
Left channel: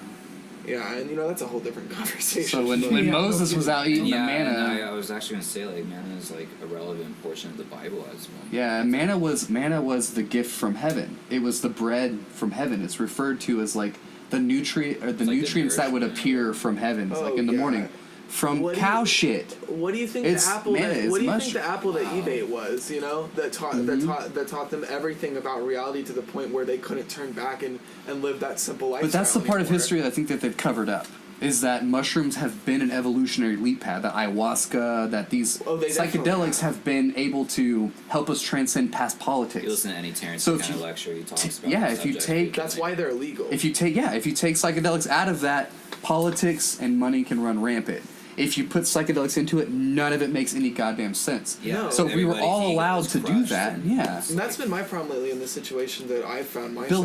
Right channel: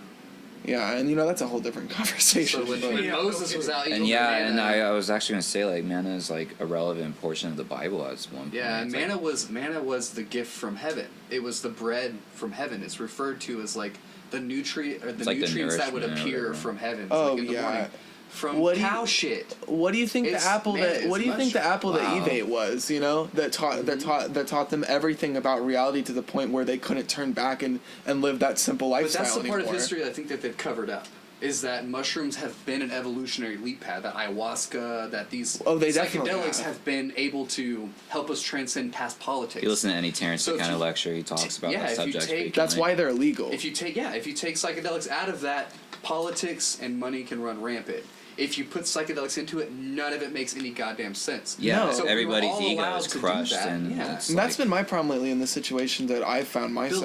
Yeah, and that's a whole different conversation. So when Yeah. Moses was out eating And yeah, the and manna, I was actually gonna say like manna is like a relevant portion of the Bible as one. yeah, point. manna was the gift from heaven. It was the bread from heaven. It's referred to as like the nutrient or the It's like the nutrients that would nourishment or appear whatever. from heaven, Oh, like in the yeah. morning, from What do cow you- shit. What do you think It's- the apple man, that it's what do you think the mushroom. apple that Wow. Eve ate was, that taught them everything about reality to the point where they couldn't turn back and live that simple lifestyle. But that's the part of anymore. history that I think that they've covered up. Is that mushrooms have been an evolutionary leap pad, that ayahuasca, that these Oh, they definitely psychedelics have. have been able to help us transcend past politics. You listen to any Terrence So if McKenna you- lecture, he talks about yeah, that if you subject take- frequently. That's why they're illegal. If you take psychedelics out of that, politics and money can run rampant. If you put psychedelics into it, none of it makes any goddamn sense. Yeah, No. So if we were everybody's all ego allowed is to do crushed that, and yeah. it's and that's like- been my problem lately in the situation that I found myself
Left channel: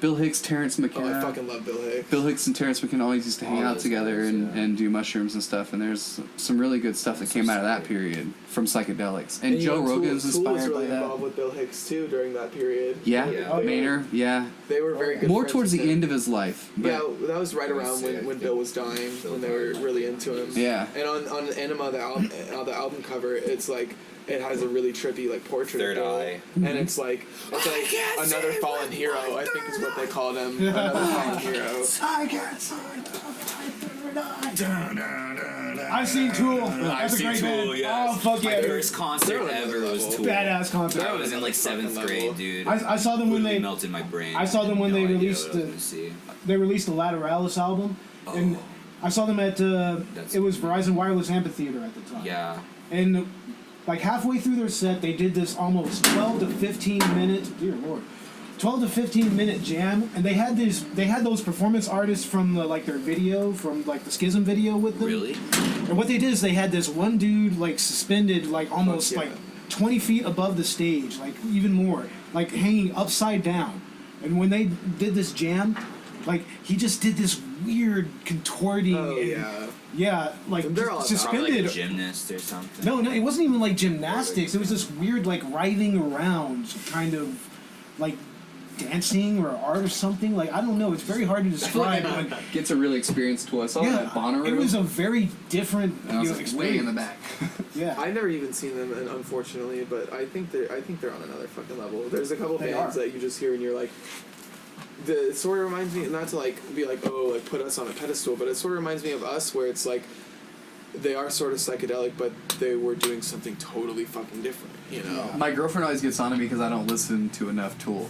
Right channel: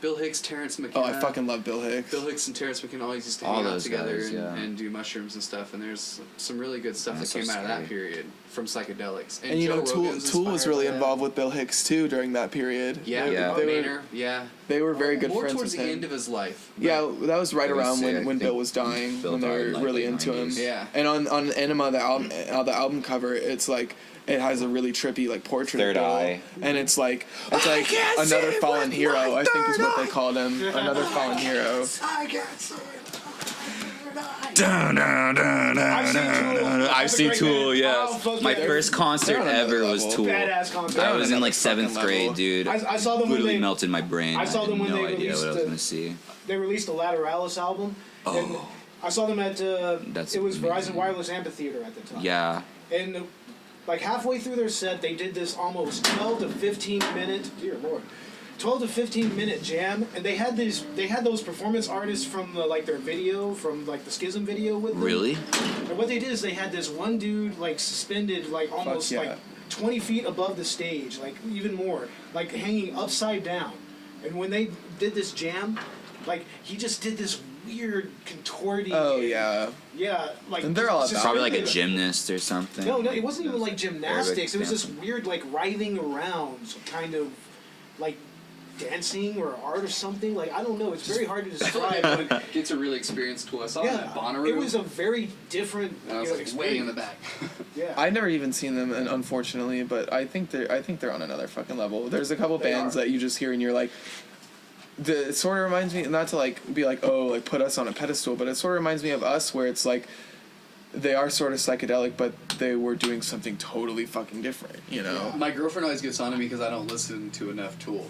Bill Hicks, Terrence in. Oh, McKenna. I fucking love Bill Hicks. Bill Hicks and Terrence McKenna always used to hang All out those together guys, yeah. and do mushrooms and stuff, and there's some really good stuff That's that came so out of that scary. period from psychedelics. And, And Joe Tool, Rogan was Tool was inspired really by that. involved with Bill Hicks too during that period. Yeah, Yeah. They were- Maynard, yeah. They were very good More friends towards with the him. end of his life. but- Yeah, that was right It was around sick. I when think Bill was dying, Bill when they died were in, like, really the into him. 90s. Yeah. And on Enema, the album cover, it's like it has a really trippy like portrait Third of Bill, eye. and it's like another fallen hero. I think is what they called him. Another fallen hero. I can't see. night. I've seen Tool. I've That's a seen great Tool, band. yes. Oh, fuck My yeah. first concert They're on ever another was level. Tool. Badass concert. I was in like Fucking 7th grade, level. dude. I saw them when Literally they melted my brain. I saw them when had they no idea released what I was the- gonna see. they released the Lateralis album, and I saw them at That's it was amazing. Verizon Wireless Amphitheater at the time. Yeah. And like halfway through their set, they did this almost 12 to 15 minute, dear lord, 12 to 15 minute jam, and they had those performance artists from their video, from like the Schism video with them. Really? And what they did is they had this one dude like suspended like almost Fuck yeah. like 20 feet above the stage, like even more, like hanging upside down. And when they did this jam, like he just did this weird contorting. Oh and- yeah. yeah, like And they're all about- Probably like a suspended- gymnast or something. No, it wasn't even like gymnastics. It was Yeah. this weird, like writhing around, kind of like dancing or art or something. Like I don't know. It's very hard to describe. But Get to really experience Tool. I saw them yeah, at Bonnaroo. it was a very different and I was you know, like way in the experience. back. Yeah, I've never even seen them, and unfortunately, but I think they're on another fucking level. There's a couple They bands are. that you just hear and you're like, it sort of reminds me, not to like be like, oh, like put us on a pedestal, but it sort of reminds me of us, where it's like they are sort of psychedelic, but they were doing something totally fucking different, you know? My girlfriend always gets on to me because I don't listen to enough Tool.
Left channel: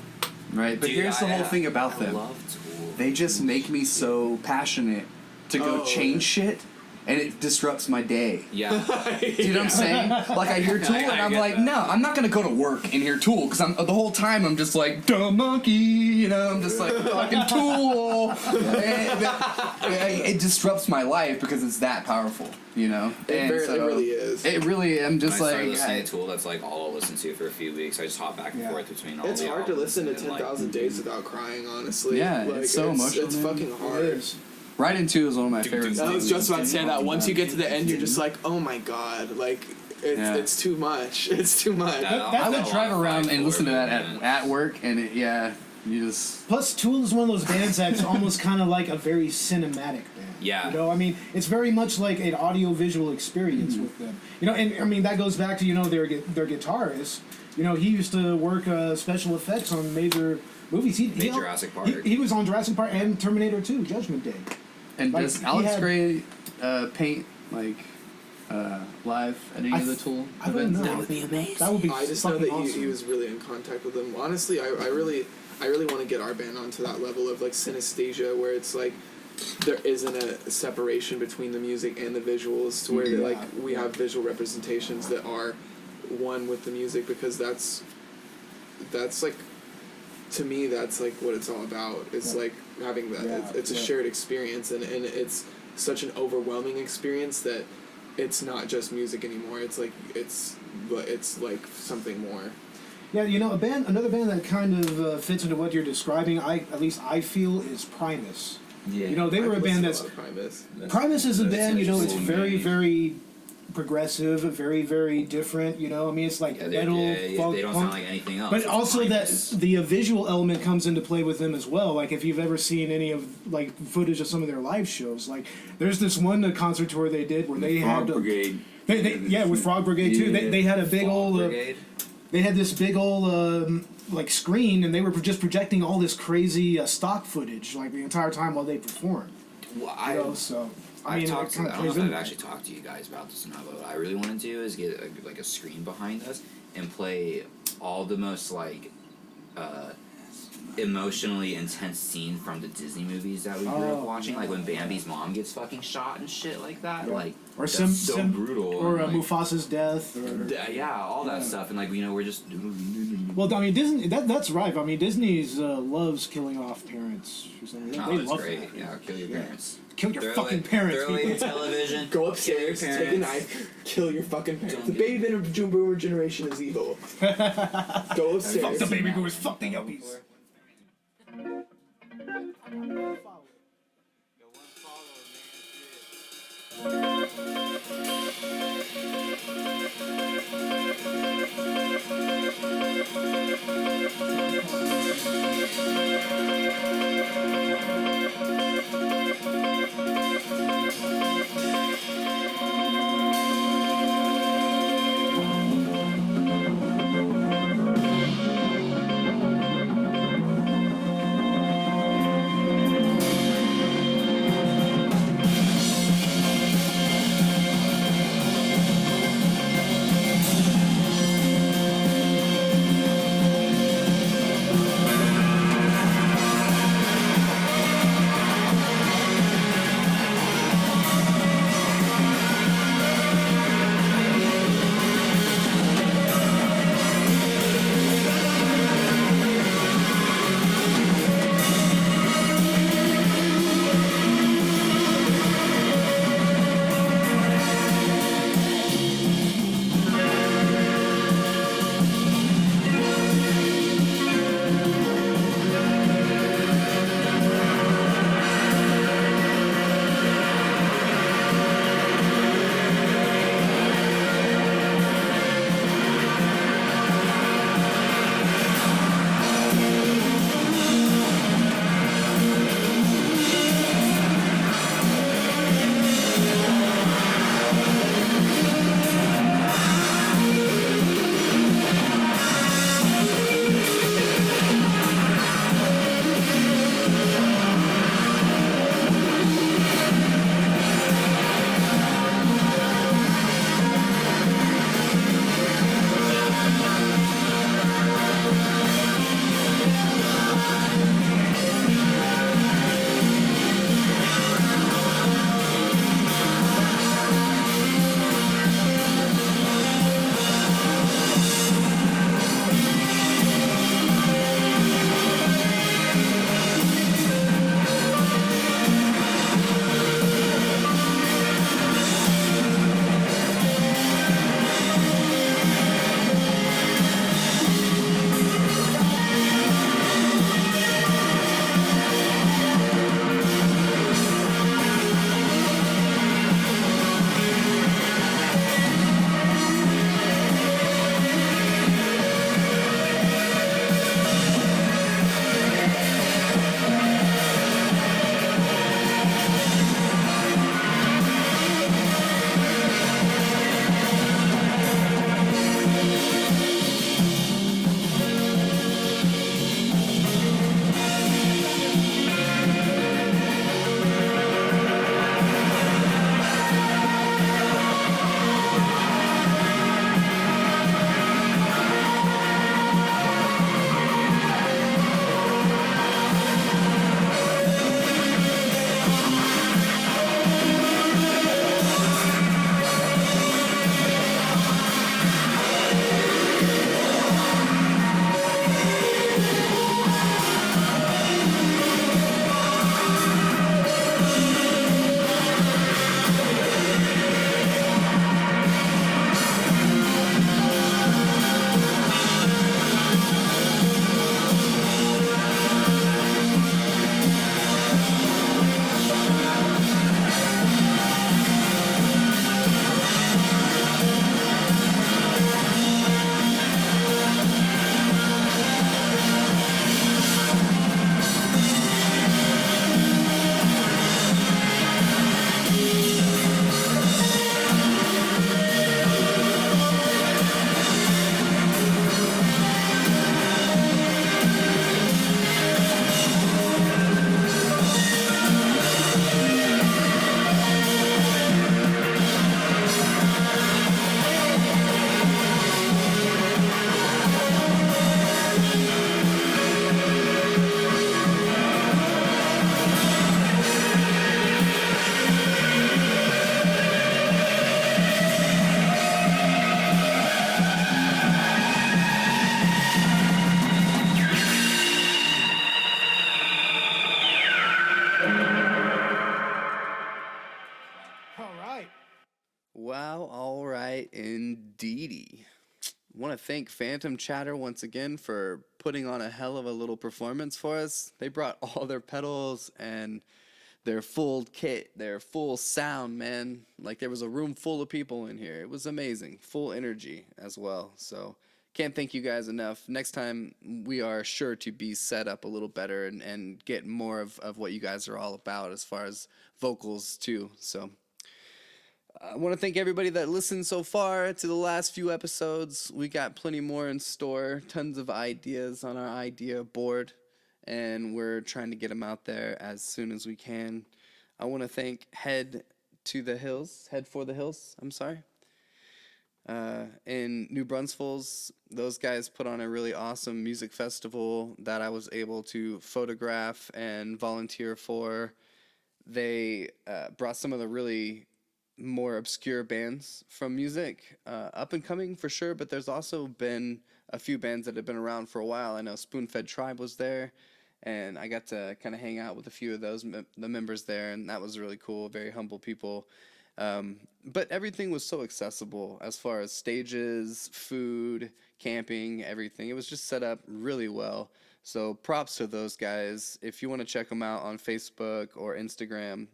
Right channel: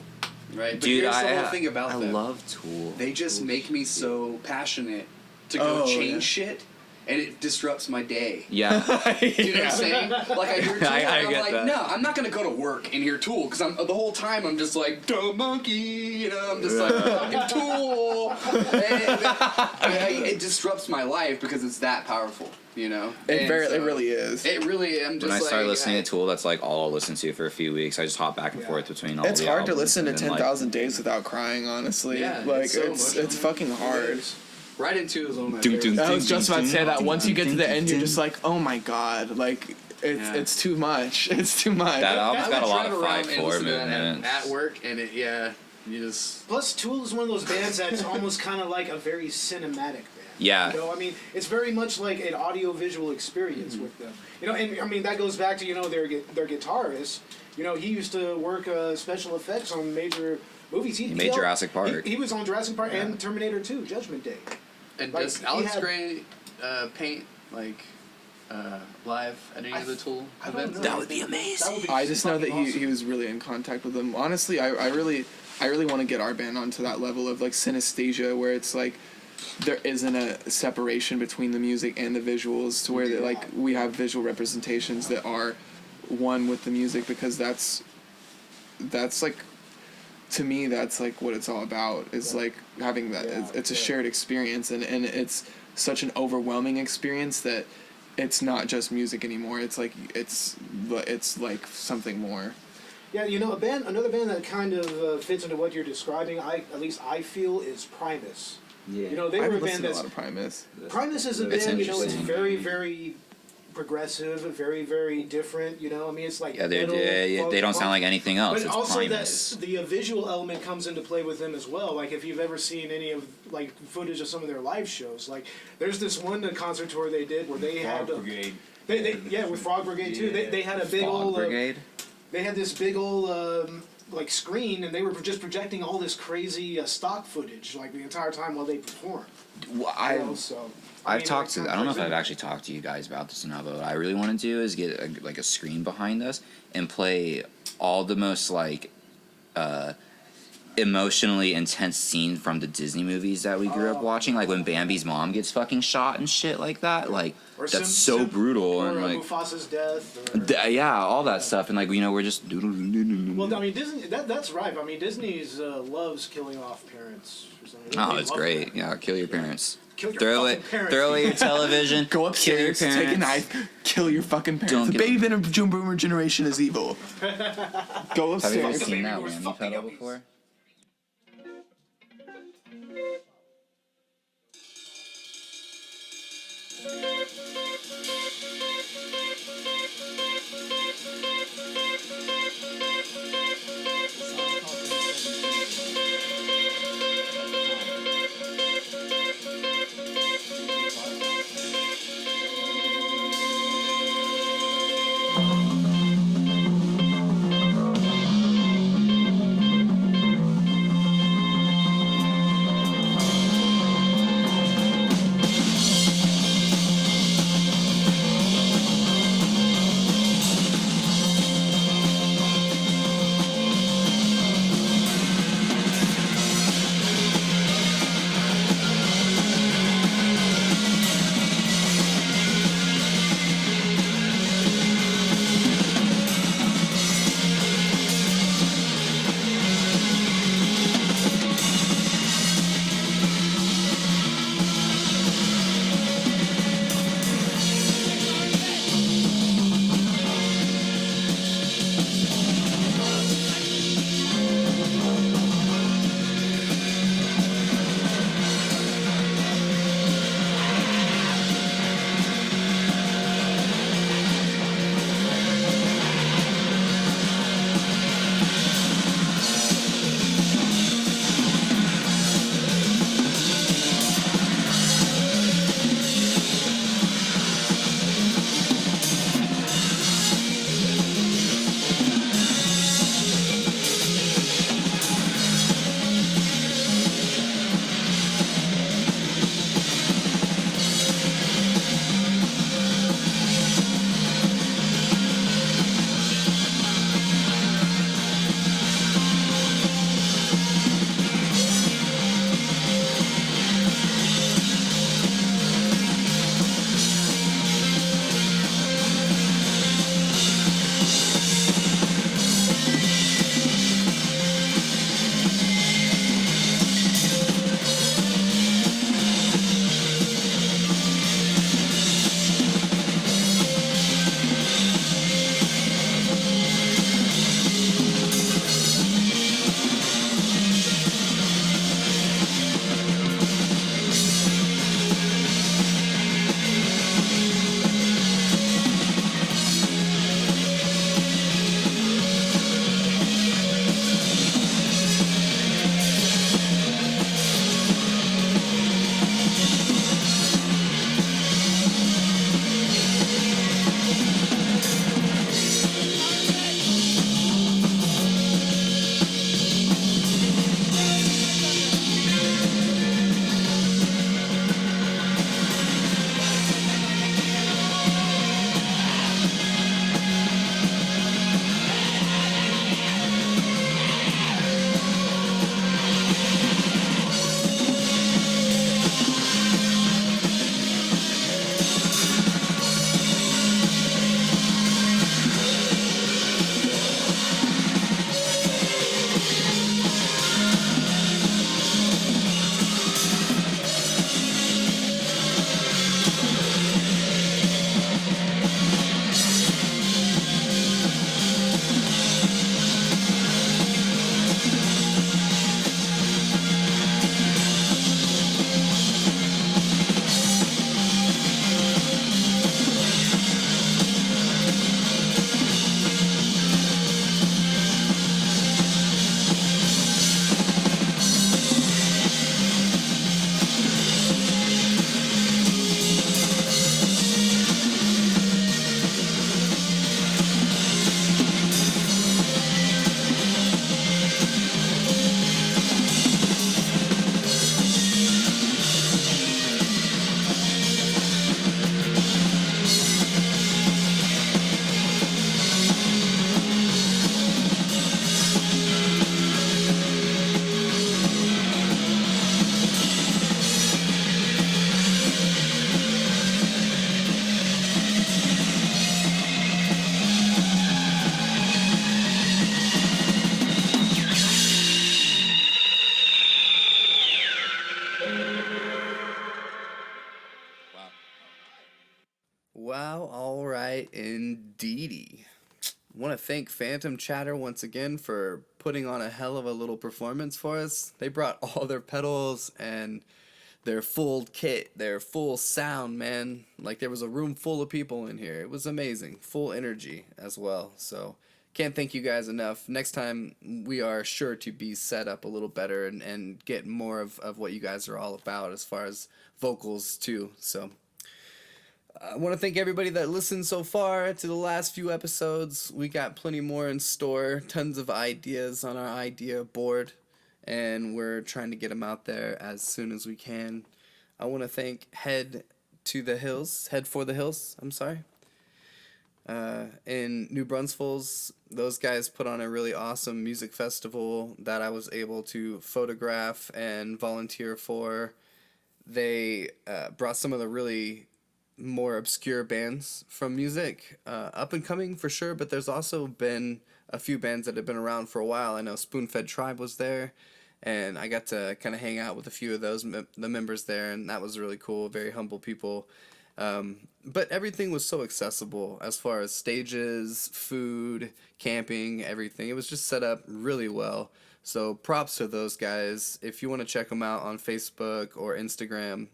Right? But Dude, here's the I- whole thing about I them. love Tool. They just make me so passionate to go Oh, change shit, and it disrupts my day. Yeah. Do you know what I'm saying? Like I hear Tool, I and I'm get like, that. no, I'm not gonna go to work and hear Tool because I'm the whole time I'm just like dumb monkey, you know. I'm just like fucking Tool, and it disrupts my life because it's that powerful, you know. And It really is. It really, I'm When just I like. start listening to Tool, that's like all I'll listen to for a few weeks. I just hop back and Yeah. forth between all It's the hard to albums listen to and then, 10,000 Days without crying, honestly. Yeah, like it's so it's emotional, man. fucking hard. Right Into is one of my Dum, favorites. dum, I was just about to say that. Once you get to the end, you're dum. just like, oh my god, like it's too much. It's too much. That album's I got would a lot drive of around fight and for listen to that man. at work, and you just. Plus, Tool is one of those bands that's almost kind of like a very cinematic band. Yeah. You know, I mean, it's very much like an audio-visual experience with them. You know, and I mean that goes back to their guitarist. You know, he used to work special effects on major movies. He made Jurassic Park. He was on Jurassic Park and Terminator 2, Judgment Day. And Like, does he Alex had- Gray paint like live at any of the Tool I don't events? know. That would be amazing. That would be. I just know that fucking he awesome. was really in contact with them. Honestly, I really want to get our band onto that level of like synesthesia, where it's like there isn't a separation between the music and the visuals, to where that like we have visual representations that are one with the music, because that's like, to me, that's like what it's all about. Is like having that. Yeah, It's a yeah. shared experience, and it's such an overwhelming experience that it's not just music anymore. It's like it's like something more. Yeah, another band that kind of fits into what you're describing. At least I feel is Primus. Yeah. You know, they were a I've band listened to that's a lot of Primus. Primus is a That's band. You know, it's interesting. very very progressive, very very different. You know, I mean, it's like Yeah, metal, they folk, don't sound punk. like anything else. But It's also Primus. that the visual element comes into play with them as well. Like if you've ever seen any of like footage of some of their live shows, like there's this one concert tour they did where they Frog had Brigade. with Frog Brigade too. Yeah. They had a big Fog old Brigade. they had this big old like screen, and they were just projecting all this crazy stock footage like the entire time while they performed. Well, You know, so I've mean, talked it to. kinda I don't know if plays I've into actually talked to you guys about this enough. But what I really want to do is get a screen behind us and play all the most like emotionally intense scene from the Disney movies that we grew up Oh. watching. Like when Bambi's mom gets fucking shot and shit like that. Like Or that's so brutal. or and like Mufasa's death. Or, yeah, all that stuff. And like we're just. well, I mean, Disney. That's right. I mean, Disney's loves killing off parents. Or something. They Oh, it's love great. that. Yeah, kill your parents. Kill your Throw fucking parents. Throw away your television. Go kill your upstairs, parents. take a knife, kill your fucking parents. Don't The give baby boomer generation is evil. Go Have you upstairs. fucking seen that boomers, one? fuck the You've heard yuppies. before? to thank Phantom Chatter once again for putting on a hell of a little performance for us. They brought all their pedals and their full kit, their full sound, man. Like there was a room full of people in here. It was amazing. Full energy as well. So can't thank you guys enough. Next time we are sure to be set up a little better and get more of what you guys are all about as far as vocals too. So I want to thank everybody that listened so far to the last few episodes. We got plenty more in store, tons of ideas on our idea board, and we're trying to get them out there as soon as we can. I want to thank Head for the Hills, in New Brunswick. Those guys put on a really awesome music festival that I was able to photograph and volunteer for. They brought some of the really more obscure bands from music, up and coming for sure, but there's also been a few bands that have been around for a while. I know Spoonfed Tribe was there, and I got to kind of hang out with a few of the members there, and that was really cool. Very humble people. But everything was so accessible as far as stages, food, camping, everything. It was just set up really well. So props to those guys. If you want to check them out on Facebook or Instagram,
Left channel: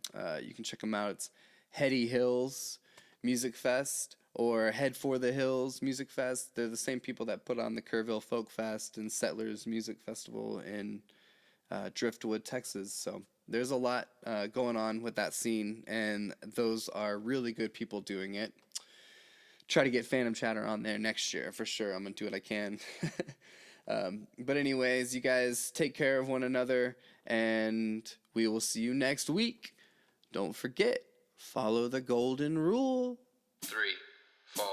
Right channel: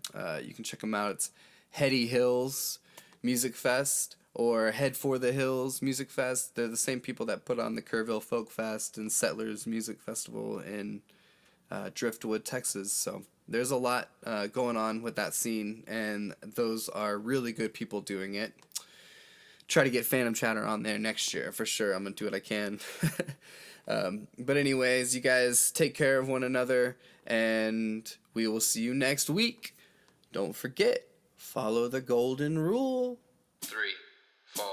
you can check them out. It's Heady Hills Music Fest or Head for the Hills Music Fest. They're the same people that put on the Kerrville Folk Fest and Settlers Music Festival in Driftwood, Texas. So there's a lot going on with that scene, and those are really good people doing it. Try to get Phantom Chatter on there next year for sure. I'm gonna do what I can. But anyways, you guys take care of one another, and we will see you next week. Don't forget, follow the golden rule. 3, 4.